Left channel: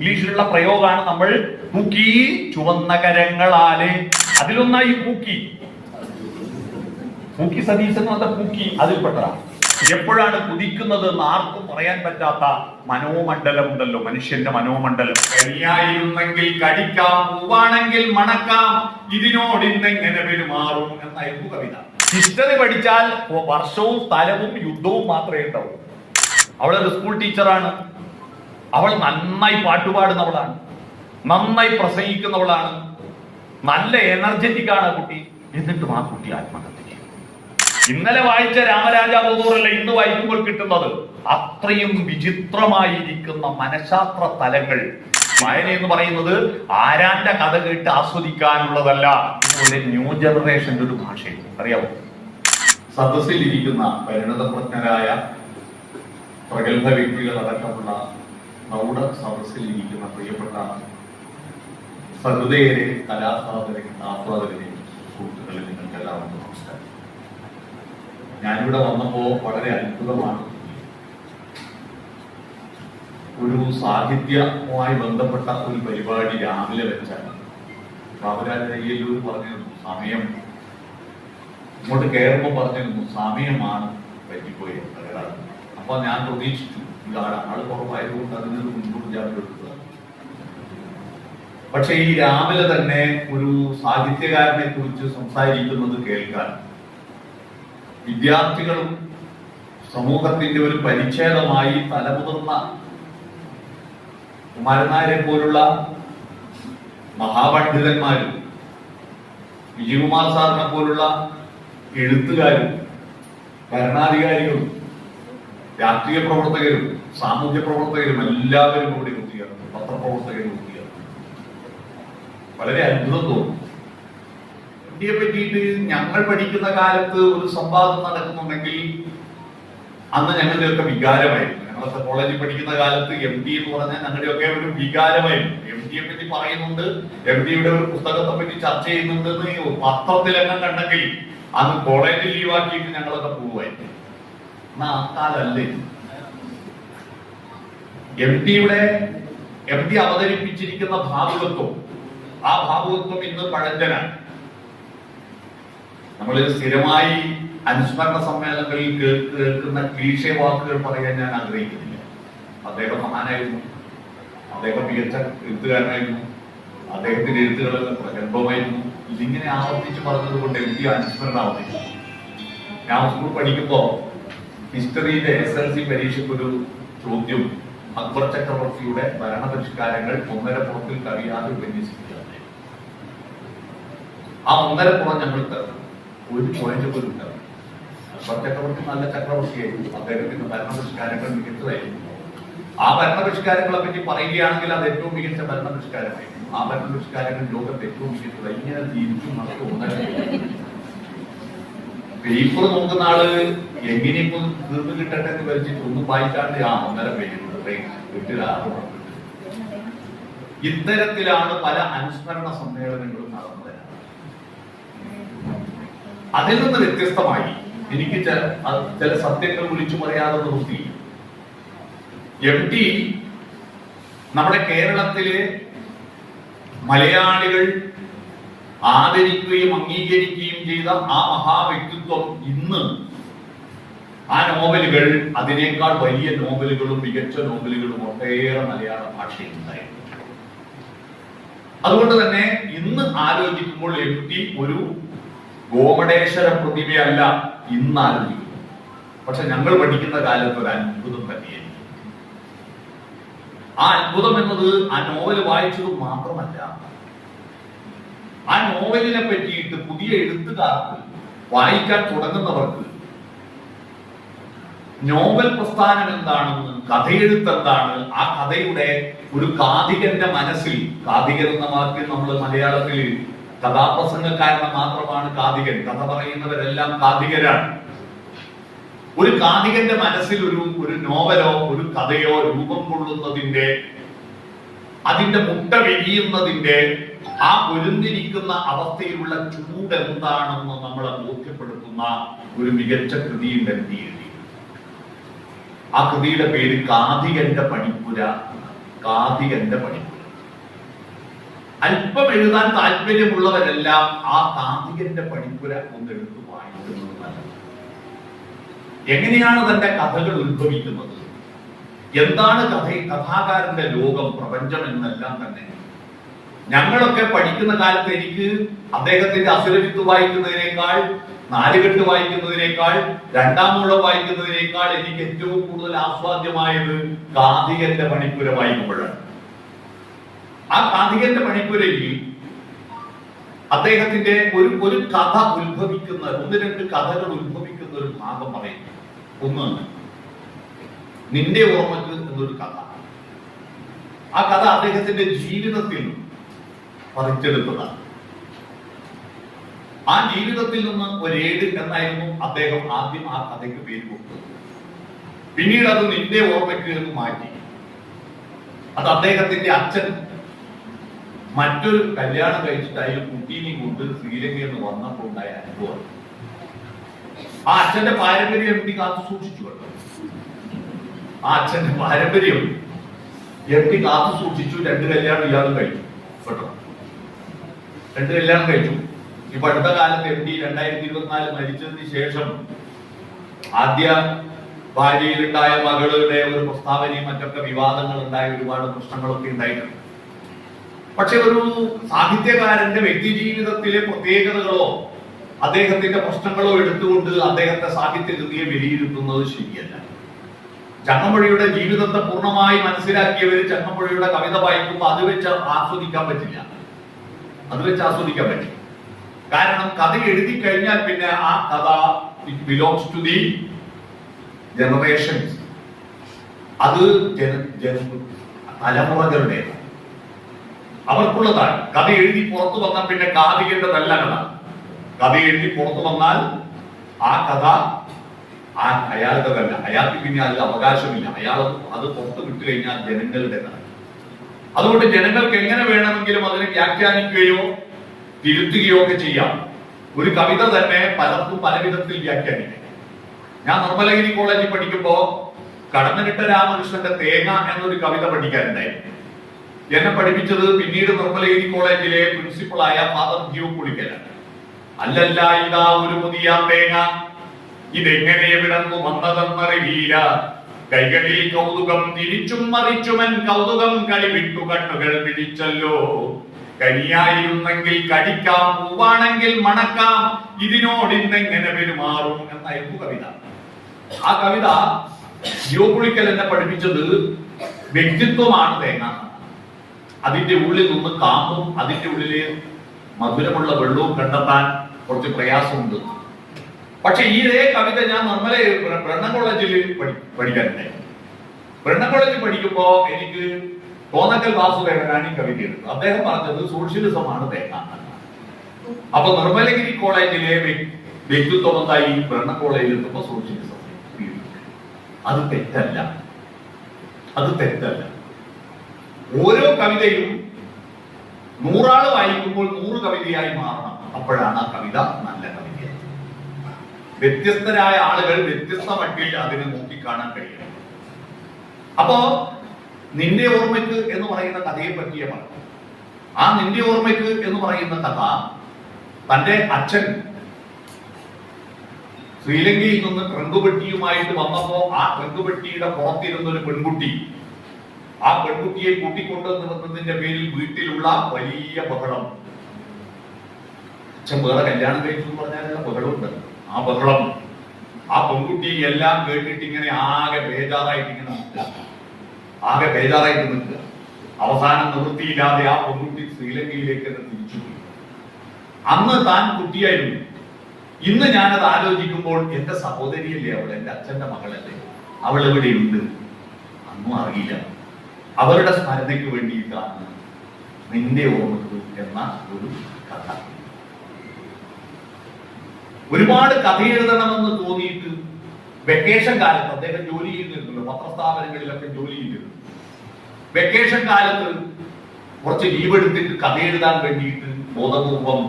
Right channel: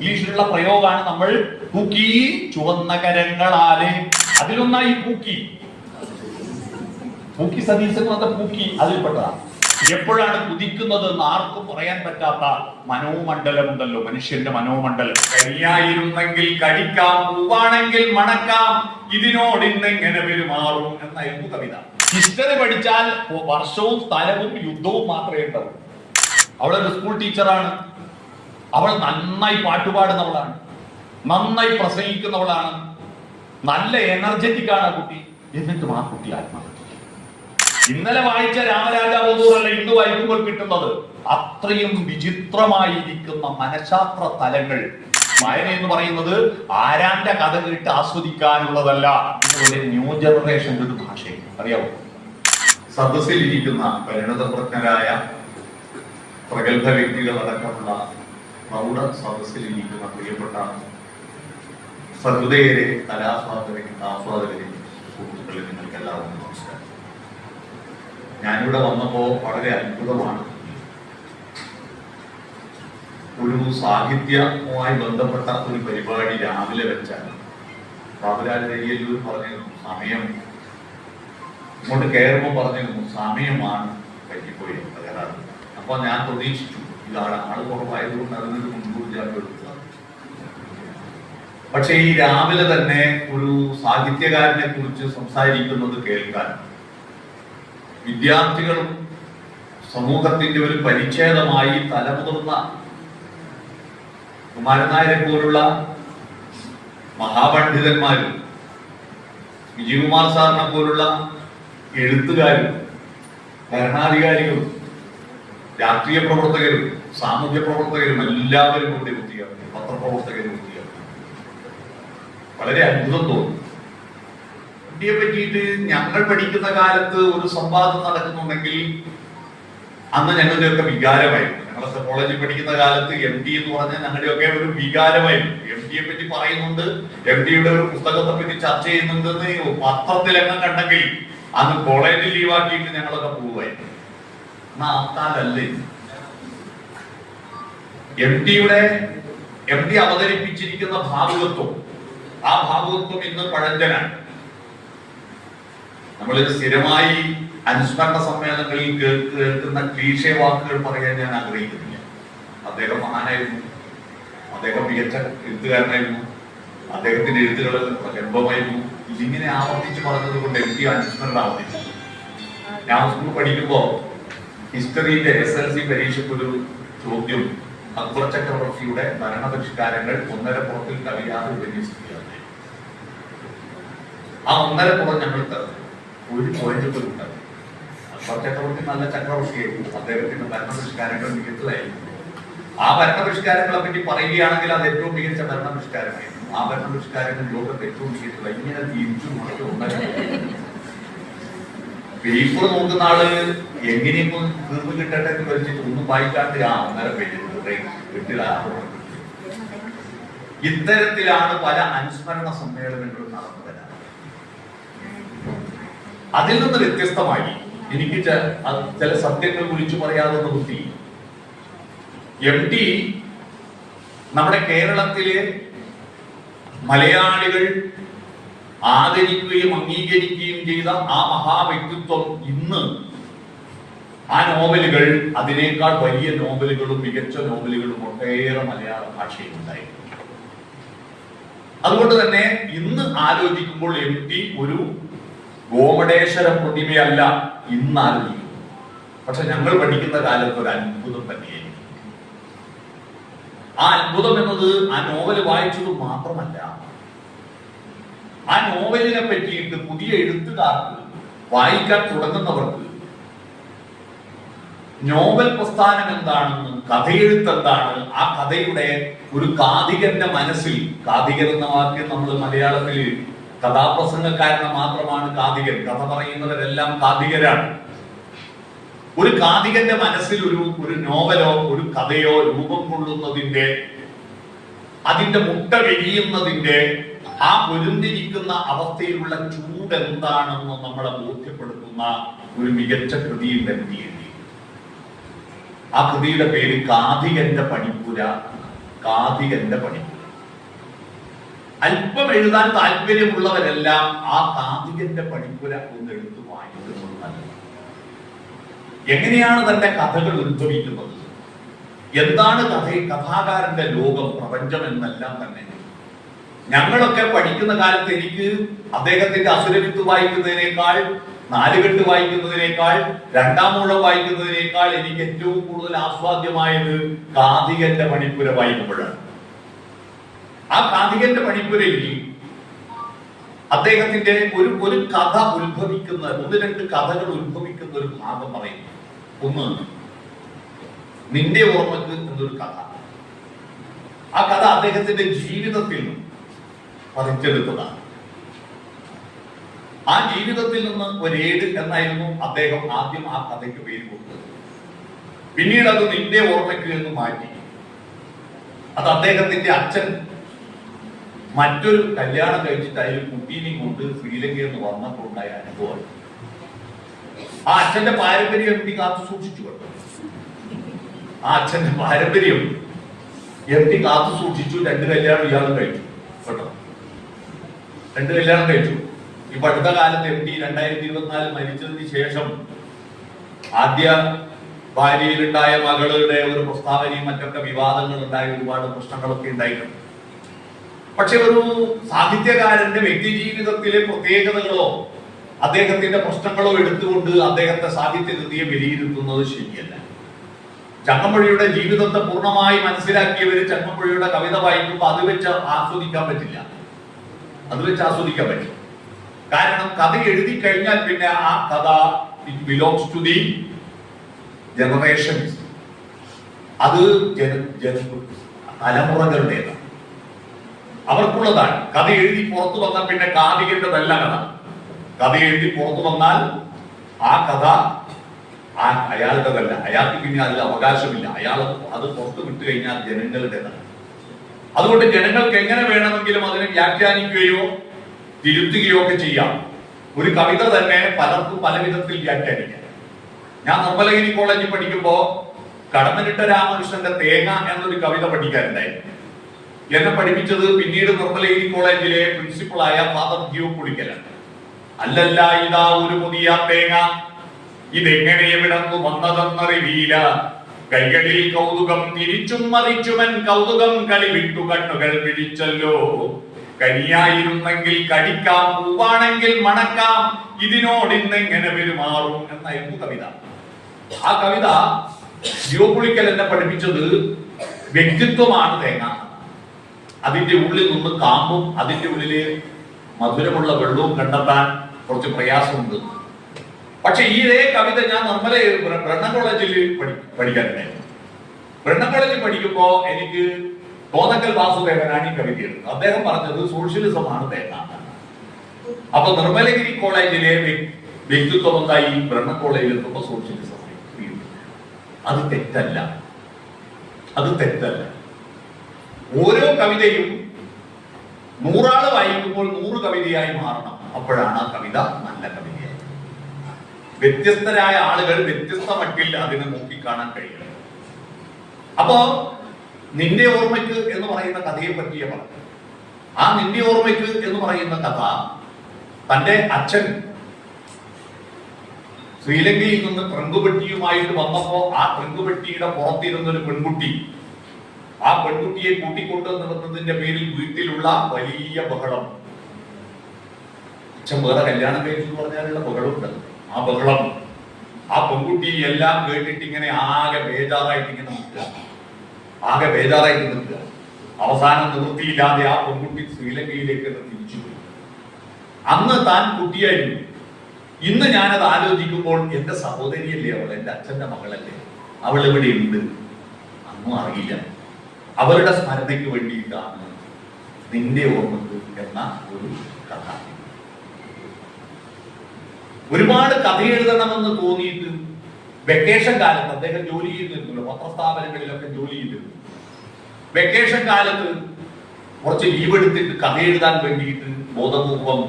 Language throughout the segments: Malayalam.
ഇംഗ്ലീഷിലുള്ള പ്രയോഗമാണ് നമ്മൾ പൂക്കി ചുവന്ന കരങ്ങളാല്. അതിലൊന്നായി പൂക്കി സതീശൻ എന്ന പൂക്കി അതിൽപ്പെട്ടതാണ്. എപ്പോഴാണ് കുതിക്കുന്നത് എന്ന് ആർക്കും പറയാൻ പറ്റാത്ത മനോമണ്ഡലം ഉണ്ടല്ലോ, മനുഷ്യന്റെ മനോമണ്ഡലം. കരിയായിരുന്നെങ്കിൽ കടിക്കാം, പൂവാണെങ്കിൽ മണക്കാം, ഇതിനോട് ഇന്നെങ്ങനെ പെരുമാറും എന്നായിരുന്നു കവിത. ഹിസ്റ്ററി പഠിച്ചാൽ വർഷവും സ്ഥലവും യുദ്ധവും മാത്രമേ ഉണ്ടാവൂ. അവളൊരു സ്കൂൾ ടീച്ചറാണ്. അവൾ നന്നായി പാട്ടുപാടുന്നവളാണ്, നന്നായി പ്രസംഗിക്കുന്നവളാണ്, നല്ല എനർജറ്റിക് ആണ് കുട്ടി. എന്നിട്ടും ആ കുട്ടി ആത്മഹത്യ. ഇന്നലെ വായിച്ച രാമരാജാവൂറല്ല ഇന്ന് വായിക്കുമ്പോൾ കിട്ടുന്നത്. അത്രയും വിചിത്രമായിരിക്കുന്ന മനഃശാസ്ത്ര തലങ്ങൾ. വായന എന്ന് പറയുന്നത് ആരാന്റെ കഥ കേട്ട് ആസ്വദിക്കാനുള്ളതല്ല. ഇതുപോലെ ന്യൂ ജനറേഷന്റെ ഒരു ഭാഷയും അറിയാവോ. സദസ്സിൽ ഇരിക്കുന്ന പരിണതപ്രജ്ഞരായ പ്രഗത്ഭ വ്യക്തികളടക്കമുള്ള പ്രൗഢ സദസ്സിൽ ഇരിക്കുന്ന പ്രിയപ്പെട്ട സഹൃദയരെ, കലാസ്വാദകരെ, സുഹൃത്തുക്കളെ, നിങ്ങൾക്ക് എല്ലാവർക്കും നമസ്കാരം. ഞാനിവിടെ വന്നപ്പോ വളരെ അത്ഭുതമാണ്. ഒരു സാഹിത്യവുമായി ബന്ധപ്പെട്ട ഒരു പരിപാടി രാവിലെ വെച്ചാണ്. ബാബുരാജ് അയ്യല്ലൂർ പറഞ്ഞിരുന്നു സമയം, ഇങ്ങോട്ട് കയറുമ്പോൾ പറഞ്ഞിരുന്നു സമയമാണ് പറ്റിപ്പോയി തകരാറ്. അപ്പൊ ഞാൻ പ്രതീക്ഷിച്ചു ഇതാണ് ആള് കുറവായതുകൊണ്ട് അതിനൊരു മുൻകൂർ ജാമ്യം എടുക്കുക. പക്ഷെ ഈ രാവിലെ തന്നെ ഒരു സാഹിത്യകാരനെ കുറിച്ച് സംസാരിക്കുന്നത് കേൾക്കാൻ വിദ്യാർത്ഥികളും സമൂഹത്തിന്റെ ഒരു പരിച്ഛേദമായി തലമുതിർന്ന കുമാരനായരെ പോലുള്ള മഹാപണ്ഡിതന്മാരും വിജയകുമാർ സാറിനെ പോലുള്ള എഴുത്തുകാരും ഭരണാധികാരികളും രാഷ്ട്രീയ പ്രവർത്തകരും സാമൂഹ്യ പ്രവർത്തകരും എല്ലാവരും കൂടി എത്തിയാണ്, പത്രപ്രവർത്തകരും എത്തിയാണ്. വളരെ അത്ഭുതം തോന്നും. ഇന്ത്യയെ പറ്റിയിട്ട് ഞങ്ങൾ പഠിക്കുന്ന കാലത്ത് ഒരു സംവാദം നടക്കുന്നുണ്ടെങ്കിൽ അന്ന് ഞങ്ങളുടെയൊക്കെ വികാരമായിരുന്നു. ഞങ്ങളൊക്കെ കോളേജിൽ പഠിക്കുന്ന കാലത്ത് MD എന്ന് പറഞ്ഞാൽ ഞങ്ങളുടെയൊക്കെ ഒരു വികാരമായിരുന്നു. MD യെ പറ്റി പറയുന്നുണ്ട്, MD യുടെ ഒരു പുസ്തകത്തെ പറ്റി ചർച്ച ചെയ്യുന്നുണ്ടെന്ന് പത്രത്തിലെങ്ങും കണ്ടെങ്കിൽ അന്ന് കോളേജിൽ ലീവാക്കിയിട്ട് ഞങ്ങളൊക്കെ പോവുമായിരുന്നു. എന്നാ അക്കാലല്ലേ MD അവതരിപ്പിച്ചിരിക്കുന്ന ഭാവുകത്വം, ആ ഭാവുകത്വം ഇന്ന് പഴഞ്ചനാണ്. നമ്മളിത് സ്ഥിരമായി അനുസ്മരണ സമ്മേളനങ്ങളിൽ കേൾക്കുന്ന ക്ലീഷേ വാക്കുകൾ പറയാൻ ഞാൻ ആഗ്രഹിക്കുന്നില്ല. അദ്ദേഹം മഹാനായിരുന്നു, അദ്ദേഹം മികച്ച എഴുത്തുകാരനായിരുന്നു, അദ്ദേഹത്തിന്റെ എഴുത്തുകളെല്ലാം പ്രഗത്ഭമായിരുന്നു. ഇതിങ്ങനെ ആവർത്തിച്ച് പറഞ്ഞത് കൊണ്ട് MD അനുസ്മരണ ആവർത്തിച്ചു. ഞാൻ സ്കൂൾ പഠിക്കുമ്പോ ഹിസ്റ്ററിയിലെ SLC പരീക്ഷയ്ക്ക് ഒരു ചോദ്യം അക്ബർ ചക്രവർത്തിയുടെ ഭരണപരിഷ്കാരങ്ങൾ ഒന്നരപ്പുറത്തിൽ കവിയാതെ വിന്യസിക്കുകയാണ്. ആ ഒന്നരപ്പുറം ഞങ്ങൾ തരുന്നു ഒരു പോയിന്റ് പോലും ഉണ്ടാകും. അക്ബർ ചക്രവർത്തി നല്ല ചക്രവർത്തിയായിരുന്നു, അദ്ദേഹത്തിന്റെ ഭരണപരിഷ്കാരങ്ങൾ മികച്ചതായിരുന്നു. ആ ഭരണപരിഷ്കാരങ്ങളെ പറ്റി പറയുകയാണെങ്കിൽ അത് ഏറ്റവും മികച്ച ഭരണപരിഷ്കാരമായിരുന്നു. ആ ഭരണപരിഷ്കാരങ്ങൾ ലോകത്ത് ഏറ്റവും മികച്ചത്. ഇങ്ങനെ തിരിച്ചും മറിച്ചും ഉണ്ടായിരുന്നു. പേപ്പർ നോക്കുന്ന ആളുകൾ എങ്ങനെയും തീർന്നു കിട്ടട്ടെ എന്ന് വെച്ചിട്ട് ഒന്നും വായിക്കാണ്ട് ആ ഒന്നര പേജ് ഇത്തരത്തിലാണ് പല അനുസ്മരണ സമ്മേളനങ്ങളും നടന്നു വരുന്നത്. അതിൽ നിന്ന് വ്യത്യസ്തമായി എനിക്ക് ചില സത്യങ്ങൾ വിളിച്ചു പറയാതെ നിർത്തി. MD നമ്മുടെ കേരളത്തിലെ മലയാളികൾ ആദരിക്കുകയും അംഗീകരിക്കുകയും ചെയ്ത ആ മഹാവ്യക്തിത്വം ഇന്ന് ആ നോവലുകൾ, അതിനേക്കാൾ വലിയ നോവലുകളും മികച്ച നോവലുകളും ഒട്ടേറെ മലയാള ഭാഷയിൽ ഉണ്ടായിരുന്നു. അതുകൊണ്ട് തന്നെ ഇന്ന് ആലോചിക്കുമ്പോൾ MD ഒരു ഗോമടേശ്വര പ്രതിഭയല്ല ഇന്ന് ആലോചിക്കുന്നു. പക്ഷെ ഞങ്ങൾ പഠിക്കുന്ന കാലത്ത് ഒരു അത്ഭുതം തന്നെയായിരുന്നു. ആ അത്ഭുതം എന്നത് ആ നോവൽ വായിച്ചത് മാത്രമല്ല, ആ നോവലിനെ പറ്റിയിട്ട് പുതിയ എഴുത്തുകാർക്ക്, വായിക്കാൻ തുടങ്ങുന്നവർക്ക് നോവൽ പ്രസ്ഥാനം എന്താണെന്ന്, കഥയെഴുത്ത് എന്താണ്, ആ കഥയുടെ ഒരു കാഥികന്റെ മനസ്സിൽ, കാഥികൻ എന്ന വാക്ക് നമ്മൾ മലയാളത്തിൽ കഥാപ്രസംഗക്കാരന് മാത്രമാണ് കാഥികൻ, കഥ പറയുന്നവരെല്ലാം കാഥികരാണ്. ഒരു കാഥികന്റെ മനസ്സിൽ ഒരു നോവലോ ഒരു കഥയോ രൂപം കൊള്ളുന്നതിന്റെ, അതിന്റെ മുട്ട വിരിയുന്നതിന്റെ, ആ പൊരുന്നിരിക്കുന്ന അവസ്ഥയിലുള്ള ചൂട് എന്താണെന്ന് നമ്മളെ ബോധ്യപ്പെടുത്തുന്ന ഒരു മികച്ച കൃതിയിൽ MD എഴുതി. ആ കൃതിയുടെ പേര് കാഥികന്റെ പണിപ്പുര. കാഥികന്റെ പണിപ്പുര. അല്പം എഴുതാൻ താല്പര്യമുള്ളവരെല്ലാം ആ കാഥികന്റെ പണിപ്പുര ഒന്ന് എടുത്തു വായിക്കുന്നത് നല്ലത്. എങ്ങനെയാണ് തന്റെ കഥകൾ ഉത്ഭവിക്കുന്നത്, എന്താണ് കഥാകാരന്റെ ലോകം, പ്രപഞ്ചം എന്നെല്ലാം തന്നെ ഞങ്ങളൊക്കെ പഠിക്കുന്ന കാലത്ത് എനിക്ക് അദ്ദേഹത്തിന്റെ അസുരവിത്ത് വായിക്കുന്നതിനേക്കാൾ, നാലുകെട്ട് വായിക്കുന്നതിനേക്കാൾ, രണ്ടാം മൂഴം വായിക്കുന്നതിനേക്കാൾ എനിക്ക് ഏറ്റവും കൂടുതൽ ആസ്വാദ്യമായത് കാഥികന്റെ പണിപ്പുര വായിക്കുമ്പോഴാണ്. ആ കാഥികന്റെ പണിപ്പുരയിൽ അദ്ദേഹത്തിന്റെ ഒരു കഥ ഉത്ഭവിക്കുന്ന, ഒന്ന് രണ്ട് കഥകൾ ഉത്ഭവിക്കുന്ന ഒരു ഭാഗം പറയുന്നു. ഒന്ന്, നിന്റെ ഓർമ്മക്ക് എന്നൊരു കഥ. ആ കഥ അദ്ദേഹത്തിന്റെ ജീവിതത്തിൽ നിന്നും പറിച്ചെടുത്തതാണ്. ആ ജീവിതത്തിൽ നിന്ന് ഒരേട് എന്നായിരുന്നു അദ്ദേഹം ആദ്യം ആ കഥയ്ക്ക് പേര് കൊടുത്തത്. പിന്നീട് അത് നിന്റെ ഓർമ്മയ്ക്ക് എന്ന് മാറ്റി. അത് അദ്ദേഹത്തിന്റെ അച്ഛൻ മറ്റൊരു കല്യാണം കഴിച്ചിട്ട് അതിൽ കുട്ടീനെയും കൊണ്ട് ശ്രീലങ്കയിൽ നിന്ന് വന്നപ്പോൾ ഉണ്ടായ അനുഭവമാണ്. ആ അച്ഛന്റെ പാരമ്പര്യം എം ടി കാത്തു സൂക്ഷിച്ചു കേട്ടോ. ആ അച്ഛന്റെ പാരമ്പര്യം എം ടി കാത്തു സൂക്ഷിച്ചു. 2 കല്യാണം ഇയാളും കഴിച്ചു കേട്ടോ. 2 കല്യാണം കഴിച്ചു. ഇപ്പൊ അടുത്ത കാലത്ത് എം ടി 2024 മരിച്ചതിന് ശേഷം ആദ്യ ഭാര്യയിലുണ്ടായ മകളുടെ ഒരു പ്രസ്താവനയും മറ്റൊക്കെ വിവാദങ്ങൾ ഉണ്ടായ ഒരുപാട് പ്രശ്നങ്ങളൊക്കെ ഉണ്ടായിട്ടുണ്ട്. പക്ഷെ ഒരു സാഹിത്യകാരന്റെ വ്യക്തി ജീവിതത്തിലെ പ്രത്യേകതകളോ അദ്ദേഹത്തിന്റെ പ്രശ്നങ്ങളോ എടുത്തുകൊണ്ട് അദ്ദേഹത്തെ സാഹിത്യകൃതിയെ വിലയിരുത്തുന്നത് ശരിയല്ല. ചങ്ങമ്പുഴയുടെ ജീവിതത്തെ പൂർണ്ണമായി മനസ്സിലാക്കിയവർ ചങ്ങമ്പുഴയുടെ കവിത വായിക്കുമ്പോൾ അത് വെച്ച് ആസ്വദിക്കാൻ പറ്റില്ല. കാരണം കഥ എഴുതി കഴിഞ്ഞാൽ പിന്നെ ആ കഥ it belongs to the generations. അത് തലമുറകളുടേതാണ്, അവർക്കുള്ളതാണ്. കഥ എഴുതി പുറത്തു വന്നാൽ പിന്നെ കാഥികന്റെതല്ല കഥ. കഥ എഴുതി പുറത്തു വന്നാൽ ആ കഥ അയാളുടേതല്ല. അയാൾക്ക് പിന്നെ അതിൽ അവകാശമില്ല. അയാൾ അത് പുറത്തു വിട്ടു കഴിഞ്ഞാൽ ജനങ്ങളുടേതാണ്. അതുകൊണ്ട് ജനങ്ങൾക്ക് എങ്ങനെ വേണമെങ്കിലും അതിനെ വ്യാഖ്യാനിക്കുകയോ തിരുത്തുകയോ ഒക്കെ ചെയ്യാം. ഒരു കവിത തന്നെ പലർക്കും പല വിധത്തിൽ വ്യാഖ്യാനിക്കാം. ഞാൻ നിർമ്മലഗിരി കോളേജിൽ പഠിക്കുമ്പോ കടമനിട്ട രാമകൃഷ്ണന്റെ തേങ്ങ എന്നൊരു കവിത പഠിക്കാനുണ്ടായി. എന്നെ പഠിപ്പിച്ചത് പിന്നീട് നിർമ്മലഗിരി കോളേജിലെ പ്രിൻസിപ്പളായ ഫാദർ ജിയോ പുളിക്കലാണ്. അല്ലല്ല ഇതാ ഒരു പുതിയ തേങ്ങ, ഇതെങ്ങനെ എവിടന്നു വന്നതെന്നറിയില്ല, കൈകളിൽ കൗതുകം തിരിച്ചും മറിച്ചുമൻ കൗതുകം കളി വിട്ടു കണ്ണുകൾ പിടിച്ചല്ലോ, കരിയായിരുന്നെങ്കിൽ കടിക്കാം, പൂവാണെങ്കിൽ മണക്കാം, ഇതിനോട് ഇന്നെങ്ങനെ പെരുമാറും എന്നായിരുന്നു കവിത. ആ കവിത ജിയോ പുളിക്കൽ എന്നെ പഠിപ്പിച്ചത് വ്യക്തിത്വമാണ് തേങ്ങ. അതിന്റെ ഉള്ളിൽ നിന്ന് കാമ്പും അതിന്റെ ഉള്ളില് മധുരമുള്ള വെള്ളവും കണ്ടെത്താൻ കുറച്ച് പ്രയാസമുണ്ട്. പക്ഷെ ഈ കവിത ഞാൻ നിർമ്മല ബ്രണ്ണൻ കോളേജിൽ പഠിക്കാനുണ്ടായി. ബ്രണ്ണൻ കോളേജിൽ പഠിക്കുമ്പോ എനിക്ക് തോന്നക്കൽ വാസുദേവനാണ് ഈ കവിത എഴുതുന്നത്. അദ്ദേഹം പറഞ്ഞത് സോഷ്യലിസമാണ് തേങ്ങ. അപ്പൊ നിർമ്മലഗിരി കോളേജിലെ വ്യക്തിത്വം എന്തായി? ബ്രണ്ണൻ കോളേജിൽ എത്തുമ്പോ സോഷ്യലിസം. അത് തെറ്റല്ല, അത് തെറ്റല്ല. ഓരോ കവിതയും 100 ആള് വായിക്കുമ്പോൾ 100 കവിതയായി മാറണം. അപ്പോഴാണ് ആ കവിത നല്ല കവിതയായി. വ്യത്യസ്തരായ ആളുകൾ വ്യത്യസ്ത മട്ടിൽ അതിനെ നോക്കിക്കാണാൻ കഴിയും. അപ്പോ നിന്റെ ഓർമ്മയ്ക്ക് എന്ന് പറയുന്ന കഥയെ പറ്റിയേ പറഞ്ഞു. ആ നിന്റെ ഓർമ്മയ്ക്ക് എന്ന് പറയുന്ന കഥ തന്റെ അച്ഛൻ ശ്രീലങ്കയിൽ നിന്ന് ട്രങ്കുപെട്ടിയുമായിട്ട് വന്നപ്പോ ആ ട്രങ്കുപെട്ടിയുടെ പുറത്തിരുന്നൊരു പെൺകുട്ടി, ആ പെൺകുട്ടിയെ കൂട്ടിക്കൊണ്ടുവന്നതിന്റെ പേരിൽ വീട്ടിലുള്ള വലിയ ബഹളം. അച്ഛൻ വേറെ കല്യാണം കഴിച്ചു എന്ന് പറഞ്ഞാലുള്ള ബഹളമുണ്ട്. ആ ബഹളം, ആ പെൺകുട്ടി എല്ലാം കേട്ടിട്ട് ഇങ്ങനെ ആകെ ബേജാറായിട്ട് നിൽക്കുക. അവസാനം നിവൃത്തിയില്ലാതെ ആ പെൺകുട്ടി ശ്രീലങ്കയിലേക്ക് തന്നെ തിരിച്ചുപോയി. അന്ന് താൻ കുട്ടിയായിരുന്നു. ഇന്ന് ഞാനത് ആലോചിക്കുമ്പോൾ എന്റെ സഹോദരിയല്ലേ അവൾ, എന്റെ അച്ഛന്റെ മകളല്ലേ, അവൾ എവിടെ ഉണ്ട് അന്നും അറിയില്ല. അവരുടെ സ്മരണയ്ക്ക് വേണ്ടിയിട്ടാണ് നിന്റെ ഓർമ്മക്ക് എന്ന ഒരു കഥ. ഒരുപാട് കഥ എഴുതണമെന്ന് തോന്നിയിട്ട് വെക്കേഷൻ കാലത്ത് അദ്ദേഹം ജോലി ചെയ്തിരുന്നല്ലോ, പത്രസ്ഥാപനങ്ങളിലൊക്കെ ജോലി ചെയ്തിരുന്നു. വെക്കേഷൻ കാലത്ത് കുറച്ച് ലീവ് എടുത്തിട്ട് കഥ എഴുതാൻ വേണ്ടിയിട്ട് ബോധപൂർവം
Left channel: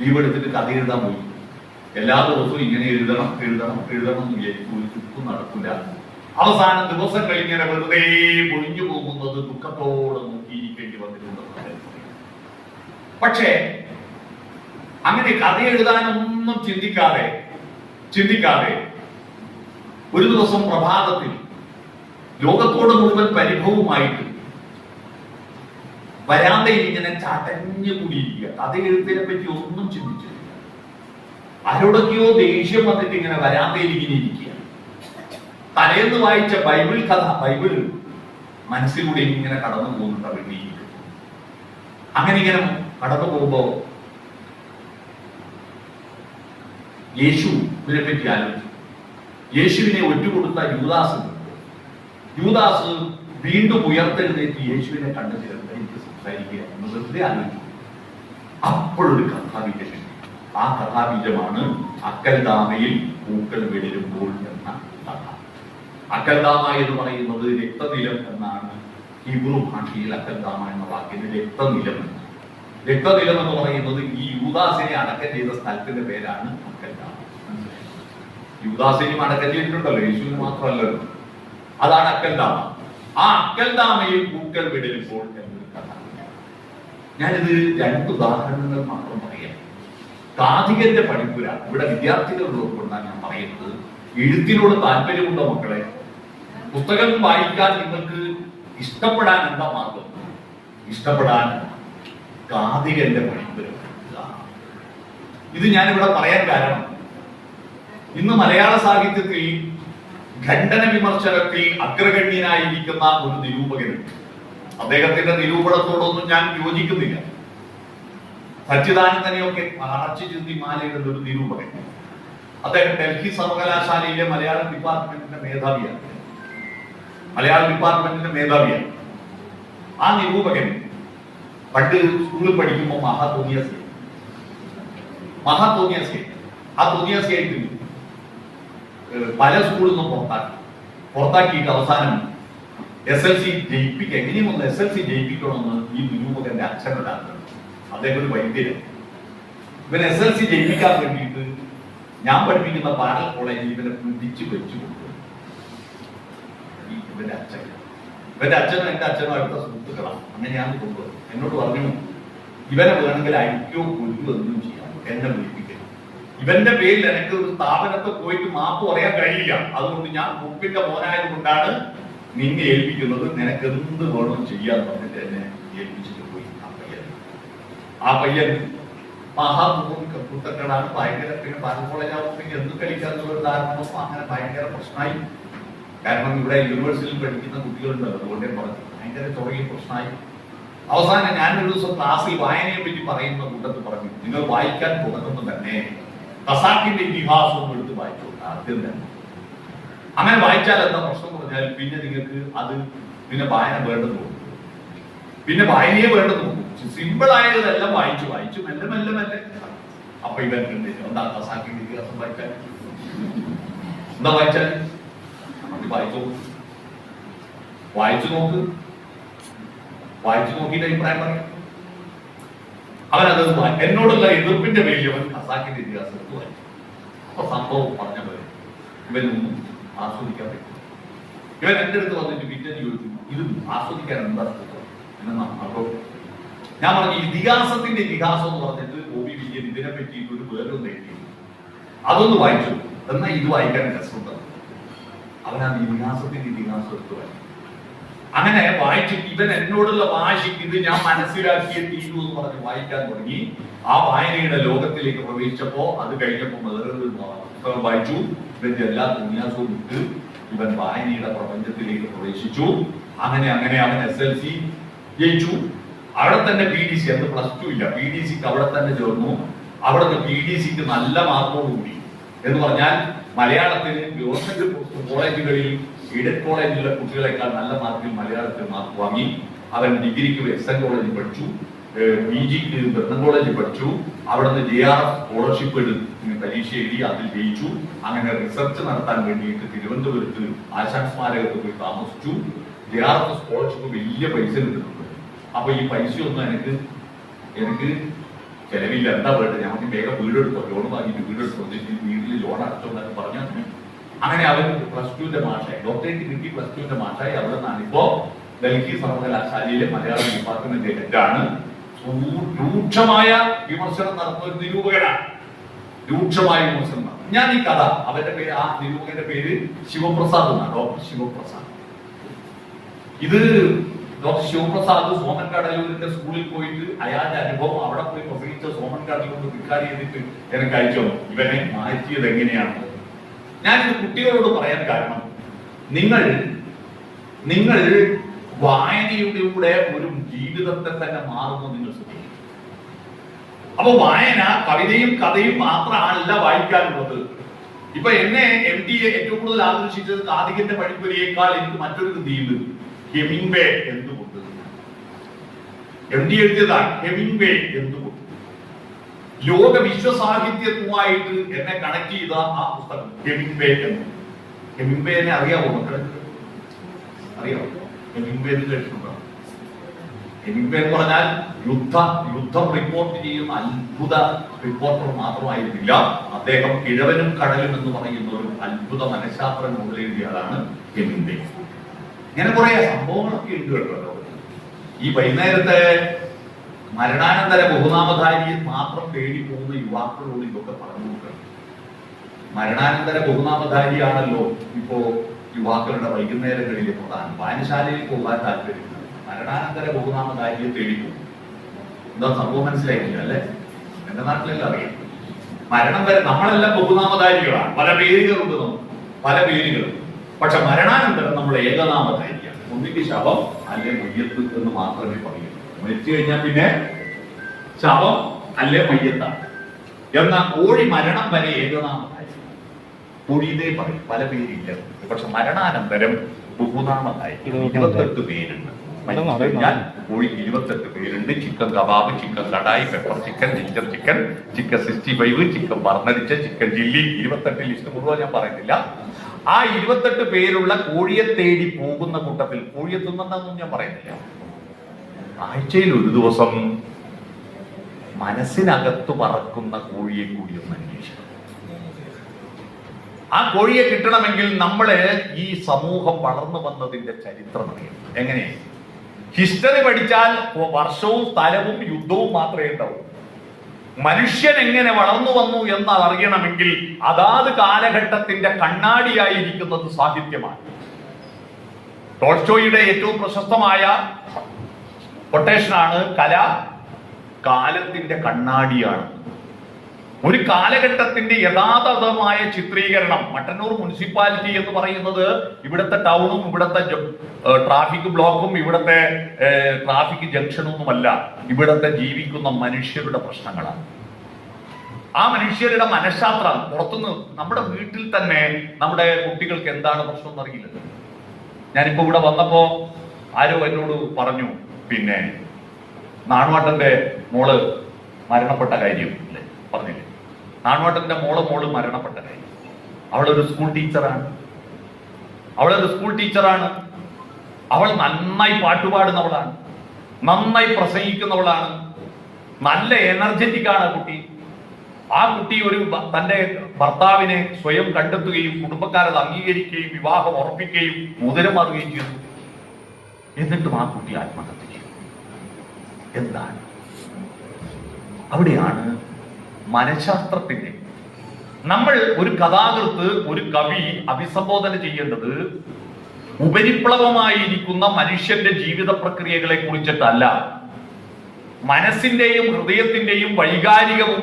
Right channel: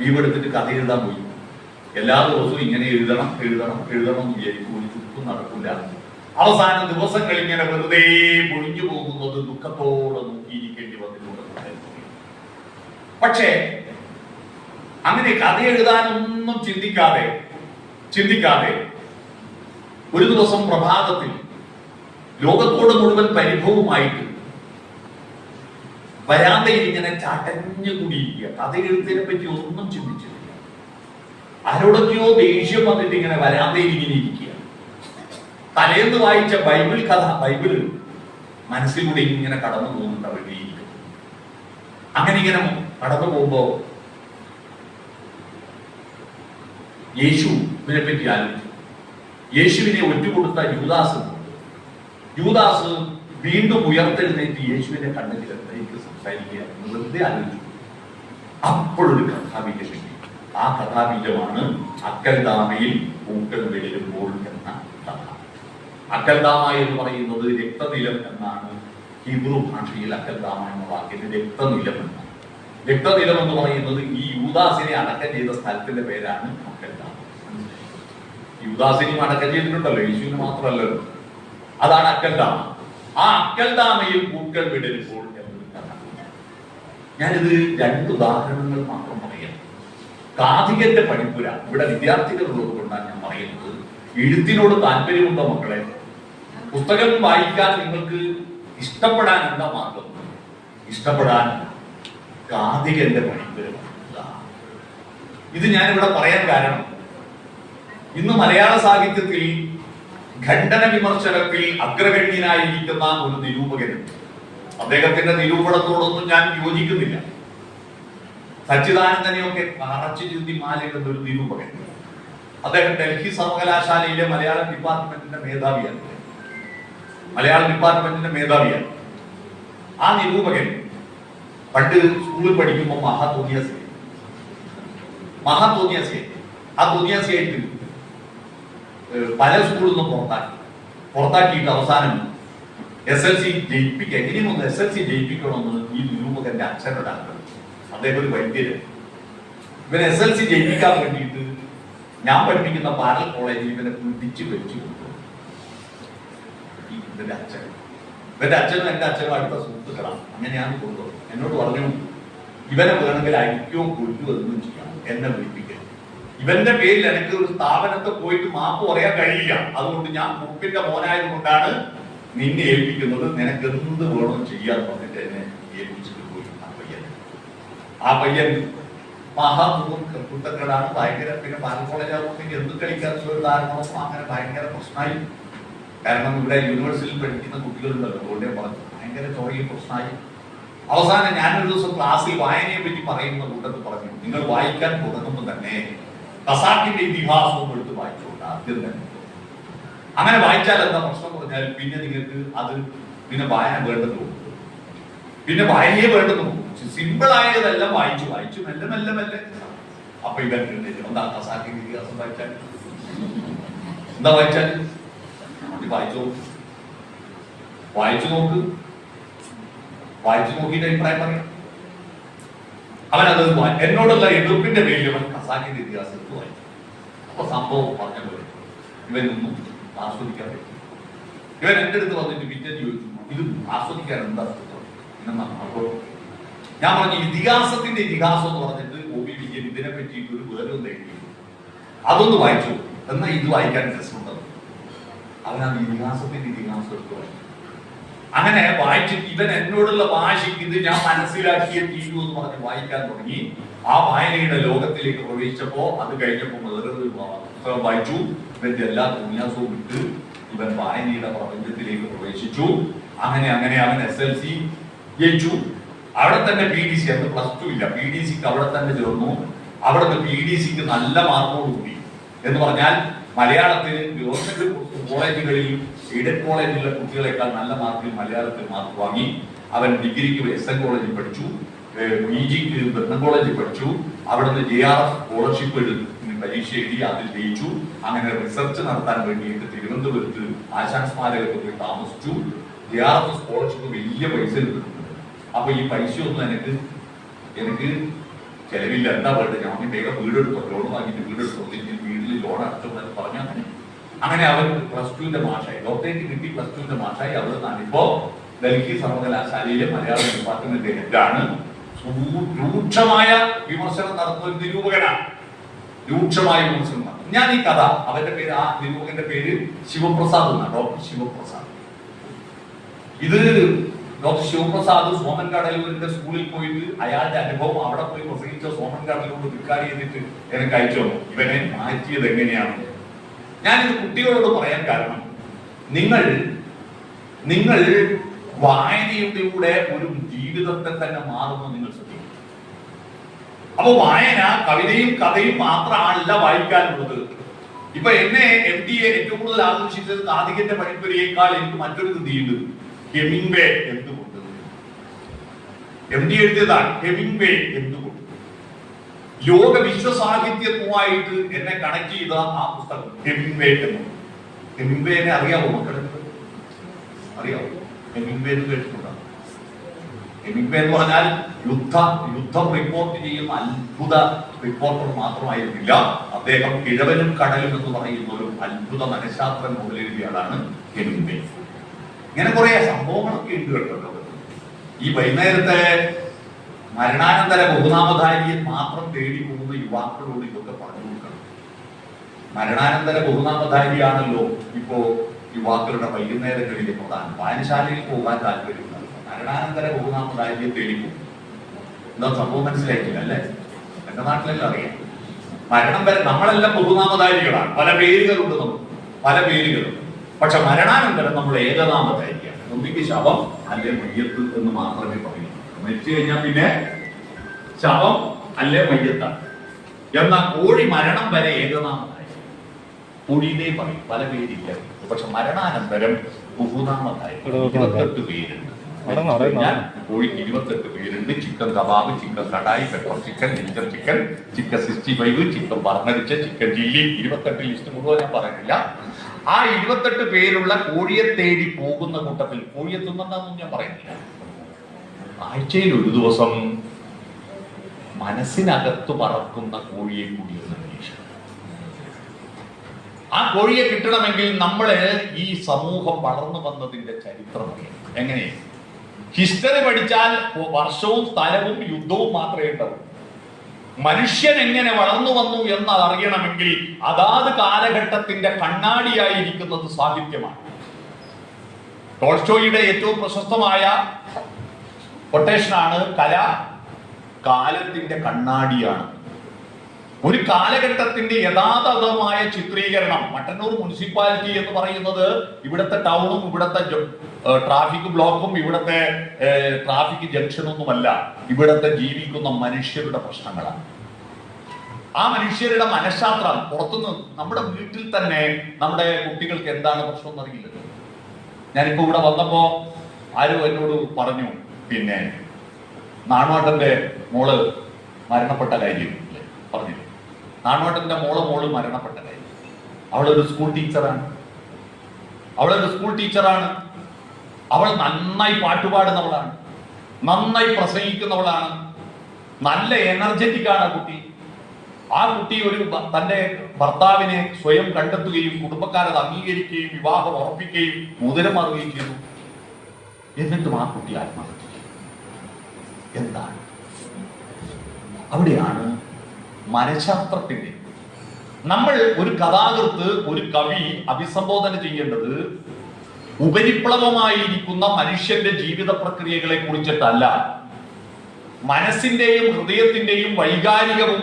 ലീവ് എടുത്തിട്ട് കഥ എഴുതാൻ പോയി. എല്ലാ ദിവസവും ഇങ്ങനെ എഴുതണം എന്ന് വിചാരിക്കും. ഒരു ചുറ്റും നടക്കില്ല. അവസാന ദിവസങ്ങൾ ഇങ്ങനെ വെറുതെ പൊഴിഞ്ഞു പോകുന്നത് ദുഃഖത്തോടെ നോക്കിയിരിക്കേണ്ടി വന്നിട്ടുണ്ടെന്ന്. പക്ഷേ അങ്ങനെ കഥ എഴുതാനൊന്നും ചിന്തിക്കാതെ ഒരു ദിവസം പ്രഭാതത്തിൽ ലോകത്തോട് മുഴുവൻ പരിഭവമായിട്ട് വരാന്തയിൽ ഇങ്ങനെ ചാട്ടഞ്ഞു കൂടിയിരിക്കുക. കഥ എഴുത്തിനെ പറ്റി ഒന്നും ചിന്തിച്ചില്ല. ആരോടൊക്കെയോ ദേഷ്യം വന്നിട്ട് ഇങ്ങനെ വരാന്തയിൽ ഇങ്ങനെ ഇരിക്കുക. തലേന്ന് വായിച്ച ബൈബിൾ മനസ്സിലൂടെ ഇങ്ങനെ കടന്നു പോകുന്നുണ്ട്. അവരുടെ അങ്ങനെ ഇങ്ങനെ കടന്നു പോകുമ്പോ യേശുവിനെ പറ്റി ആലോചിച്ചു. യേശുവിനെ ഒറ്റുകൊടുത്ത യൂദാസ് വീണ്ടും ഉയർത്തെഴുന്നേറ്റ് യേശുവിനെ കണ്ടു ചേർന്ന് എനിക്ക് സംസാരിക്കുക എന്ന് വെറുതെ ആലോചിച്ചു. അപ്പോഴൊരു കഥാബീജം. ആ കഥാബീജമാണ് അക്കൽദാമയിൽ പൂക്കൾ വിടരുമ്പോൾ എന്ന കഥ. അക്കൽദാമ എന്ന് പറയുന്നത് രക്തനിലം എന്നാണ് ഹീബ്രു ഭാഷയിൽ. അക്കൽദാമ എന്ന വാക്കിന് രക്തനിലം എന്നാണ്. രക്തനിലം എന്ന് പറയുന്നത് ഈ യൂദാസിനെ അടക്കം ചെയ്ത സ്ഥലത്തിന്റെ പേരാണ് അക്കൽദാമ. യൂദാസിനെയും അടക്കം ചെയ്തിട്ടുണ്ടല്ലോ, യേശുവിനെ മാത്രമല്ലല്ലോ. അതാണ് അക്കൽദാമ. ആ അക്കൽദാമയിൽ പൂക്കൾ വിടരുമ്പോൾ എന്നൊരു കഥ. ഞാനിത് 2 ഉദാഹരണങ്ങൾ മാത്രം പറയാം. കാഥികന്റെ പഠിപ്പുര ഇവിടെ വിദ്യാർത്ഥികളോട് കൊണ്ടാണ് ഞാൻ പറയുന്നത്. എഴുത്തിനോട് താല്പര്യമുണ്ടോ മക്കളെ? പുസ്തകം വായിക്കാൻ നിങ്ങൾക്ക് ഇഷ്ടപ്പെടാൻ എന്താ മാർഗം? ഇഷ്ടപ്പെടാൻ കാഥികന്റെ പഠിപ്പുര. ഇത് ഞാനിവിടെ പറയാൻ കാരണം, ഇന്ന് മലയാള സാഹിത്യത്തിൽ ഖണ്ഡന വിമർശനത്തിൽ അഗ്രഗണ്യനായിരിക്കുന്ന ഒരു നിരൂപകനുണ്ട്. അദ്ദേഹത്തിന്റെ നിരൂപണത്തോടൊന്നും ഞാൻ യോജിക്കുന്നില്ല. സച്ചിദാനന്ദനെയൊക്കെ മറച്ചു ചിന്തി മാലയിടുന്ന ഒരു നിരൂപകൻ. അദ്ദേഹം ഡൽഹി സർവകലാശാലയിലെ മലയാളം ഡിപ്പാർട്ട്മെന്റിന്റെ മേധാവിയാണ്. ആ നിരൂപകൻ പണ്ട് സ്കൂളിൽ പഠിക്കുമ്പോൾ തോന്നിയസയായിട്ട് പല സ്കൂളിൽ നിന്നും പുറത്താക്കിയിട്ട് അവസാനം SLC ജയിപ്പിക്കാൻ, ഇനിയൊന്ന് SLC ജയിപ്പിക്കണമെന്ന് ഈ നിരൂപകന്റെ അച്ഛനോടാണ്. അദ്ദേഹം ഒരു വൈദ്യര്. ഇവനെ SLC ജയിപ്പിക്കാൻ വേണ്ടിയിട്ട് ഞാൻ പഠിപ്പിക്കുന്ന പാരൽ കോളേജിൽ ഇവനെ പിടിച്ചു വെച്ചു കൊടുക്കും. ഇവന്റെ അച്ഛനും എന്റെ അച്ഛനും അടുത്ത സുഹൃത്തുക്കളാണ്. അങ്ങനെയാണ് കൊണ്ടുപോകും. എന്നോട് പറഞ്ഞു, ഇവനെ വേണമെങ്കിൽ അടിക്കോ കൊല്ലുകയോ ഒന്നും ചെയ്യാം, എന്നെ വിളിപ്പിക്കുക. ഇവന്റെ പേരിൽ എനിക്ക് ഒരു സ്ഥാപനത്തിൽ പോയിട്ട് മാപ്പ് പറയാൻ കഴിയില്ല. അതുകൊണ്ട് ഞാൻ മുപ്പിന്റെ മോനായത് കൊണ്ടാണ് നിന്നെ ഏൽപ്പിക്കുന്നത്. നിനക്ക് എന്ത് വേണം ചെയ്യാന്ന് പറഞ്ഞിട്ട് എന്നെ ഏൽപ്പിച്ചിട്ട് പോയി. ആ പയ്യൻ മഹാകുത്തക്കളാണ്. ഭയങ്കര, പിന്നെ പാരൽ കോളേജ് എന്ത് കളിക്കാന്നുള്ള ഒരു കാരണമോ അങ്ങനെ ഭയങ്കര പ്രശ്നമായി. കാരണം ഇവിടെ യൂണിവേഴ്സിറ്റിയിൽ പഠിക്കുന്ന കുട്ടികളുണ്ടല്ലോ, അതുകൊണ്ടേ പറഞ്ഞു ഭയങ്കര ചോറിയും പ്രശ്നമായി. അവസാനം ഞാനൊരു ദിവസം ക്ലാസ്സിൽ വായനയെ പറ്റി പറയുന്ന കൂട്ടത്തിൽ പറഞ്ഞു, നിങ്ങൾ വായിക്കാൻ തുടങ്ങുമ്പോൾ തന്നെ ഖസാക്കിന്റെ ഇതിഹാസം എടുത്ത് വായിച്ചോട്ടെ ആദ്യം തന്നെ. അങ്ങനെ വായിച്ചാൽ എന്താ പ്രശ്നം പറഞ്ഞാൽ പിന്നെ നിങ്ങൾക്ക് അത് പിന്നെ വായന വേണ്ടെന്ന് പോകും. പിന്നെ വായനയെ വേണ്ടെന്ന് പോകും. സിമ്പിൾ ആയതെല്ലാം വായിച്ചു മെല്ലെ. അപ്പൊ ഇവരുണ്ട് എന്താ ഖസാക്കിന്റെ ഇതിഹാസം വായിച്ചാൽ എന്താ വായിച്ചാൽ വായിച്ചു നോക്കിയിട്ട് അഭിപ്രായം പറയും. അവനത് എന്നോടുള്ള എതിർപ്പിന്റെ പേരിൽ അവൻ ഖസാക്കിന്റെ ഇതിഹാസം എടുത്ത് വായിച്ചു. അപ്പൊ സംഭവം പറഞ്ഞ പോലെ ഇവനൊന്നും ആസ്വദിക്കാൻ പറ്റും. ഇവൻ എന്റെ അടുത്ത് വന്നിട്ട് പിറ്റേന്ന് ചോദിച്ചു, ഇത് ആസ്വദിക്കാൻ എന്താ പിന്നെ അപ്പോ ഞാൻ പറഞ്ഞു, ഇതിഹാസത്തിന്റെ ഇതിഹാസം എന്ന് പറഞ്ഞിട്ട് OV വിജയൻ ഇതിനെ പറ്റിയിട്ട് ഒരു വേറൊന്നും എഴുതി, അതൊന്ന് വായിച്ചു. എന്നാൽ ഇത് വായിക്കാൻ രസമുണ്ട്. അവനാണ് ഇതിഹാസത്തിന്റെ ഇതിഹാസം എടുത്ത് വായിച്ചു. അങ്ങനെ വായിച്ചിട്ട് ഇവൻ എന്നോടുള്ള വാശിക്ക് ഇത് ഞാൻ മനസ്സിലാക്കിയ തീരു എന്ന് പറഞ്ഞ് വായിക്കാൻ തുടങ്ങി. ആ വായനയുടെ ലോകത്തിലേക്ക് പ്രവേശിച്ചപ്പോ അത് കഴിഞ്ഞപ്പോ വേറൊരു പുസ്തകം വായിച്ചു. ഇവന്റെ എല്ലാ തുണിയാസവും വിട്ട് ഇവൻ വായനയുടെ പ്രപഞ്ചത്തിലേക്ക് പ്രവേശിച്ചു. അങ്ങനെ അവൻ SLC ജയിച്ചു. അവിടെ തന്നെ PDC, അന്ന് +2 ഇല്ല, PDCക്ക് അവിടെ തന്നെ ചേർന്നു. അവിടുന്ന് PDCക്ക് നല്ല മാർക്കോടുകൂടി എന്ന് പറഞ്ഞാൽ മലയാളത്തിൽ ഗവൺമെന്റ് കോളേജുകളിൽ എയ്ഡഡ് കോളേജിലുള്ള കുട്ടികളെക്കാൾ നല്ല മാർക്കിൽ മലയാളത്തിൽ മാർക്ക് വാങ്ങി. അവൻ ഡിഗ്രിക്ക് SN കോളേജിൽ പഠിച്ചു, PGക്ക് ബ്രണ്ണൻ കോളേജിൽ പഠിച്ചു. അവിടുന്ന് JRF സ്കോളർഷിപ്പ് പരീക്ഷ എഴുതി, അതിൽ ജയിച്ചു. അങ്ങനെ റിസർച്ച് നടത്താൻ വേണ്ടിയിട്ട് തിരുവനന്തപുരത്ത് ആശാൻ സ്മാരകത്തിൽ പോയി താമസിച്ചു. JRF സ്കോളർഷിപ്പ് വലിയ പൈസ എടുത്തിട്ടുണ്ട്. അപ്പൊ ഈ പൈസ ഒന്നും എനിക്ക് ചെലവില്ല, എന്താ വേണ്ടത്, ഞാൻ വേഗം വീടെടുത്തോ, ലോൺ വാങ്ങിയിട്ട് വീടെടുത്തോ, വീട്ടിൽ ലോൺ അടച്ചോ എന്നൊക്കെ പറഞ്ഞാൽ അങ്ങനെ അവൻ +2 മാഷായി, ഡോക്ടറേറ്റ് കിട്ടി +2 മാഷായി. അവിടെ നിന്നാണ് ഇപ്പോ ഡൽഹി സർവകലാശാലയിലെ മലയാളം ഡിപ്പാർട്ട്മെന്റ് ഹെഡാണ്. രൂക്ഷമായ വിമർശനം നടത്തുന്ന ഒരു നിരൂപകനാണ്. രൂക്ഷമായ വിമർശനം. ഞാൻ ഈ കഥ, അവന്റെ പേര്, ആ നിരൂപകന്റെ പേര് ശിവപ്രസാദ് എന്നാണ്, ഡോക്ടർ ശിവപ്രസാദ്. ഇത് ഡോക്ടർ ശിവപ്രസാദ് സോമൻ കടലൂരിന്റെ സ്കൂളിൽ പോയിട്ട് അയാളുടെ അനുഭവം, അവിടെ പോയി പ്രസംഗിച്ച സോമൻ കടലൂർ റെക്കോർഡ് ചെയ്തിട്ട് എനിക്ക് അയച്ചു തന്നു. ഇവനെ മാറ്റിയത് എങ്ങനെയാണ്? ഞാനിത് കുട്ടികളോട് പറയാൻ കാരണം, നിങ്ങൾ വായനയുടെ ഒരു ജീവിതത്തെ തന്നെ മാറുന്നു നിങ്ങൾ ശ്രദ്ധിക്കും. അപ്പൊ വായന കവിതയും കഥയും മാത്രമല്ല വായിക്കാനുള്ളത്. ഇപ്പൊ എന്നെ MD ഏറ്റവും കൂടുതൽ ആകർഷിച്ചത് കാതികന്റെ പണിപ്പുരയേക്കാൾ എനിക്ക് മറ്റൊരു കൃതിയുണ്ട്, ഹെമിംഗ്വേ എന്തുകൊണ്ട്. MD എഴുതിയതാണ് ഹെമിംഗ്വേ എന്തുകൊണ്ട്. ലോക വിശ്വസാഹിത്യവുമായിട്ട് എന്നെ കണക്ട് ചെയ്ത ആ പുസ്തകം ഹെമിംഗ്വേ എന്ന്. ഹെമിംഗ്വേനെ അറിയാവോ മക്കളെ? അറിയാവോ? ഹെമിംഗ്വേ എന്ന് കേട്ടിട്ടുണ്ടോ? ഹെമിംഗ്വേ എന്ന് പറഞ്ഞാൽ യുദ്ധം റിപ്പോർട്ട് ചെയ്യുന്ന അത്ഭുത റിപ്പോർട്ടർ മാത്രമായിരുന്നില്ല അദ്ദേഹം. കിഴവനും കടലും എന്ന് പറയുന്ന ഒരു അത്ഭുത മനഃശാസ്ത്രം മുതലെഴുതിയ ആളാണ് ഹെമിംഗ്വേ. ഇങ്ങനെ കുറെ സംഭവങ്ങളൊക്കെ ഉണ്ട് കേട്ടോ. ഈ വൈകുന്നേരത്തെ മരണാനന്തര ബഹുനാമധാരിയെ മാത്രം തേടി പോകുന്ന യുവാക്കളോട് ഇതൊക്കെ പറഞ്ഞു നോക്കണം. മരണാനന്തര ബഹുനാമധാരിയാണല്ലോ ഇപ്പോ യുവാക്കളുടെ വൈകുന്നേരങ്ങളിലെ പ്രധാനം. വായനശാലയിൽ പോകാൻ താല്പര്യമില്ല, മരണാനന്തര ബഹുനാമധാരിയെ തേടി പോകും. എന്താ സംഭവം മനസ്സിലായിട്ടില്ല അല്ലെ? എന്റെ നാട്ടിലെല്ലാം അറിയാം. മരണം വരെ നമ്മളെല്ലാം ബഹുനാമധാരികളാണ്, പല പേരുകളുണ്ട് നമുക്ക്, പല പേരുകളും. പക്ഷെ മരണാനന്തരം നമ്മൾ ഏകനാമധാരിയാണ്. ഒന്നിക്ക് ശവം അല്ലെ മയ്യത്ത് എന്ന് മാത്രമേ പറയൂ. മരിച്ചു കഴിഞ്ഞാൽ പിന്നെ ശവം അല്ലെ മയ്യത്താണ്. എന്നാൽ കോഴി മരണം വരെ ഏകനാമധാരി, കോഴിയിലേ പറയും, പല പേരില്ല. പക്ഷെ മരണാനന്തരം ബഹുനാമധാരി 28 പേരുണ്ട്. കോഴിക്ക് 28 പേരുണ്ട്. Chicken kebab, chicken kadai, pepper chicken, ginger chicken, chicken 65, chicken പറന്നടിച്ച, ചിക്കൻ ചില്ലി, 28 ലിസ്റ്റ് മുഴുവൻ ഞാൻ പറയുന്നില്ല. ആ 28 പേരുള്ള കോഴിയെ തേടി പോകുന്ന കൂട്ടത്തിൽ, കോഴിയെ തിന്നൊന്നും ഞാൻ പറയുന്നില്ല, ആഴ്ചയിൽ ഒരു ദിവസം മനസ്സിനകത്ത് പറക്കുന്ന കോഴിയെ കൂടി ഒന്ന് അന്വേഷിക്കണം. ആ കോഴിയെ കിട്ടണമെങ്കിൽ നമ്മള് ഈ സമൂഹം വളർന്നു വന്നതിന്റെ ചരിത്രം അറിയണം. എങ്ങനെ? ഹിസ്റ്ററി പഠിച്ചാൽ വർഷവും സ്ഥലവും യുദ്ധവും മാത്രമേ ഉണ്ടാവൂ. മനുഷ്യൻ എങ്ങനെ വളർന്നു വന്നു എന്ന് അറിയണമെങ്കിൽ അതാത് കാലഘട്ടത്തിന്റെ കണ്ണാടിയായിരിക്കുന്നത് സാഹിത്യമാണ്. ടോൾസ്റ്റോയിയുടെ ഏറ്റവും പ്രശസ്തമായ കൊട്ടേഷനാണ് കല കാലത്തിന്റെ കണ്ണാടിയാണ്. ഒരു കാലഘട്ടത്തിന്റെ യഥാതഥമായ ചിത്രീകരണം. മട്ടന്നൂർ മുനിസിപ്പാലിറ്റി എന്ന് പറയുന്നത് ഇവിടുത്തെ ടൗണും ഇവിടുത്തെ ട്രാഫിക് ബ്ലോക്കും ഇവിടുത്തെ ട്രാഫിക് ജംഗ്ഷനൊന്നുമല്ല, ഇവിടുത്തെ ജീവിക്കുന്ന മനുഷ്യരുടെ പ്രശ്നങ്ങളാണ്. ആ മനുഷ്യരുടെ മനഃശാസ്ത്രം പുറത്തുനിന്ന്, നമ്മുടെ വീട്ടിൽ തന്നെ നമ്മുടെ കുട്ടികൾക്ക് എന്താണ് പ്രശ്നം എന്നറിയില്ലല്ലോ. ഞാനിപ്പോ ഇവിടെ വന്നപ്പോ ആരോ എന്നോട് പറഞ്ഞു, പിന്നെ നാണുവേട്ടന്റെ മോള് മരണപ്പെട്ട കാര്യം അല്ലേ പറഞ്ഞില്ലേ? നാണുവേട്ടന്റെ മോള് മരണപ്പെട്ട കാര്യം. അവളൊരു സ്കൂൾ ടീച്ചറാണ്. അവൾ നന്നായി പാട്ടുപാടുന്നവളാണ്, നന്നായി പ്രസംഗിക്കുന്നവളാണ്, നല്ല എനർജറ്റിക് ആണ് കുട്ടി. ആ കുട്ടി തന്റെ ഭർത്താവിനെ സ്വയം കണ്ടെത്തുകയും കുടുംബക്കാരത് അംഗീകരിക്കുകയും വിവാഹം ഉറപ്പിക്കുകയും മോതിരമാറുകയും ചെയ്തു. എന്നിട്ടും ആ കുട്ടി ആത്മഹത്യ ചെയ്തു. എന്താണ്? അവിടെയാണ് മനഃശാസ്ത്രത്തിന്റെ, നമ്മൾ ഒരു കഥാകൃത്ത്, ഒരു കവി അഭിസംബോധന ചെയ്യേണ്ടത് ഉപരിപ്ലവമായിരിക്കുന്ന മനുഷ്യന്റെ ജീവിത പ്രക്രിയകളെ കുറിച്ചിട്ടല്ല, മനസ്സിന്റെയും ഹൃദയത്തിന്റെയും വൈകാരികവും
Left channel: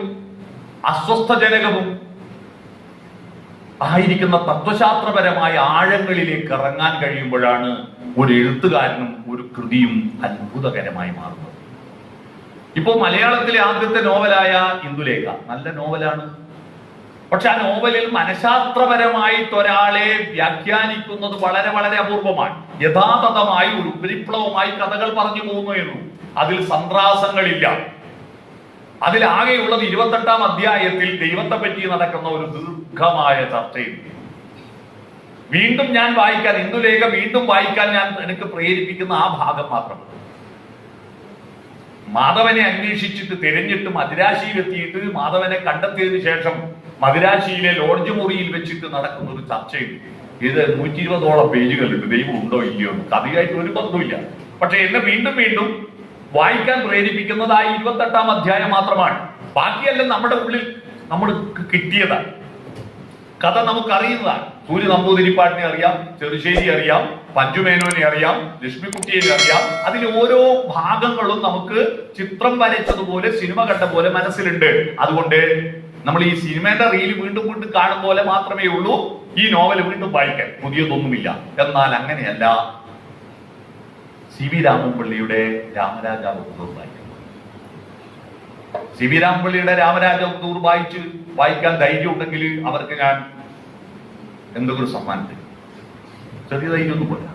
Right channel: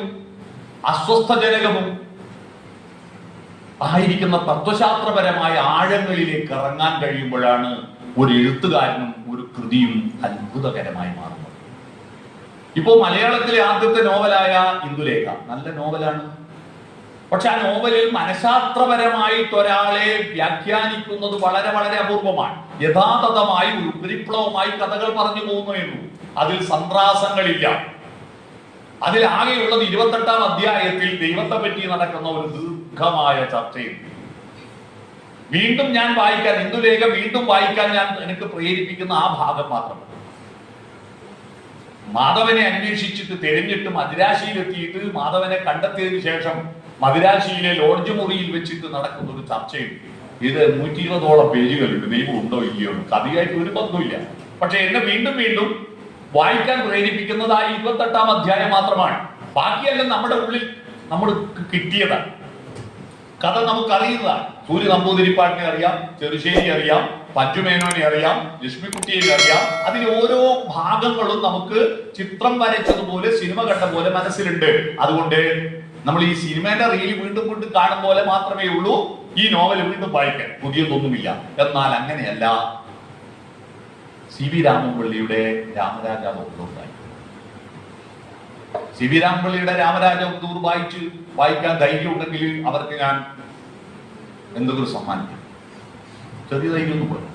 അസ്വസ്ഥജനകവും ആയിരിക്കുന്ന തത്വശാസ്ത്രപരമായ ആഴങ്ങളിലേക്ക് ഇറങ്ങാൻ കഴിയുമ്പോഴാണ് ഒരു എഴുത്തുകാരനും ഒരു കൃതിയും അത്ഭുതകരമായി മാറുന്നത്. ഇപ്പോ മലയാളത്തിലെ ആദ്യത്തെ നോവലായ ഇന്ദുലേഖ നല്ല നോവലാണ്. പക്ഷെ ആ നോവലിൽ മനഃശാസ്ത്രപരമായിട്ട് ഒരാളെ വ്യാഖ്യാനിക്കുന്നത് വളരെ വളരെ അപൂർവമാണ്. യഥാതഥമായി ഒരു ഉപരിപ്ലവമായി കഥകൾ പറഞ്ഞു പോകുന്നേയുള്ളൂ. അതിൽ സന്ത്രാസങ്ങളില്ല. അതിലാകെയുള്ളത് 28-ാം അധ്യായത്തിൽ ദൈവത്തെ പറ്റി നടക്കുന്ന ഒരു ദീർഘമായ ചർച്ചയുണ്ട്. വീണ്ടും ഞാൻ വായിക്കാൻ, ഇന്ദുലേഖ വീണ്ടും വായിക്കാൻ എനിക്ക് പ്രേരിപ്പിക്കുന്ന ആ ഭാഗം മാത്രമാണ്. മാധവനെ അന്വേഷിച്ചിട്ട് തിരഞ്ഞിട്ട് മദിരാശിയിലെത്തിയിട്ട് മാധവനെ കണ്ടെത്തിയതിനു ശേഷം മദിരാശിയിലെ ലോഡ്ജ് മുറിയിൽ വെച്ചിട്ട് നടക്കുന്ന ഒരു ചർച്ചയുണ്ട്. ഇത് 120ഓളം പേജുകളുണ്ട്. ദൈവം ഉണ്ടോ ഇല്ലയോ എന്ന് കഥയായിട്ട് ഒരു ബന്ധമില്ല. പക്ഷെ എന്നെ വീണ്ടും വീണ്ടും വായിക്കാൻ പ്രേരിപ്പിക്കുന്നത് ആ 28ാം അധ്യായം മാത്രമാണ്. ബാക്കിയെല്ലാം നമ്മുടെ ഉള്ളിൽ നമ്മൾ കിട്ടിയതാണ്. കഥ നമുക്കറിയുന്നതാണ്. സൂര്യ നമ്പൂതിരിപ്പാടിനെ അറിയാം, ചെറുശ്ശേരി അറിയാം, പഞ്ചുമേനോനെ അറിയാം, ലക്ഷ്മിക്കുട്ടിയെ അറിയാം. അതിലെ ഓരോ ഭാഗങ്ങളും നമുക്ക് ചിത്രം വരച്ചതുപോലെ, സിനിമ കണ്ട പോലെ മനസ്സിലുണ്ട്. അതുകൊണ്ട് നമ്മൾ ഈ സിനിമയുടെ റീൽ വീണ്ടും വീണ്ടും കാണും പോലെ മാത്രമേ ഉള്ളൂ ഈ നോവൽ വീണ്ടും വായിക്കാൻ. പുതിയതൊന്നുമില്ല. എന്നാൽ അങ്ങനെയല്ല. സി വി രാമൻപിള്ളിയുടെ രാമരാജാവധൂർ സി വി രാമൻപിള്ളിയുടെ രാമരാജാവധൂർ വായിക്കാൻ ധൈര്യം ഉണ്ടെങ്കിൽ അവർക്ക് ഞാൻ എന്തൊരു സമ്മാനം. ചെറിയ ധൈര്യമൊന്നും പോരാ.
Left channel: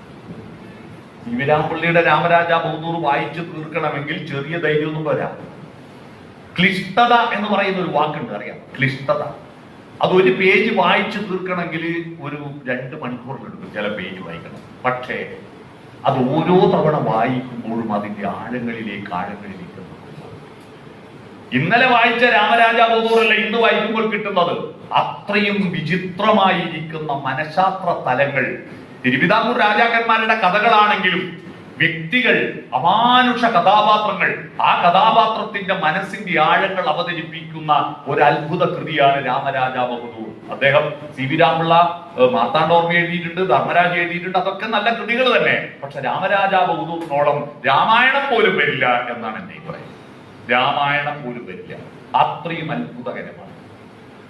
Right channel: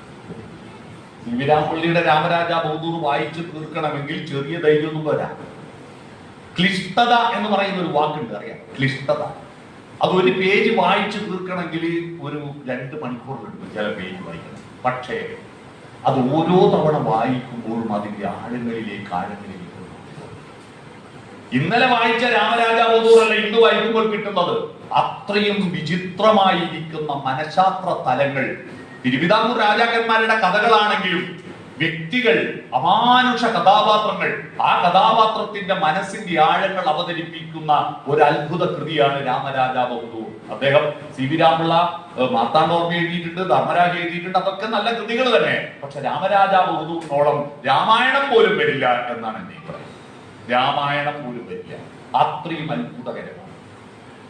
സി വി രാമൻപിള്ളിയുടെ രാമരാജാവധൂർ വായിച്ച് തീർക്കണമെങ്കിൽ ചെറിയ ധൈര്യമൊന്നും പോരാ. ക്ലിഷ്ടത എന്ന് പറയുന്ന ഒരു വാക്കുണ്ട്, അറിയാം? ക്ലിഷ്ടത. അതൊരു പേജ് വായിച്ചു തീർക്കണമെങ്കിൽ ഒരു 2 മണിക്കൂറിലുണ്ട് ചില പേജ് വായിക്കണം. പക്ഷേ അത് ഓരോ തവണ വായിക്കുമ്പോഴും അതിന്റെ ആഴങ്ങളിലേക്ക് ഇന്നലെ വായിച്ച രാമരാജാവധൂറല്ല ഇന്ന് വായിക്കുമ്പോൾ കിട്ടുന്നത്. അത്രയും വിചിത്രമായിരിക്കുന്ന മനഃശാസ്ത്ര തലങ്ങൾ. തിരുവിതാംകൂർ രാജാക്കന്മാരുടെ കഥകളാണെങ്കിലും വ്യക്തികൾ, അമാനുഷ കഥാപാത്രങ്ങൾ, ആ കഥാപാത്രത്തിന്റെ മനസ്സിന്റെ ആഴങ്ങൾ അവതരിപ്പിക്കുന്ന ഒരു അത്ഭുത കൃതിയാണ് രാമരാജാവധൂർ. അദ്ദേഹം സി വി രാമുള്ള മാർത്താണ്ഡോർമ്മ എഴുതിയിട്ടുണ്ട്, ധർമ്മരാജ എഴുതിയിട്ടുണ്ട്. അതൊക്കെ നല്ല കൃതികൾ തന്നെ. പക്ഷെ രാമരാജാവധൂറിനോളം രാമായണം പോലും വരില്ല എന്നാണ് എന്റെ അഭിപ്രായം. രാമായണം പോലും വരില്ല. അത്രയും അത്ഭുതകരമാണ്.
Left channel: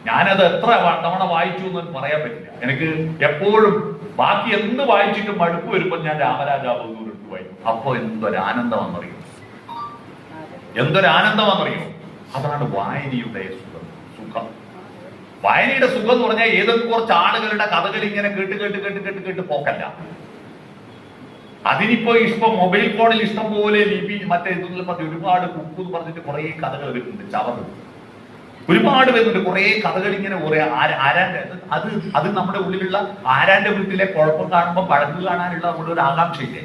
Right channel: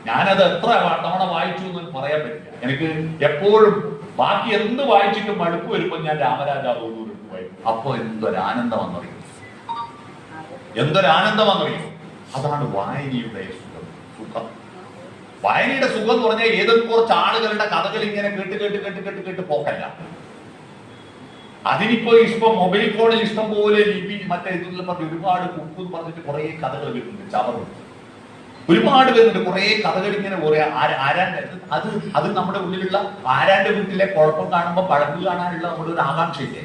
ഞാനത് എത്ര തവണ വായിച്ചു എന്ന് പറയാൻ പറ്റില്ല. എനിക്ക് എപ്പോഴും ബാക്കി എന്ത് വായിച്ചിട്ടും മടുപ്പ് വരുമ്പോൾ ഞാൻ രാമരാജാവധൂർ എടുത്ത് വായിക്കും. അപ്പൊ എന്തൊരാനന്ദമാണെന്നറിയോ, എന്തൊരാനന്ദമാണെന്നറിയോ. അതാണ് വായനയുടെ സുഖം. വായനയുടെ സുഖം എന്ന് പറഞ്ഞാൽ ഏതൊക്കെ കുറച്ച് ആളുകളുടെ കഥകൾ ഇങ്ങനെ കേട്ട് പോക്കല്ല. അതിനിപ്പോ മൊബൈൽ ഫോണിൽ ഇഷ്ടം പോലെ ലിപി മറ്റേ ഇതെല്ലാം പറഞ്ഞ് ഒരുപാട് കുക്ക് പറഞ്ഞിട്ട് കുറെ കഥകൾ വരുന്നുണ്ട്. ചവറും ഒരുപാട് വരുന്നുണ്ട്. കുറെ കഥകൾ ഇങ്ങനെ കുറെ ആരാന്റെ അത് നമ്മുടെ ഉള്ളിലുള്ള ആരാന്റെ വീട്ടിലെ കുഴപ്പം കാണുമ്പോൾ പഴങ്ക് കാണാനുള്ള നമ്മുടെ ഒരു ആകാംക്ഷയില്ലേ?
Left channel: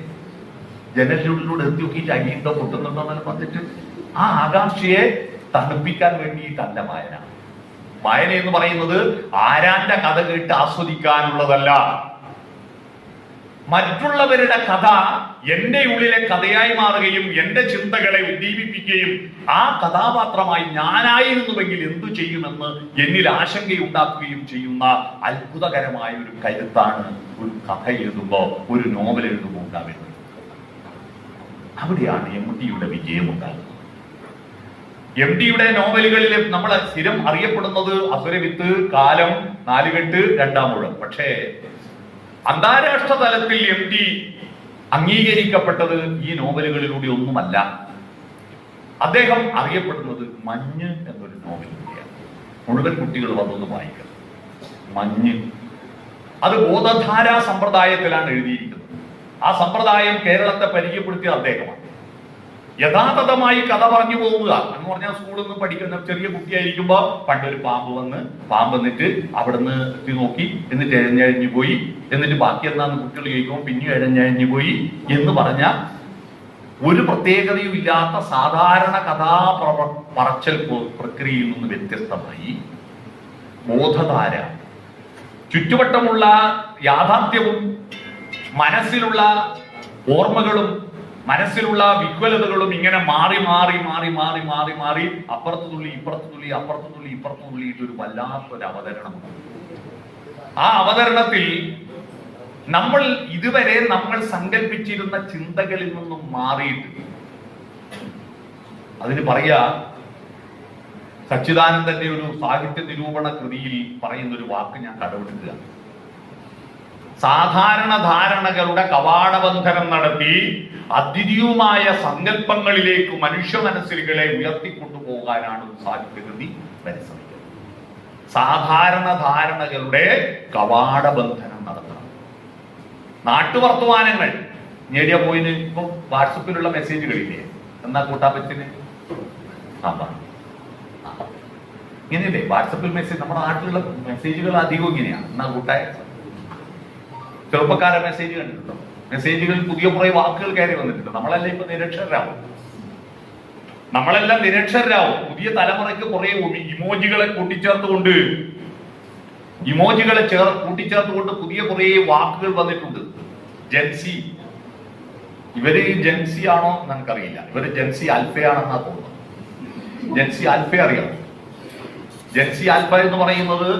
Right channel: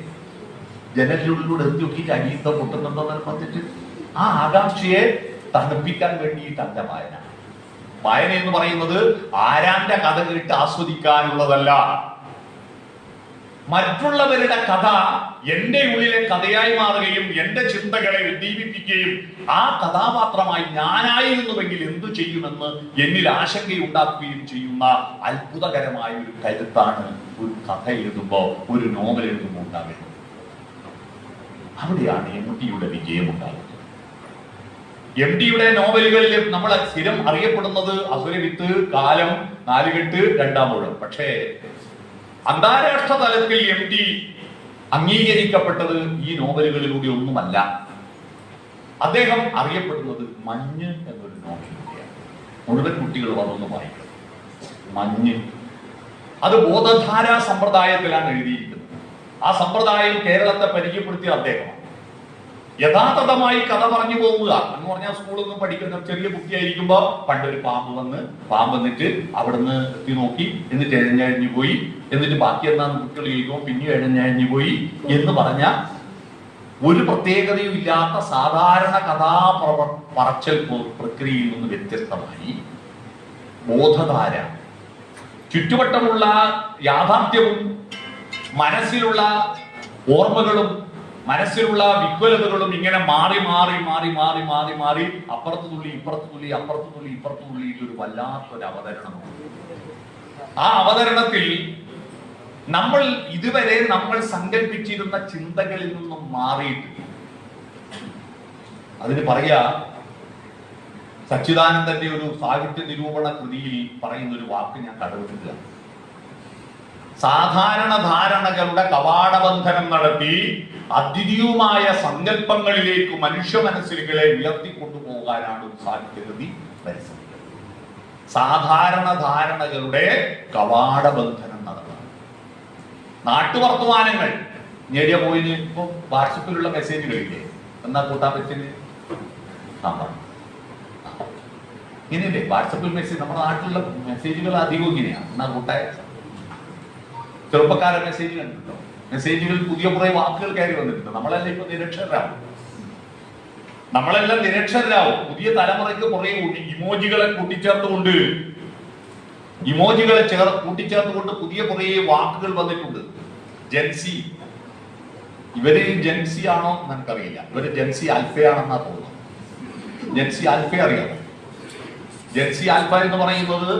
ജനലിനുള്ളിലൂടെ എത്തി നോക്കിയിട്ട് അനിയത്തോ പൊട്ടുന്നുണ്ടോ എന്ന് പറഞ്ഞിട്ട് ആ ആകാംക്ഷയെ തണുപ്പിക്കാൻ വേണ്ടിയിട്ടല്ല വായന. വായന എന്ന് പറയുന്നത് ആരാന്റെ കഥ കേട്ട് ആസ്വദിക്കാനുള്ളതല്ല. മറ്റുള്ളവരുടെ കഥ എന്റെ ഉള്ളിലെ കഥയായി മാറുകയും എന്റെ ചിന്തകളെ ഉദ്ദീപിപ്പിക്കുകയും ആ കഥാപാത്രമായി ഞാനായിരുന്നുവെങ്കിൽ എന്തു ചെയ്യുമെന്ന് എന്നിൽ ആശങ്കയുണ്ടാക്കുകയും ചെയ്യുന്ന അത്ഭുതകരമായ ഒരു കരുത്താണ് ഒരു കഥ എഴുതുമ്പോ, ഒരു നോവൽ എഴുതുമ്പോൾ ഉണ്ടാകുന്നത്. അവിടെയാണ് എം.ടിയുടെ വിജയം ഉണ്ടാകുന്നത്. എം.ടിയുടെ നോവലുകളിൽ നമ്മൾ സ്ഥിരം അറിയപ്പെടുന്നത് അസുരവിത്ത്, കാലം, നാലുകെട്ട്, രണ്ടാം ഊഴം. പക്ഷേ അന്താരാഷ്ട്ര തലത്തിൽ എം.ടി അംഗീകരിക്കപ്പെട്ടത് ഈ നോവലുകളിലൂടെ ഒന്നുമല്ല. അദ്ദേഹം അറിയപ്പെടുന്നത് മഞ്ഞ് എന്നൊരു നോവലിലൂടെയാണ്. മുഴുവൻ കുട്ടികൾ വന്നൊന്ന് വായിക്കണം. മഞ്ഞ് അത് ബോധധാരാ സമ്പ്രദായത്തിലാണ് എഴുതിയിരിക്കുന്നത്. ആ സമ്പ്രദായം കേരളത്തെ പരിചയപ്പെടുത്തിയ അദ്ദേഹമാണ്. യഥാർത്ഥമായി കഥ പറഞ്ഞു പോവുക എന്ന് പറഞ്ഞാൽ സ്കൂളിൽ നിന്ന് പഠിക്കുന്ന ചെറിയ കുട്ടിയായിരിക്കുമ്പോ പണ്ടൊരു പാമ്പ് വന്നിട്ട് അവിടുന്ന് എത്തി നോക്കി, എന്നിട്ട് എഴഞ്ഞഴിഞ്ഞു പോയി, എന്നിട്ട് ബാക്കി എന്താന്ന് കുട്ടികൾ ചോദിക്കുമ്പോൾ പിന്നെ എഴഞ്ഞഴിഞ്ഞു പോയി എന്ന് പറഞ്ഞ ഒരു പ്രത്യേകതയും ഇല്ലാത്ത സാധാരണ പറച്ചൽ പ്രക്രിയയിൽ നിന്ന് വ്യത്യസ്തമായി ബോധധാര, ചുറ്റുവട്ടമുള്ള യാഥാർത്ഥ്യവും മനസ്സിലുള്ള ഓർമ്മകളും മനസ്സിലുള്ള വിഹ്വലതകളും ഇങ്ങനെ മാറി അപ്പുറത്ത് തുള്ളി ഇപ്പുറത്ത് തുള്ളിയിട്ടൊരു വല്ലാത്തൊരു അവതരണമാണ്. ആ അവതരണത്തിൽ നമ്മൾ ഇതുവരെ നമ്മൾ സങ്കല്പിച്ചിരുന്ന ചിന്തകളിൽ നിന്നും മാറിയിട്ട്, അതിന് പറയാ സച്ചിദാനന്ദന്റെ ഒരു സാഹിത്യ നിരൂപണ കൃതിയിൽ പറയുന്ന ഒരു വാക്ക് ഞാൻ കടമെടുക്കുക. സാധാരണ ധാരണകളുടെ കവാടബന്ധനം നടത്തി അദ്വിതീയമായ സങ്കല്പങ്ങളിലേക്ക് മനുഷ്യ മനസ്സിലുകളെ ഉയർത്തിക്കൊണ്ടുപോകാനാണ് ഒരു സാഹിത്യകൃതി പരിശ്രമിക്കുന്നത്. സാധാരണ ധാരണകളുടെ കവാടബന്ധനം നടത്തണം. നാട്ടുവർത്തമാനങ്ങൾ നേടിയ പോയിന് ഇപ്പൊ വാട്സപ്പിലുള്ള മെസ്സേജുകളില്ലേ, എന്നാ കൂട്ടാപ്പത്തിന് ഇങ്ങനെയല്ലേ വാട്സപ്പിൽ മെസ്സേജ്? നമ്മുടെ നാട്ടിലുള്ള മെസ്സേജുകൾ അധികം ഇങ്ങനെയാണ്. എന്നാ കൂട്ടായ ചെറുപ്പക്കാരെ മെസ്സേജ് കണ്ടിട്ടുണ്ടോ? മെസ്സേജുകളിൽ പുതിയ കുറെ വാക്കുകൾ കയറി വന്നിട്ടുണ്ട്. നമ്മളെല്ലാം ഇപ്പൊ നമ്മളെല്ലാം നിരക്ഷരരാവും. പുതിയ തലമുറയ്ക്ക് കുറെ ഇമോജികളെ കൂട്ടിച്ചേർത്തുകൊണ്ട് ഇമോജികളെ കൂട്ടിച്ചേർത്തുകൊണ്ട് പുതിയ കുറേ വാക്കുകൾ വന്നിട്ടുണ്ട്. ജെൻസി, ഇവര് ജെൻസി ആണോ എന്ന് എനിക്കറിയില്ല. ഇവര് ജെൻസി ആൽഫയാണെന്നാ തോന്നുന്നു. ജെൻസി ആൽഫ അറിയാം. ജെൻസി ആൽഫ എന്ന് പറയുന്നത്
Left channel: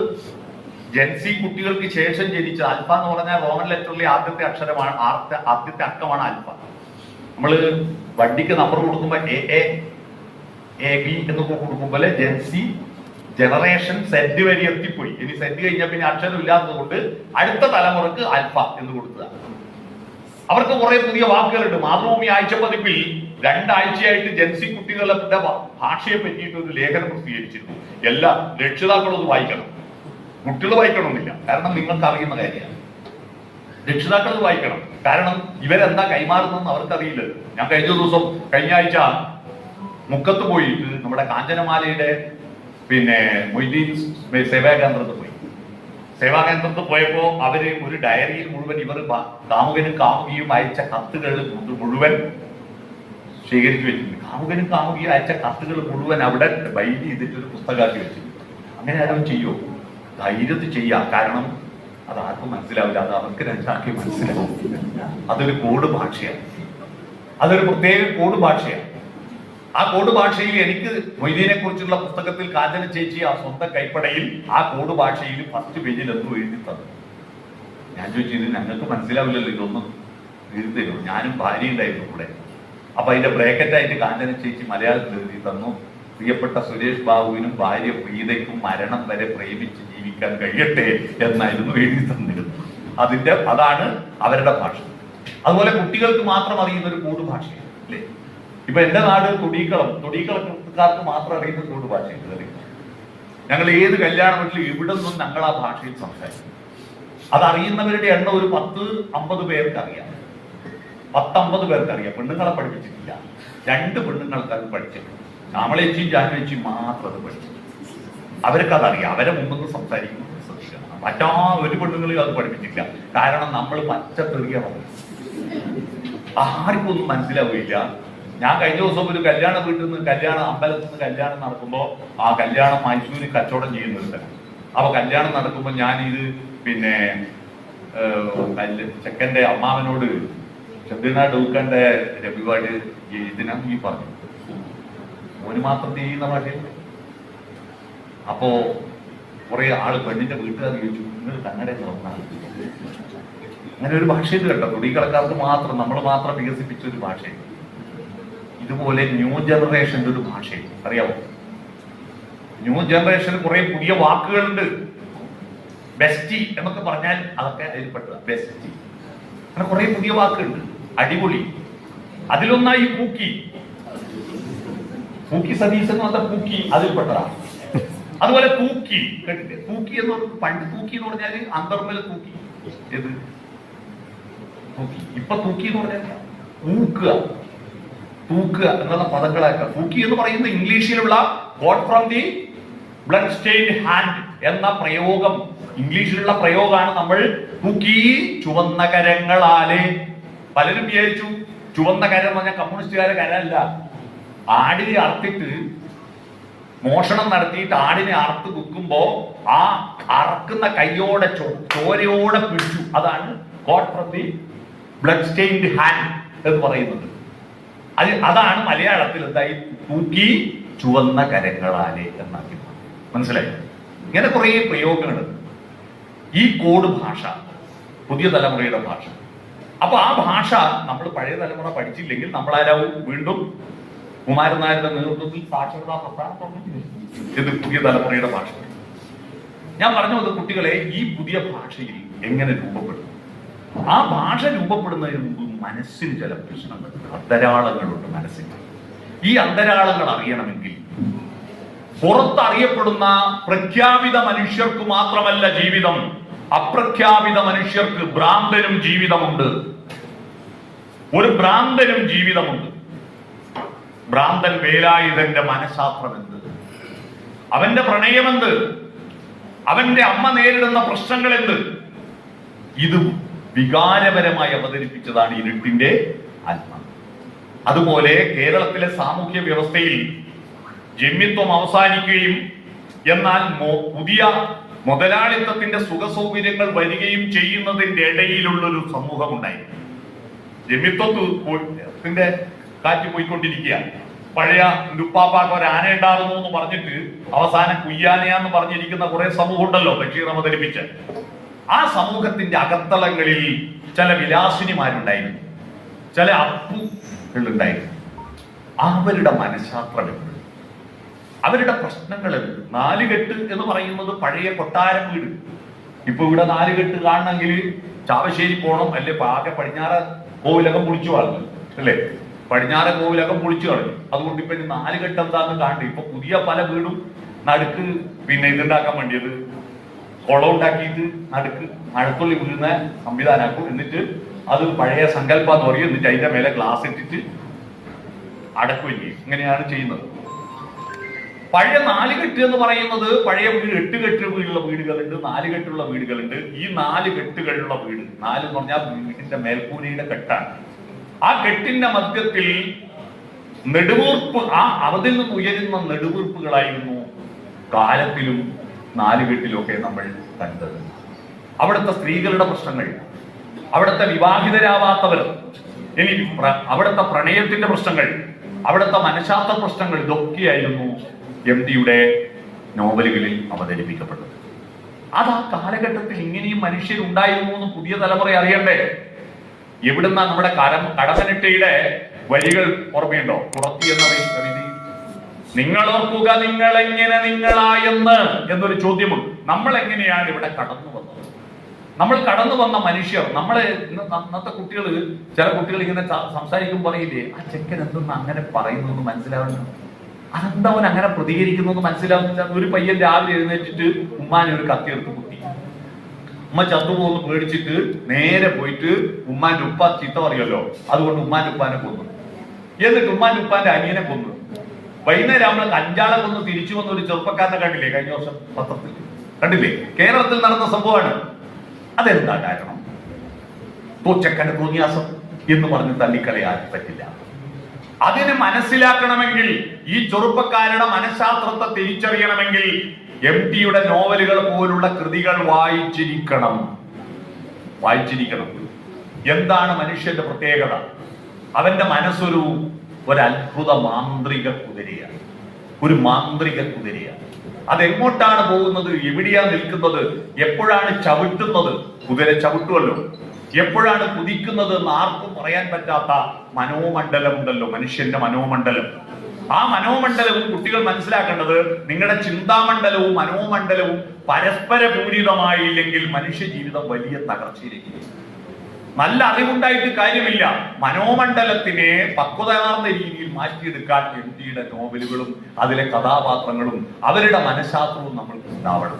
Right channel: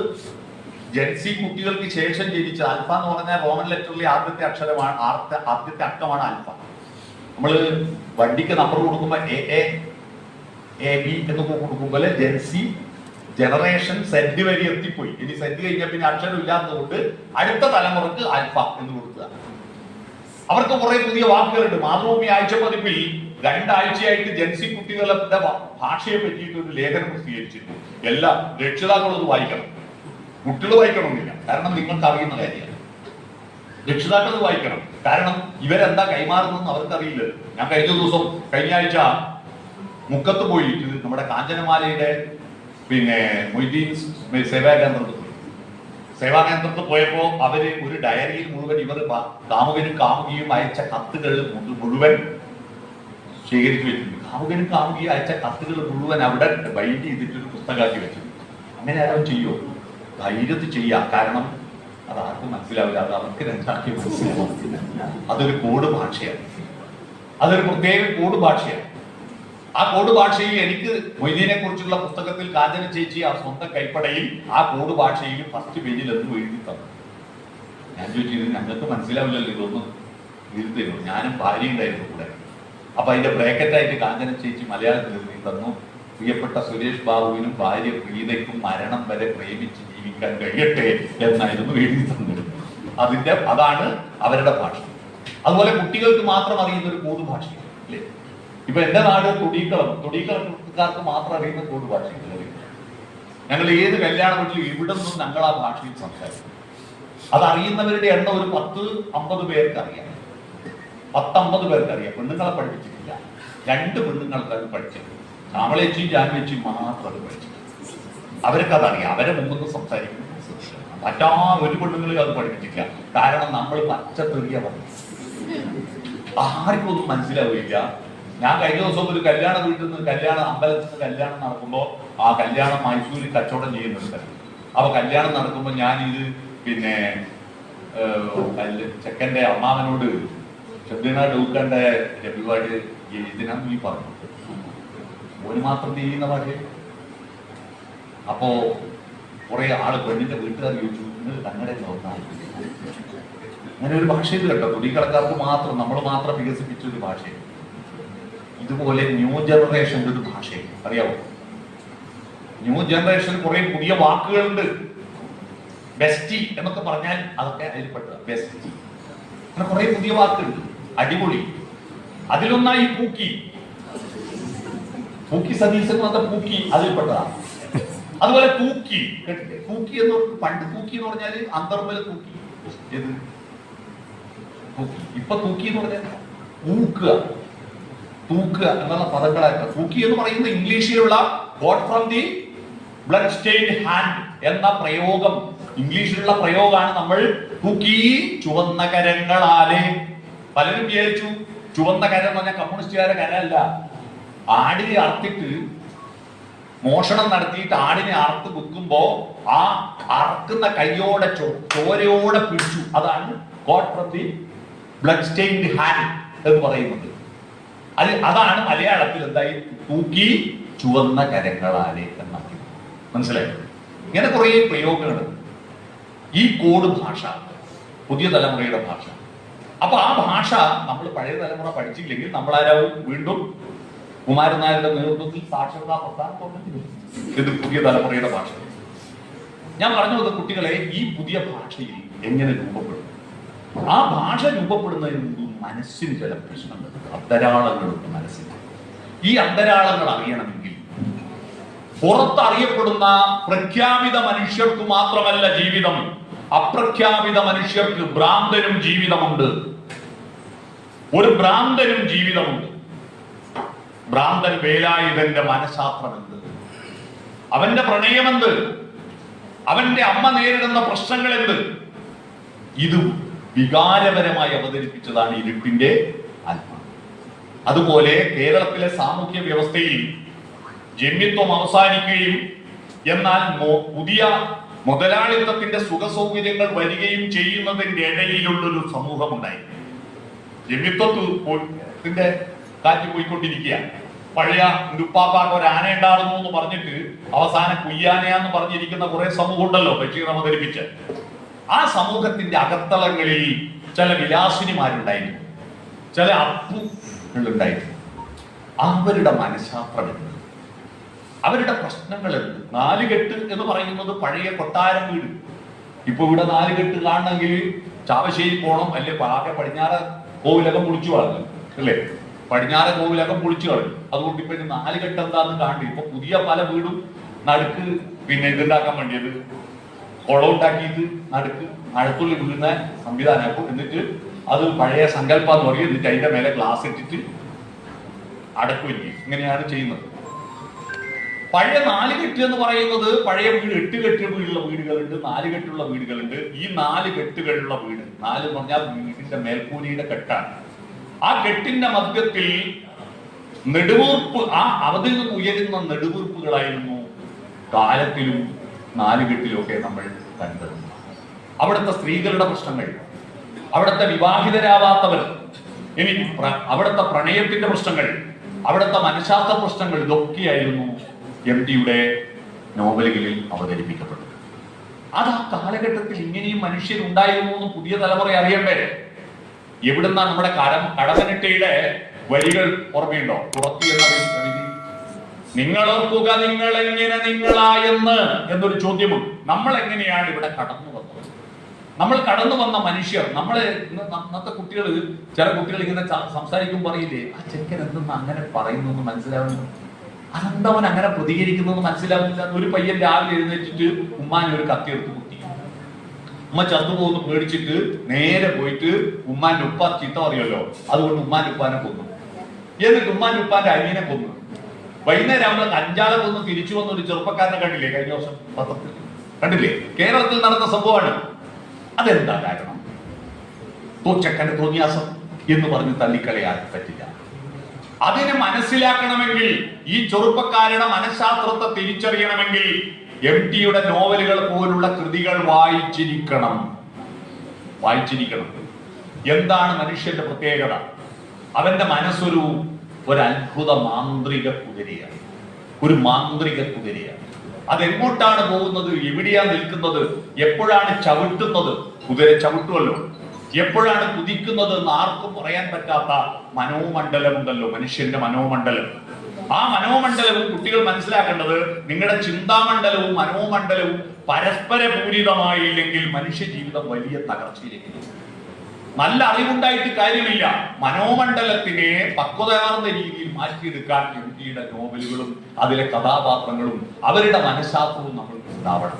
ജെൻസി കുട്ടികൾക്ക് ശേഷം ജനിച്ച, ആൽഫ എന്ന് പറഞ്ഞാൽ റോമൻ ലെറ്ററിലെ ആദ്യത്തെ അക്ഷരമാണ്, ആദ്യത്തെ അക്കമാണ് ആൽഫ. നമ്മള് വണ്ടിക്ക് നമ്പർ കൊടുക്കുമ്പോൾ എ ബി എന്നൊക്കെ കൊടുക്കുമ്പോൾ ജെൻസി ജനറേഷൻ സെഡ് വരെ എത്തിപ്പോയി. ഇനി സെഡ് കഴിഞ്ഞാൽ പിന്നെ അക്ഷരം ഇല്ലാത്തതുകൊണ്ട് അടുത്ത തലമുറക്ക് ആൽഫ എന്ന് കൊടുത്തത്. അവർക്ക് കുറെ പുതിയ വാക്കുകളുണ്ട്. മാതൃഭൂമി ആഴ്ച പതിപ്പിൽ 2 ആഴ്ചയായിട്ട് ജെൻസി കുട്ടികളുടെ ഭാഷയെ പറ്റിയിട്ട് ഒരു ലേഖനം പ്രസിദ്ധീകരിച്ചിരുന്നു. എല്ലാ രക്ഷിതാക്കളും ഇത് വായിക്കണം. കുട്ടികൾ വായിക്കണമെന്നില്ല, കാരണം നിങ്ങൾക്ക് അറിയുന്ന കാര്യമാണ്. രക്ഷിതാക്കൾ ഇത് വായിക്കണം, കാരണം ഇവരെന്താ കൈമാറുന്നതെന്ന് അവർക്കറിയില്ല. ഞാൻ കഴിഞ്ഞ ആഴ്ച മുക്കത്ത് പോയിട്ട് നമ്മുടെ കാഞ്ചനമാലയുടെ മൊയ്തീൻ സേവാകേന്ദ്രത്തിൽ പോയി. സേവാകേന്ദ്രത്തിൽ പോയപ്പോ അവര് ഒരു ഡയറിയിൽ മുഴുവൻ ഇവർ കാമുകനും കാമുകിയും അയച്ച കത്തുകൾ മുഴുവൻ ശേഖരിച്ചു വെച്ചിട്ടുണ്ട്. കാമുകനും കാമുകിയും അയച്ച കത്തുകൾ മുഴുവൻ അവിടെ ബൈൻഡ് ചെയ്തിട്ടൊരു പുസ്തകമാക്കി വെച്ചിട്ടുണ്ട്. അങ്ങനെ ആരും ചെയ്യുമോ? ധൈര്യത്തിൽ ചെയ്യാം, കാരണം അത് ആർക്കും മനസ്സിലാവില്ല, അത് അവർക്ക് രണ്ടാക്കി മനസ്സിലാവും. അതൊരു കോഡ് ഭാഷയാണ്, അതൊരു പ്രത്യേക കോഡ് ഭാഷയാണ്. ആ കോഡ് ഭാഷയിൽ എനിക്ക് മൊയ്തീനെ കുറിച്ചുള്ള പുസ്തകത്തിൽ കാഞ്ചന ചേച്ചി ആ സ്വന്തം കൈപ്പടയിൽ ആ കോഡ് ഭാഷയിൽ ഫസ്റ്റ് പേജിൽ എന്തോ എഴുതി തന്നു. ഞാൻ ചോദിച്ചു, ഇത് ഞങ്ങൾക്ക് മനസ്സിലാവില്ലല്ലോ, ഇതൊന്നും എഴുതി തരുമോ? ഞാനും ഭാര്യ ഉണ്ടായിരുന്നു കൂടെ. അപ്പൊ അതിന്റെ ബ്രാക്കറ്റായിട്ട് കാഞ്ചന ചേച്ചി മലയാളത്തിൽ എഴുതി തന്നു, പ്രിയപ്പെട്ട സുരേഷ് ബാബുവിനും ഭാര്യ പ്രീതയ്ക്കും മരണം വരെ പ്രേമിച്ച് ജീവിക്കാൻ കഴിയട്ടെ എന്നായിരുന്നു എഴുതി തന്നിരുന്നത്. അതാണ് അവരുടെ ഭാഷ. അതുപോലെ കുട്ടികൾക്ക് മാത്രം അറിയുന്ന ഒരു കോഡ് ഭാഷയാണ്, അല്ലേ? ഇപ്പൊ എന്റെ നാട് തൊടിയക്കളക്കാർക്ക് മാത്രം അറിയുന്ന കോഡ് ഭാഷയുള്ളത്. ഞങ്ങൾ ഏത് കല്യാണ വീട്ടിൽ ഇവിടെ നിന്നും ഞങ്ങൾ ആ ഭാഷയിൽ സംസാരിക്കും. അതറിയുന്നവരുടെ എണ്ണം ഒരു 10-50 പേർക്ക് അറിയാം. 10-50 പേർക്ക് അറിയാം. പെണ്ണുങ്ങളെ പഠിപ്പിച്ചിട്ടില്ല. 2 പെണ്ണുങ്ങൾക്ക് അത് പഠിച്ചിട്ടുണ്ട്. ശ്യാമളേച്ചിയും ജാനുവേച്ചിയും മാത്രം അത് പഠിച്ചു. അവർക്കതറിയാം. അവരെ മുമ്പൊന്നും സംസാരിക്കുന്നത് ശ്രദ്ധിക്കണം. മറ്റാ ഒരു പെണ്ണുങ്ങളും അത് പഠിപ്പിച്ചിട്ടില്ല. കാരണം നമ്മൾ പച്ചത്തെറിയ പറഞ്ഞു, ആർക്കും ഒന്നും മനസ്സിലാവില്ല. ഞാൻ കഴിഞ്ഞ ദിവസം ഒരു കല്യാണ വീട്ടിൽ നിന്ന് അമ്പലത്തിൽ നിന്ന് കല്യാണം നടക്കുമ്പോൾ ആ കല്യാണം മൈസൂരിൽ കച്ചവടം ചെയ്യുന്നുണ്ട്. അപ്പൊ കല്യാണം നടക്കുമ്പോൾ ഞാനിത് ചെക്കന്റെ അമ്മാവനോട് ഷബ്ബീന ഡൂക്കന്റെ രവിവാട് ഇതിനാ നീ പറഞ്ഞു, ഓന് മാത്രം ചെയ്യുന്ന ഭാഷയിൽ. അപ്പോ കുറെ ആള് പെണ്ണിന്റെ വീട്ടുകാർ ചോദിച്ചു, നിങ്ങൾ കന്നഡ നോക്കണം. അങ്ങനെ ഒരു ഭാഷയിൽ കേട്ടോ, തൊടികളക്കാർക്ക് മാത്രം, നമ്മൾ മാത്രം വികസിപ്പിച്ച ഒരു ഭാഷയിൽ. ഇതുപോലെ ന്യൂ ജനറേഷന്റെ ഒരു ഭാഷയിൽ അറിയാവോ? ന്യൂ ജനറേഷന് കുറെ പുതിയ വാക്കുകളുണ്ട്. ബെസ്റ്റി എന്നൊക്കെ പറഞ്ഞാൽ അതൊക്കെ അതിൽപ്പെട്ടതാ. ബെസ്റ്റി അങ്ങനെ കുറെ പുതിയ വാക്കുകളുണ്ട്, അടിപൊളി. അതിലൊന്നായി പൂക്കി സതീശൻ എന്ന് പറഞ്ഞ പൂക്കി അതിൽപ്പെട്ടതാണ്. അതുപോലെ തൂക്കി, കേട്ടില്ലേ? തൂക്കി എന്ന് പണ്ട് തൂക്കി എന്ന് പറഞ്ഞാല് അന്തർമല തൂക്കി, ഏത് തൂക്കി. ഇപ്പൊ തൂക്കി എന്ന് പറഞ്ഞാൽ തൂക്കുക എന്നുള്ള പദങ്ങളായിട്ട്. തൂക്കി എന്ന് പറയുന്നത് ഇംഗ്ലീഷിലുള്ള got from the blood stained hand എന്ന പ്രയോഗം, ഇംഗ്ലീഷിലുള്ള പ്രയോഗമാണ്. നമ്മൾ തൂക്കി ചുവന്ന കരങ്ങളാലെ. പലരും വിചാരിച്ചു ചുവന്ന കരം എന്ന് പറഞ്ഞാൽ കമ്മ്യൂണിസ്റ്റുകാരെ കരമല്ല. ആടിനെ അറുത്തിട്ട് മോഷണം നടത്തിയിട്ട് ആടിനെ അറുത്ത് വിൽക്കുമ്പോ ആ അറക്കുന്ന കൈയോടെ ചോരയോടെ പിടിച്ചു. അതാണ് God from the blood stained hand എന്ന് പറയുന്നത്. അതാണ് മലയാളത്തിൽ എന്തായി തൂക്കി ചുവന്ന കരങ്ങളാലെ എന്നാക്കി. മനസ്സിലായി? ഇങ്ങനെ കുറെ പ്രയോഗങ്ങൾ. ഈ കോഡ് ഭാഷ പുതിയ തലമുറയുടെ ഭാഷ. അപ്പൊ ആ ഭാഷ നമ്മൾ പഴയ തലമുറ പഠിച്ചില്ലെങ്കിൽ നമ്മളാരാവും? വീണ്ടും കുമാരൻ നായരുടെ നേതൃത്വത്തിൽ സാക്ഷരതാ പ്രസ്ഥാനം ഇത് പുതിയ തലമുറയുടെ ഭാഷ. ഞാൻ പറഞ്ഞു വന്ന കുട്ടികളെ ഈ പുതിയ ഭാഷയിൽ എങ്ങനെ രൂപപ്പെടും? ആ ഭാഷ രൂപപ്പെടുന്നതിന് മുമ്പ് മനസ്സിന് ചില പ്രശ്നങ്ങളുണ്ട്, അന്തരാളങ്ങളുണ്ട് മനസ്സിന്. ഈ അന്തരാളങ്ങൾ അറിയണമെങ്കിൽ പുറത്തറിയപ്പെടുന്ന പ്രഖ്യാപിത മനുഷ്യർക്ക് മാത്രമല്ല ജീവിതം, അപ്രഖ്യാപിത മനുഷ്യർക്ക് ഭ്രാന്തനും ജീവിതമുണ്ട്. ഒരു ഭ്രാന്തനും ജീവിതമുണ്ട്. ഭ്രാന്തൻ വേലായുധന്റെ മനഃശാസ്ത്രം എന്ത്, അവന്റെ പ്രണയമെന്ത്, അവന്റെ അമ്മ നേരിടുന്ന പ്രശ്നങ്ങൾ എന്ത്, ഇത് വികാരപരമായി അവതരിപ്പിച്ചതാണ് ഇരുട്ടിന്റെ ആത്മാവ്. അതുപോലെ കേരളത്തിലെ സാമൂഹ്യ വ്യവസ്ഥയിൽ ജന്മിത്വം അവസാനിക്കുകയും എന്നാൽ പുതിയ മുതലാളിത്തത്തിന്റെ സുഖസൗകര്യങ്ങൾ വരികയും ചെയ്യുന്നതിന്റെ ഇടയിലുള്ളൊരു സമൂഹം ഉണ്ടായി. ജന്മിത്വത്തിന്റെ കാറ്റ് പോയിക്കൊണ്ടിരിക്കുക. പഴയ ഉപ്പാപ്പാക്ക് ഒരു ആന ഉണ്ടാകുന്നു എന്ന് പറഞ്ഞിട്ട് അവസാനം കുയ്യാനയാന്ന് പറഞ്ഞിരിക്കുന്ന കുറെ സമൂഹം ഉണ്ടല്ലോ ബഷീർ അവതരിപ്പിച്ച്. ആ സമൂഹത്തിന്റെ അകത്തളങ്ങളിൽ ചില വിലാസിനിമാരുണ്ടായിരുന്നു, ചില അപ്പുകളുണ്ടായിരുന്നു. അവരുടെ മനഃശാസ്ത്രമുണ്ട്, അവരുടെ പ്രശ്നങ്ങളുണ്ട്. നാലുകെട്ട് എന്ന് പറയുന്നത് പഴയ കൊട്ടാരം വീട്. ഇപ്പൊ ഇവിടെ നാലുകെട്ട് കാണണമെങ്കിൽ ചാവശ്ശേരി പോകണം, അല്ലെ ആകെ പടിഞ്ഞാറ് കോവിലകം പൊളിച്ചു കളഞ്ഞു, അല്ലേ? പടിഞ്ഞാറ് കോവിലകം പൊളിച്ചു കളഞ്ഞു. അതുകൊണ്ട് ഇപ്പൊ നാലുകെട്ട് എന്താന്ന് കാണണ്ട. ഇപ്പൊ പുതിയ പല വീടും നടുക്ക് പിന്നെ ഇതുണ്ടാക്കാൻ വേണ്ടിയത് കുളം ഉണ്ടാക്കിയിട്ട് നടുക്ക് മഴത്തുള്ളി വീഴുന്ന സംവിധാനമാക്കും. എന്നിട്ട് അത് പഴയ സങ്കല്പം എന്ന് പറയും. എന്നിട്ട് അതിന്റെ മേലെ ഗ്ലാസ് ഇട്ടിട്ട് അടക്കില്ലേ, ഇങ്ങനെയാണ് ചെയ്യുന്നത്. പഴയ നാലുകെട്ട് എന്ന് പറയുന്നത് പഴയ വീട്, 8 കെട്ടുള്ള വീടുകളുണ്ട്, 4 കെട്ടുള്ള വീടുകളുണ്ട്. ഈ 4 കെട്ടുകളുള്ള വീട്, 4 എന്ന് പറഞ്ഞാൽ വീടിന്റെ മേൽക്കൂരയുടെ കെട്ടാണ്. ആ കെട്ടിന്റെ മധ്യത്തിൽ നെടുവീർപ്പ്, ആ അതിൽ നിന്ന് ഉയരുന്ന നെടുവീർപ്പുകളായിരുന്നു കാലത്തിലും 4 കെട്ടിലൊക്കെ നമ്മൾ കണ്ടത്. അവിടുത്തെ സ്ത്രീകളുടെ പ്രശ്നങ്ങൾ, അവിടുത്തെ വിവാഹിതരാവാത്തവർ, ഇനി അവിടുത്തെ പ്രണയത്തിന്റെ പ്രശ്നങ്ങൾ, അവിടുത്തെ മനഃശാസ്ത്ര പ്രശ്നങ്ങൾ, ഇതൊക്കെയായിരുന്നു എം.ടിയുടെ നോവലുകളിൽ അവതരിപ്പിക്കപ്പെട്ടത്. അത് ആ കാലഘട്ടത്തിൽ ഇങ്ങനെയും മനുഷ്യരുണ്ടായിരുന്നു എന്ന് പുതിയ തലമുറ അറിയണ്ടേ? എവിടുന്ന നമ്മുടെ കടമനിട്ടയുടെ വരികൾ ഓർമ്മയുണ്ടോ? പുറത്തി എന്ന കവിത, നിങ്ങളോർക്കുക നിങ്ങൾ എങ്ങനെ നിങ്ങളായെന്ന് എന്നൊരു ചോദ്യമുണ്ട്. നമ്മൾ എങ്ങനെയാണ് ഇവിടെ കടന്നു വന്നത്? നമ്മൾ കടന്നു വന്ന മനുഷ്യർ, നമ്മളെ ഇന്നത്തെ കുട്ടികൾ, ചില കുട്ടികൾ ഇങ്ങനെ സംസാരിക്കുമ്പോൾ പറയില്ലേ, ആ ചെക്കൻ എന്തെന്ന് അങ്ങനെ പറയുന്നു മനസ്സിലാവുന്നു, അതെന്താ അവൻ അങ്ങനെ പ്രതികരിക്കുന്നു മനസ്സിലാവുന്നില്ല. ഒരു പയ്യൻ രാവിലെ എഴുന്നേറ്റിട്ട് ഉമ്മാനെ ഒരു കത്തിയെടുത്ത് കുത്തി, ഉമ്മ ചത്തുപോന്ന് പേടിച്ചിട്ട് നേരെ പോയിട്ട് ഉമ്മാന്റെ ഉപ്പ ചീത്ത പറയുമല്ലോ, അതുകൊണ്ട് ഉമ്മാന്റെ ഉപ്പാനെ കൊന്നു. എന്നിട്ട് ഉമ്മാന്റെ ഉപ്പാന്റെ അനിയനെ കൊന്നു. വൈകുന്നേരം നമ്മൾ അഞ്ചാളെ കൊന്ന് തിരിച്ചു വന്ന ഒരു ചെറുപ്പക്കാരനെ കണ്ടില്ലേ കഴിഞ്ഞ വർഷം പത്രത്തിൽ? കണ്ടില്ലേ? കേരളത്തിൽ നടന്ന സംഭവമാണ്. അതെന്താ കാരണം? തോച്ചക്കന്റെ തോന്നിയാസം എന്ന് പറഞ്ഞ് തള്ളിക്കളയാൻ പറ്റില്ല. അതിനെ മനസ്സിലാക്കണമെങ്കിൽ, ഈ ചെറുപ്പക്കാരുടെ മനഃശാസ്ത്രത്തെ തിരിച്ചറിയണമെങ്കിൽ എം.ടിയുടെ നോവലുകൾ പോലുള്ള കൃതികൾ വായിച്ചിരിക്കണം. എന്താണ് മനുഷ്യന്റെ പ്രത്യേകത? അവന്റെ മനസ്സൊരു അത്ഭുത മാന്ത്രിക കുതിരയാണ്, ഒരു മാന്ത്രിക കുതിരയാണ്. അതെങ്ങോട്ടാണ് പോകുന്നത്, എവിടെയാണ് നിൽക്കുന്നത്, എപ്പോഴാണ് ചവിട്ടുന്നത്? കുതിര ചവിട്ടുമല്ലോ. എപ്പോഴാണ് കുതിക്കുന്നത് എന്ന് ആർക്കും പറയാൻ പറ്റാത്ത മനോമണ്ഡലമുണ്ടല്ലോ, മനുഷ്യന്റെ മനോമണ്ഡലം. ആ മനോമണ്ഡലവും കുട്ടികൾ മനസ്സിലാക്കേണ്ടത്, നിങ്ങളുടെ ചിന്താമണ്ഡലവും മനോമണ്ഡലവും പരസ്പര പൂരിതമായില്ലെങ്കിൽ മനുഷ്യ ജീവിതം വലിയ തകർച്ചയിലേക്ക്. നല്ല അറിവുണ്ടായിട്ട് കാര്യമില്ല. മനോമണ്ഡലത്തിനെ പക്വതയാർന്ന രീതിയിൽ മാറ്റിയെടുക്കാൻ എം.ടിയുടെ നോവലുകളും അതിലെ കഥാപാത്രങ്ങളും അവരുടെ മനഃശാസ്ത്രവും നമ്മൾ ഉണ്ടാവണം.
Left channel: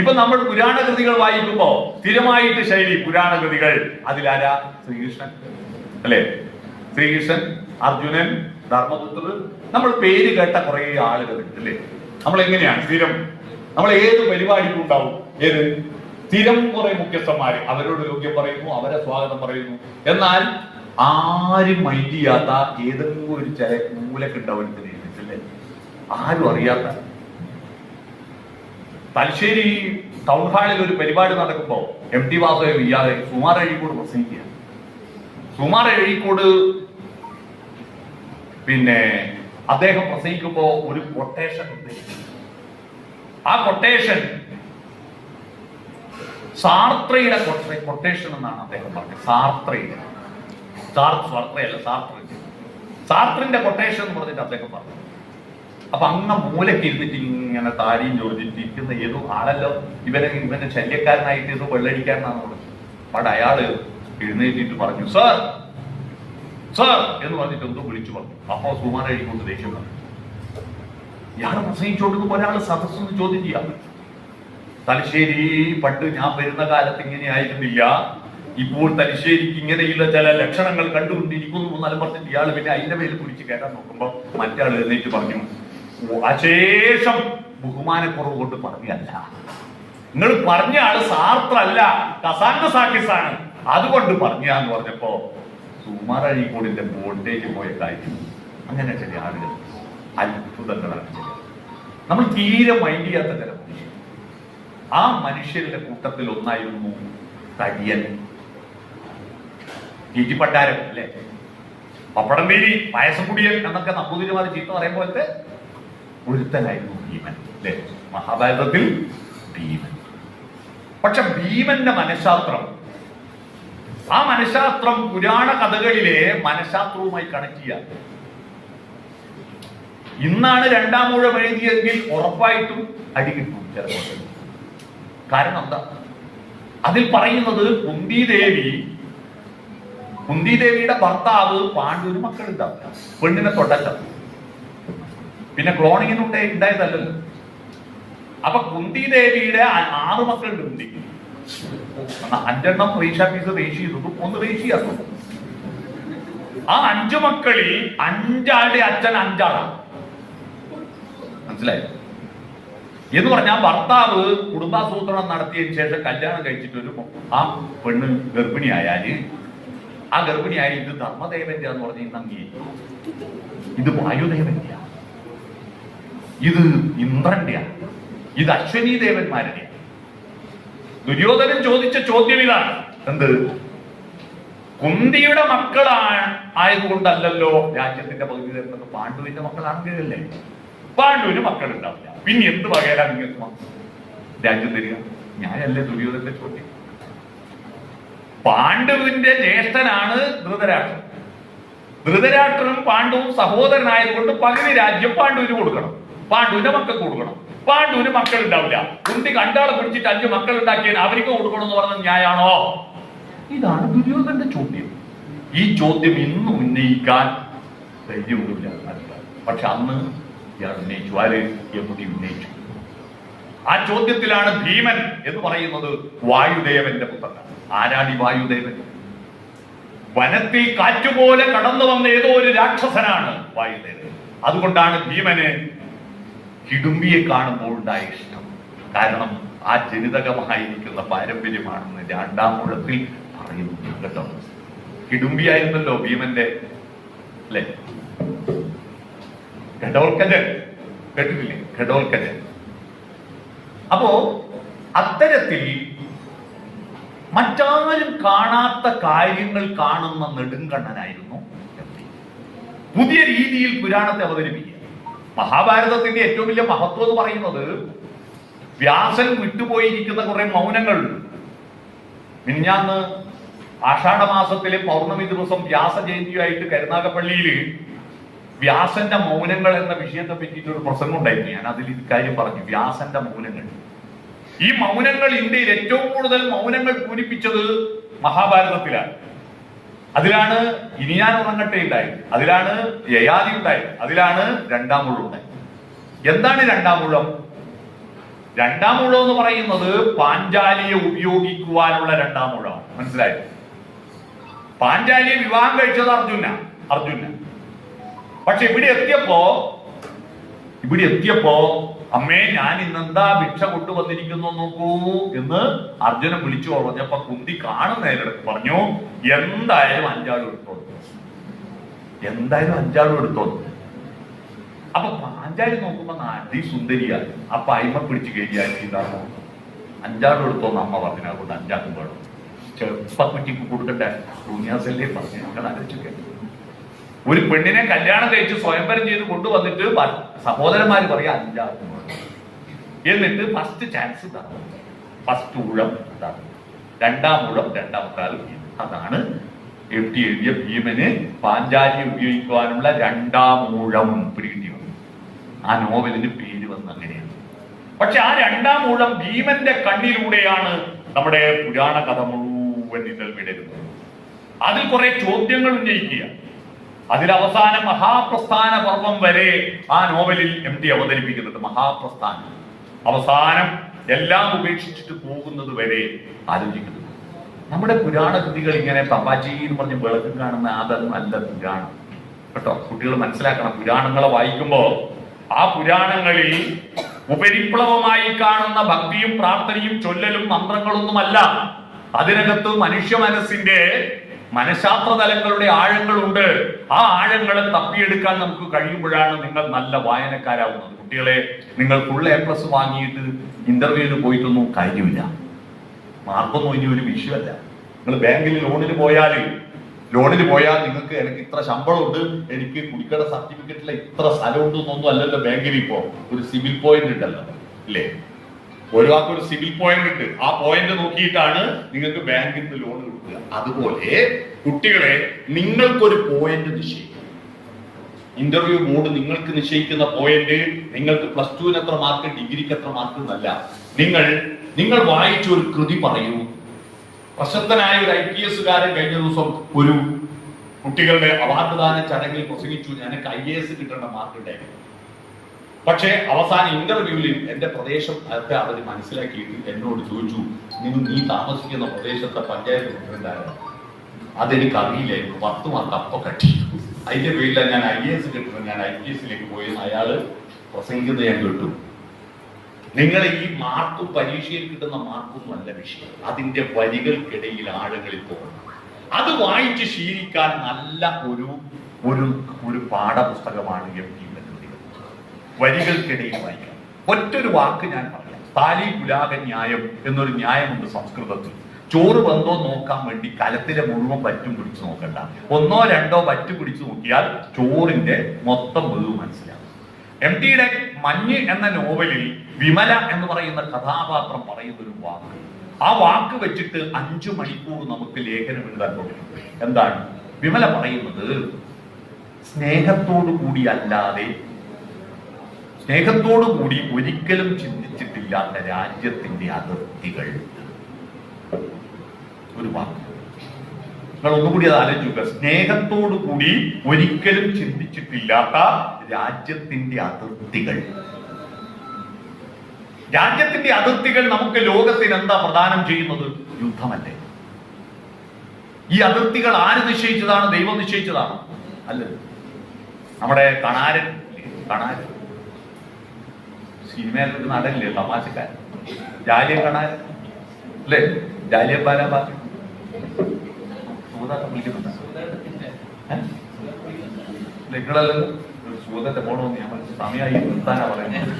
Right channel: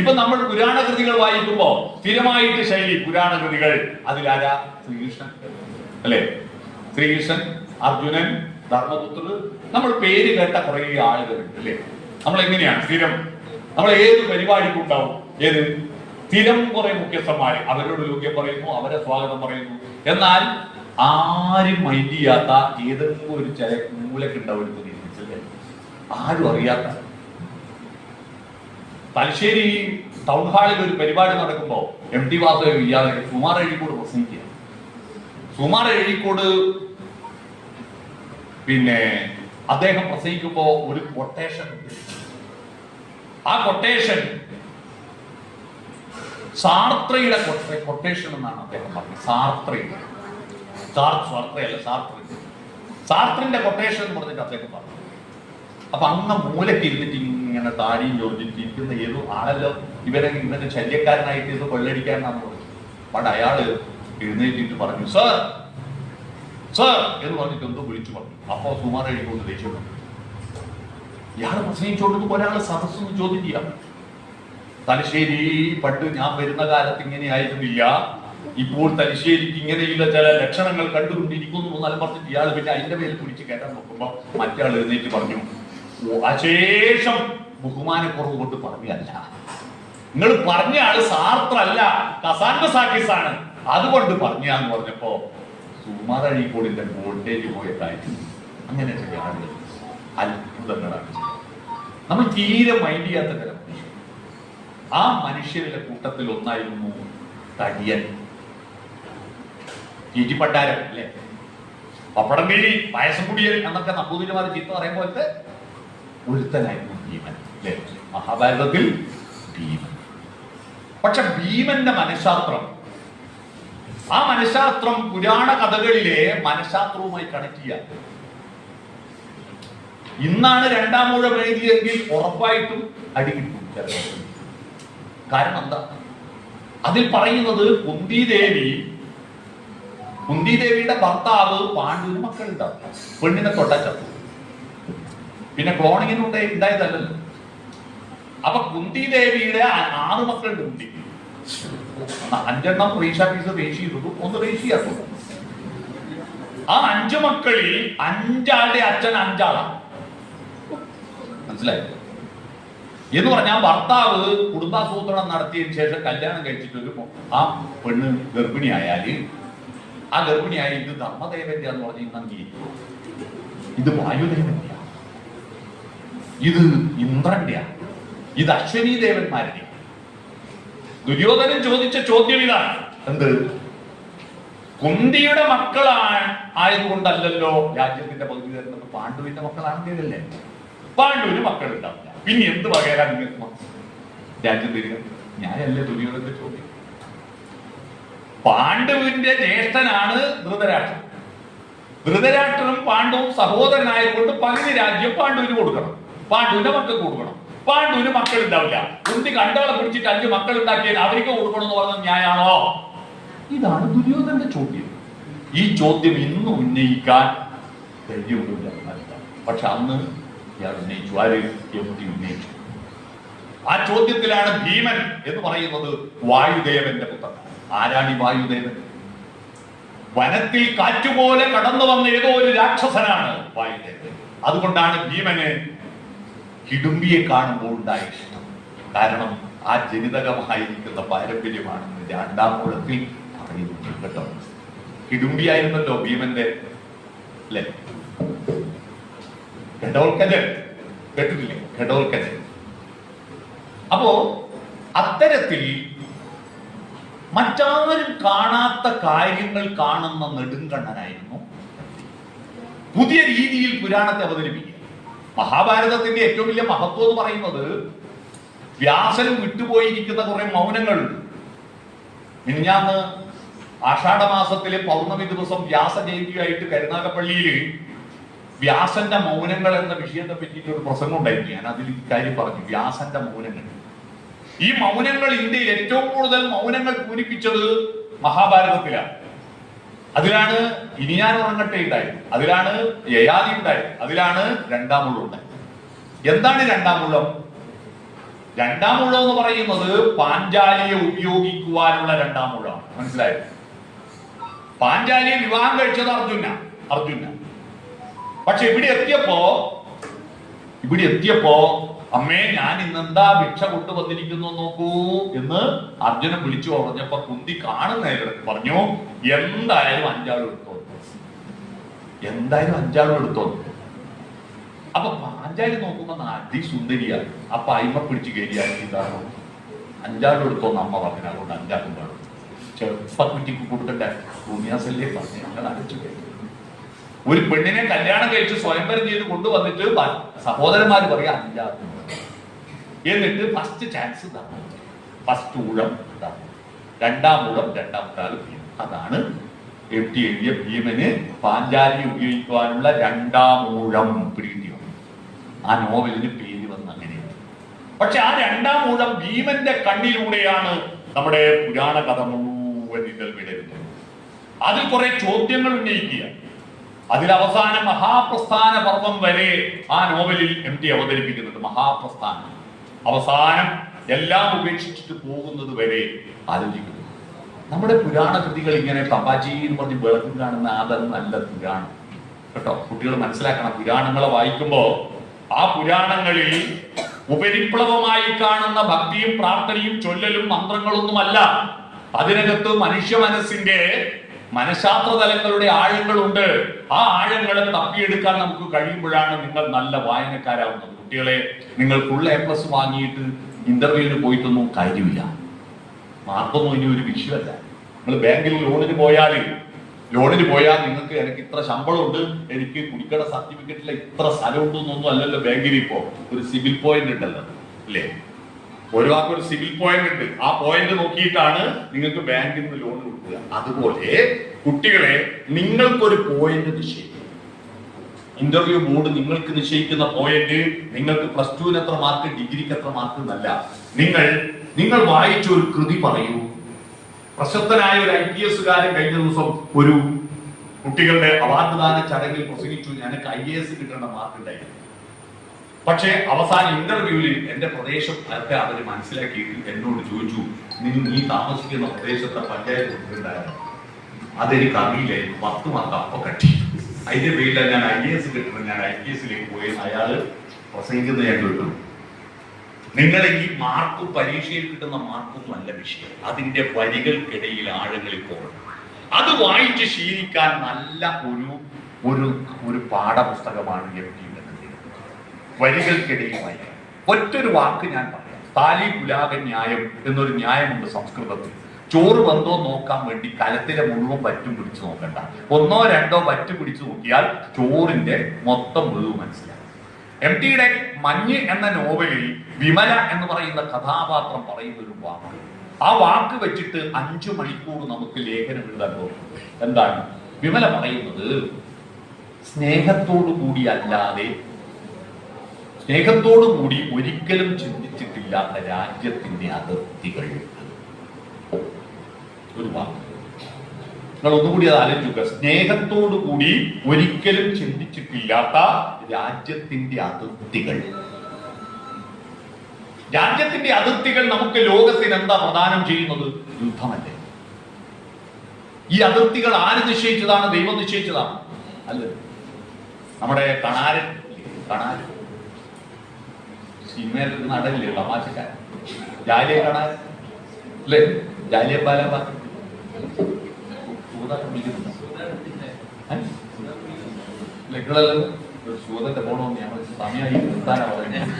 ഇപ്പൊ നമ്മൾ പുരാണ കൃതികൾ വായിക്കുമ്പോ സ്ഥിരമായിട്ട് ശൈലി പുരാണ കൃതികൾ, അതിലാരാ? ശ്രീകൃഷ്ണൻ, അല്ലെ? ശ്രീകൃഷ്ണൻ, അർജുനൻ, ധർമ്മപുത്രർ, നമ്മൾ പേര് കേട്ട കുറെ ആളുകളുണ്ട്, അല്ലെ? നമ്മൾ എങ്ങനെയാണ് സ്ഥിരം, നമ്മൾ ഏത് പരിപാടിക്കും ഉണ്ടാവും ഏത് സ്ഥിരം കുറെ മുഖ്യസ്ഥന്മാര്, അവരോട് യോഗ്യം പറയുന്നു, അവരെ സ്വാഗതം പറയുന്നു. എന്നാൽ ആരും മൈൻഡ് ചെയ്യാത്ത ഏതെങ്കിലും ഒരു ചില മൂലക്കുണ്ടാവും, അല്ലേ? ആരും അറിയാത്ത. തലശ്ശേരി ടൗൺ ഹാളിൽ ഒരു പരിപാടി നടക്കുമ്പോ എം.ടി. വാസുദേവ് ഇയാളെ സുമാർ അഴീക്കോട് പ്രസംഗിക്കുക. സുമാർ അഴീക്കോട് പിന്നെ അദ്ദേഹം പ്രസംഗിക്കുമ്പോ ഒരു കൊട്ടേഷൻ ഉണ്ട്. ആ കൊട്ടേഷൻ സാർത്രയുടെ കൊട്ടേഷൻ എന്നാണ് അദ്ദേഹം പറഞ്ഞത്. സാർത്രയുടെ, സാർത്രയല്ല, സാർത്രിന്റെ കൊട്ടേഷൻ എന്ന് പറഞ്ഞിട്ട് അദ്ദേഹം പറഞ്ഞു. അപ്പൊ അങ്ങ് മൂലക്ക് ഇരുന്നിട്ട് ഇങ്ങനെ താരിയും ചോദിച്ചിട്ട് ഇരിക്കുന്ന ഏതോ ആളല്ലോ ഇവന്റെ ശല്യക്കാരനായിട്ട് ഏതോ വെള്ളടിക്കാരനാണ് പറഞ്ഞത്. അവിടെ അയാള് എഴുന്നേറ്റിട്ട് പറഞ്ഞു, സാർ സാർ എന്ന് പറഞ്ഞിട്ട് എന്തോ വിളിച്ചു പറഞ്ഞു. അപ്പൊ സുമാർ എഴുതിക്കൊണ്ട് ദേഷ്യം വന്നു. ഇയാളെ പ്രസംഗിച്ചുകൊണ്ടിരിക്കുമ്പോൾ ഒരാള് സദസ്സൊന്ന് ചോദ്യം ചെയ്യാം. തലശ്ശേരി പണ്ട് ഞാൻ വരുന്ന കാലത്ത് ഇങ്ങനെ ആയിരുന്നില്ല, ഇപ്പോൾ തലശ്ശേരിക്ക് ഇങ്ങനെയുള്ള ചില ലക്ഷണങ്ങൾ കണ്ടുകൊണ്ടിരിക്കുന്നു എന്നാലും പറഞ്ഞിട്ട് ഇയാൾ പിന്നെ അതിന്റെ പേരിൽ കുടിച്ച് കയറാൻ നോക്കുമ്പോ മറ്റേ ആൾ എഴുന്നേറ്റ് പറഞ്ഞു, അശേഷം ബഹുമാനക്കുറവ് കൊണ്ട് പറഞ്ഞല്ല, നിങ്ങൾ പറഞ്ഞ ആള് സാർത്രല്ല, കസാൻഡ സാക്കിസ് ആണ്, അതുകൊണ്ട് പറഞ്ഞാന്ന് പറഞ്ഞപ്പോ സുമാർ അഴീക്കോടിന്റെ വോൾട്ടേജ് പോയ കാര്യം. അങ്ങനെ ചില ആളുകൾ അത്ഭുതങ്ങളാണ് ചില. നമ്മൾ തീരെ മൈൻഡ് ചെയ്യാത്ത ചില മനുഷ്യർ ആ മനുഷ്യരുടെ കൂട്ടത്തിൽ ഒന്നായിരുന്നു തടിയൻ. ചീറ്റിപ്പണ്ടാരം അല്ലേ, പപ്പടം വീരി പായസം കുടിയൻ എന്നൊക്കെ നമ്പൂതിരിമാർ ചീത്ത പറയും പോലത്തെ ഒരുത്തനായിരുന്നു ഭീമൻ അല്ലേ, മഹാഭാരതത്തിൽ ഭീമൻ. പക്ഷെ ഭീമന്റെ മനഃശാസ്ത്രം, ആ മനഃശാസ്ത്രം പുരാണ കഥകളിലെ മനഃശാസ്ത്രവുമായി കണക്ട് ചെയ്യാം. ഇന്നാണ് രണ്ടാം ഊഴം എഴുതിയെങ്കിൽ ഉറപ്പായിട്ടും അടി കിട്ടും ചിലപ്പോൾ. കാരണം എന്താ, അതിൽ പറയുന്നത് കുന്തിദേവിയുടെ ഭർത്താവ് പാണ്ഡുവിന് മക്കളുണ്ടാവില്ല, പെണ്ണിനെ തൊട്ടല്ല, പിന്നെ ക്ലോണിങ്ങിനുണ്ട് ഉണ്ടായതല്ലല്ലോ. അപ്പൊ കുന്തിദേവിയുടെ 6 മക്കളുണ്ട്. കുന്തി 5 റീഷ പീസ് റേഷി ചെയ്തു, 1 റേഷിയാക്കും. ആ 5 മക്കളിൽ 5 അച്ഛൻ 5 ആളാണ്. മനസ്സിലായി എന്ന് പറഞ്ഞാൽ ഭർത്താവ് കുടുംബാസൂത്രണം നടത്തിയതിനു ശേഷം കല്യാണം കഴിച്ചിട്ട് ആ പെണ്ണ് ഗർഭിണിയായാല്, ആ ഗർഭിണിയായി ഇത് ധർമ്മദേവന്റെ എന്ന് പറഞ്ഞ് നന്ദി, ഇത് വായുദേവന്റെ, ഇത് ഇന്ദ്രന്റെ, ഇത് അശ്വനി ദേവന്മാരുടെ. ദുര്യോധനൻ ചോദിച്ച ചോദ്യം ഇതാണ്, എന്ത്, കുന്തിയുടെ ആയതുകൊണ്ടല്ലല്ലോ രാജ്യത്തിന്റെ പകുതി തരുന്നത്, പാണ്ഡുവിന്റെ മക്കളാണെങ്കിലല്ലേ. പാണ്ഡുവിന് മക്കളുണ്ടാവില്ല, പിന്നെ എന്ത് വകയിലാ നിങ്ങൾക്ക് രാജ്യം തരിക? ഞാനല്ലേ ദുര്യോധനന്റെ ചോദ്യം. പാണ്ഡുവിന്റെ ജ്യേഷ്ഠനാണ് ധൃതരാഷ്ട്രൻ. ധൃതരാഷ്ട്രനും പാണ്ഡുവും സഹോദരനായതുകൊണ്ട് പകുതി രാജ്യം പാണ്ഡുവിന് കൊടുക്കണം, പാണ്ഡുവിന്റെ മക്കൾക്ക് കൊടുക്കണം. പാണ്ഡുവിന് മക്കൾ ഉണ്ടാവില്ല, കുന്തി കണ്ടാളെ പിടിച്ചിട്ട് 5 മക്കൾ ഉണ്ടാക്കിയാൽ അവർക്ക് കൊടുക്കണം എന്ന് പറഞ്ഞത് ന്യായാണോ? ഇതാണ് ദുര്യോധനന്റെ ചോദ്യം. ഈ ചോദ്യം ഇന്ന് ഉന്നയിക്കാൻ ധൈര്യമൊന്നുമില്ല. പക്ഷെ അന്ന് ഇയാൾ ഉന്നയിച്ചു. ആര്? യഹൂദി ഉന്നയിച്ചു. ആ ചോദ്യത്തിലാണ് ഭീമൻ എന്ന് പറയുന്നത് വായുദേവന്റെ പുത്രൻ. ആരാണ് ഈ വായുദേവൻ? വനത്തിൽ കാറ്റുപോലെ കടന്നു വന്ന ഏതോ ഒരു രാക്ഷസനാണ് വായുദേവൻ. അതുകൊണ്ടാണ് ഭീമന് ഹിഡുംബിയെ കാണുമ്പോൾ ഉണ്ടായ ഇഷ്ടം. കാരണം ആ ജനിതകമായിരിക്കുന്ന പാരമ്പര്യമാണെന്ന് 2-ാം ഊഴത്തിൽ പറയുന്നു കേട്ടോ. ഹിഡുംബി ആയിരുന്നല്ലോ ഭീമന്റെ അല്ലെ, ഘടോൽക്കജൻ കേട്ടിട്ടില്ലേ, ഘടോൽക്കജൻ. അപ്പോ അത്തരത്തിൽ മറ്റാരും കാണാത്ത കാര്യങ്ങൾ കാണുന്ന നെടുങ്കണ്ണനായിരുന്നു. പുതിയ രീതിയിൽ പുരാണത്തെ അവതരിപ്പിക്കുക. മഹാഭാരതത്തിന്റെ ഏറ്റവും വലിയ മഹത്വം എന്ന് പറയുന്നത് വ്യാസൻ വിട്ടുപോയിരിക്കുന്ന കുറെ മൗനങ്ങളുണ്ട്. മിനിഞ്ഞാന്ന് ആഷാഢമാസത്തിലെ പൗർണമി ദിവസം വ്യാസ ജയന്തിയായിട്ട് കരുനാഗപ്പള്ളിയിൽ വ്യാസന്റെ മൗനങ്ങൾ എന്ന വിഷയത്തെ പറ്റിയിട്ട് ഒരു പ്രസംഗം ഉണ്ടായിരുന്നു. ഞാൻ അതിൽ ഇക്കാര്യം പറഞ്ഞു, വ്യാസന്റെ മൗനങ്ങൾ. ഈ മൗനങ്ങൾ ഇന്ത്യയിൽ ഏറ്റവും കൂടുതൽ മൗനങ്ങൾ പൂരിപ്പിച്ചത് മഹാഭാരതത്തിലാണ്. അതിലാണ് ഇനിയാൻ ഉറങ്ങട്ടെ ഉണ്ടായത്, അതിലാണ് യയാതി ഉണ്ടായത്, അതിലാണ് 2-ാം ഊഴം ഉണ്ടായത്. എന്താണ് 2-ാം ഊഴം? 2-ാം ഊഴം എന്ന് പറയുന്നത് പാഞ്ചാലിയെ ഉപയോഗിക്കുവാനുള്ള 2-ാം ഊഴമാണ്. മനസ്സിലായോ? പാഞ്ചാലിയെ വിവാഹം കഴിച്ചത് അർജുന. പക്ഷെ ഇവിടെ എത്തിയപ്പോ അമ്മേ ഞാൻ ഇന്നെന്താ ഭിക്ഷ കൊണ്ടുവന്നിരിക്കുന്നു നോക്കൂ എന്ന് അർജുനൻ വിളിച്ചു പറഞ്ഞപ്പോ കുന്തി കാണുന്നതിനിടയ്ക്ക് പറഞ്ഞു, എന്തായാലും 5 ആളും എടുത്തോളൂ. അപ്പൊ പാഞ്ചാലി നോക്കുമ്പോ അതിസുന്ദരിയാണ്. അപ്പൊ അയിമ പിടിച്ച് കയറിയാക്കി 5 ആളും എടുത്തോന്ന് അമ്മ പറഞ്ഞു. അതുകൊണ്ട് 5 ആളും വേണം. ചെറുപ്പക്കുറ്റിക്ക് കൊടുക്കട്ടെ ഭൂമിയാസല്ലേ പറഞ്ഞു. അങ്ങനെ ആലോചിച്ചു, ഒരു പെണ്ണിനെ കല്യാണം കഴിച്ച് സ്വയംവരം ചെയ്ത് കൊണ്ടുവന്നിട്ട് സഹോദരന്മാര് പറയാ 5 ആളും എന്നിട്ട് ഫസ്റ്റ് ചാൻസ് തന്നു, ഫസ്റ്റ് ഊഴം തന്നു, 2-ാം ഊഴം 2-ാമത്തെ ആൾ. അതാണ് എഴുതിയ ഭീമന് പാഞ്ചാലി ഉപയോഗിക്കുവാനുള്ള 2-ാം ഊഴം പിടികിട്ടി വന്നു. ആ നോവലിന് പേര് വന്ന് അങ്ങനെയാണ്. പക്ഷെ ആ 2-ാം ഊഴം ഭീമന്റെ കണ്ണിലൂടെയാണ് നമ്മുടെ പുരാണ കഥ മുഴുവൻ ഇതൽ വിടരുന്നത്. അതിൽ കുറെ ചോദ്യങ്ങൾ ഉന്നയിക്കുക. അതിൽ അവസാനം മഹാപ്രസ്ഥാന പർവം വരെ ആ നോവലിൽ MT അവതരിപ്പിക്കുന്നുണ്ട്. മഹാപ്രസ്ഥാനം അവസാനം എല്ലാം ഉപേക്ഷിച്ചിട്ട് പോകുന്നത് വരെ ആലോചിക്കുന്നു. നമ്മുടെ പുരാണ കൃതികൾ ഇങ്ങനെ തപാച്ചിന്ന് പറഞ്ഞ് വെളുക്കും കാണുന്ന അതൊന്നല്ല പുരാണം കേട്ടോ. കുട്ടികൾ മനസ്സിലാക്കണം, പുരാണങ്ങളെ വായിക്കുമ്പോ ആ പുരാണങ്ങളിൽ ഉപരിപ്ലവമായി കാണുന്ന ഭക്തിയും പ്രാർത്ഥനയും ചൊല്ലലും മന്ത്രങ്ങളൊന്നുമല്ല. അതിനകത്ത് മനുഷ്യ മനസ്സിന്റെ മനഃശാസ്ത്ര തലങ്ങളുടെ ആഴങ്ങളുണ്ട്. ആ ആഴങ്ങളെ തപ്പിയെടുക്കാൻ നമുക്ക് കഴിയുമ്പോഴാണ് നിങ്ങൾ നല്ല വായനക്കാരാവുന്നത്. കുട്ടികളെ, നിങ്ങൾ ഫുൾ A+ വാങ്ങിയിട്ട് ഇന്റർവ്യൂവിന് പോയിട്ടൊന്നും കാര്യമില്ല. മാർക്കൊന്നും ഇനി ഒരു വിഷയമല്ല. നിങ്ങൾ ബാങ്കിൽ ലോണിന് പോയാൽ നിങ്ങൾക്ക് എനിക്ക് ഇത്ര ശമ്പളമുണ്ട്, എനിക്ക് കുടിക്കട സർട്ടിഫിക്കറ്റിൽ ഇത്ര സ്ഥലമുണ്ട് എന്നൊന്നും അല്ലല്ലോ ബാങ്കിൽ. ഇപ്പോ ഒരു സിവിൽ പോയിന്റ് ഉണ്ടല്ലോ, ഇല്ലേ? ഒരു സിവിൽ പോയിന്റ് ഉണ്ട്. ആ പോയിന്റ് നോക്കിയിട്ടാണ് നിങ്ങൾക്ക് ബാങ്കിൽ നിന്ന് ലോൺ കൊടുക്കുക. അതുപോലെ കുട്ടികളെ, നിങ്ങൾക്കൊരു പോയിന്റ് നിശ്ചയിക്കും. ഇന്റർവ്യൂ ബോർഡ് നിങ്ങൾക്ക് നിശ്ചയിക്കുന്ന പോയിന്റ് നിങ്ങൾക്ക് +2 എത്ര മാർക്ക്, ഡിഗ്രിക്ക് എത്ര മാർക്ക് എന്നല്ല. നിങ്ങൾ വായിച്ച ഒരു കൃതി പറയൂ. പ്രശസ്തനായ ഒരു IPS കഴിഞ്ഞ ദിവസം ഒരു കുട്ടികളുടെ അവാർഡ് ദാന ചടങ്ങിൽ പ്രസംഗിച്ചു. എനിക്ക് IAS കിട്ടേണ്ട മാർക്ക് ഉണ്ടായിരുന്നു. പക്ഷേ അവസാന ഇന്റർവ്യൂവിൽ എന്റെ പ്രദേശം ഒക്കെ അവർ മനസ്സിലാക്കിയിട്ട് എന്നോട് ചോദിച്ചു, നീ താമസിക്കുന്ന പ്രദേശത്തെ പഞ്ചായത്ത് പ്രസിഡന്റായിരുന്നു. അതെനിക്ക് അറിയില്ലായിരുന്നു. 10 മാർക്ക് അപ്പൊ കട്ടി. അതിന്റെ പേരിലാണ് ഞാൻ IAS കിട്ടുന്നത്, ഞാൻ IPSലേക്ക് പോയി അയാള് പ്രസംഗിക്കുന്നത് ഞാൻ കേട്ടു. നിങ്ങളെ ഈ മാർക്കും പരീക്ഷയിൽ കിട്ടുന്ന മാർക്കൊന്നും അല്ല വിഷയം, അതിന്റെ വരികൾക്കിടയിൽ ആഴങ്ങളിൽ പോകണം. അത് വായിച്ച് ശീലിക്കാൻ നല്ല ഒരു പാഠപുസ്തകമാണ് വരികൾക്കിടയിൽ വായിക്കണം. ഒറ്റൊരു വാക്ക് ഞാൻ പറയാം. താലി പുലാക ന്യായം എന്നൊരു ന്യായമുണ്ട് സംസ്കൃതത്തിൽ. ചോറ് വന്നോ നോക്കാൻ വേണ്ടി കലത്തിലെ മുഴുവൻ പറ്റും പിടിച്ചു നോക്കണ്ട. 1 or 2 പറ്റ് പിടിച്ചു നോക്കിയാൽ ചോറിന്റെ മൊത്തം വെളിവ് മനസ്സിലാവും. MTയുടെ മഞ്ഞ് എന്ന നോവലിൽ വിമല എന്ന് പറയുന്ന കഥാപാത്രം പറയുന്ന ഒരു വാക്ക്, ആ വാക്ക് വെച്ചിട്ട് 5 മണിക്കൂർ നമുക്ക് ലേഖനം എഴുതാൻ പോകും. എന്താണ് വിമല പറയുന്നത്? സ്നേഹത്തോടു കൂടി ഒരിക്കലും ചിന്തിച്ചിട്ടില്ലാത്ത രാജ്യത്തിന്റെ അതിർത്തികൾ. ഒരു വാക്ക് നിങ്ങൾ ഒന്നുകൂടി അത് ആലോചിക്കുക. സ്നേഹത്തോടു കൂടി ഒരിക്കലും ചിന്തിച്ചിട്ടില്ലാത്ത രാജ്യത്തിന്റെ അതിർത്തികൾ. രാജ്യത്തിന്റെ അതിർത്തികൾ നമുക്ക് ലോകത്തിന് എന്താ പ്രദാനം ചെയ്യുന്നത്? യുദ്ധമല്ലേ? ഈ അതിർത്തികൾ ആര് നിശ്ചയിച്ചതാണ്? ദൈവം നിശ്ചയിച്ചതാണ്? അല്ലത്. നമ്മുടെ കണാരൻ സിനിമയിൽ ഒരു നടനില്ലേ, തമാശക്കാരൻ, ജാലിയ കണാരൻ അല്ലേ? ജാലിയ ബാലാബാഗ് നിങ്ങളല്ലോ ഒരു സൂതന്റെ പോണോന്ന് ഞങ്ങൾ സമയമായി നിർത്താനാ പറയുന്നത്.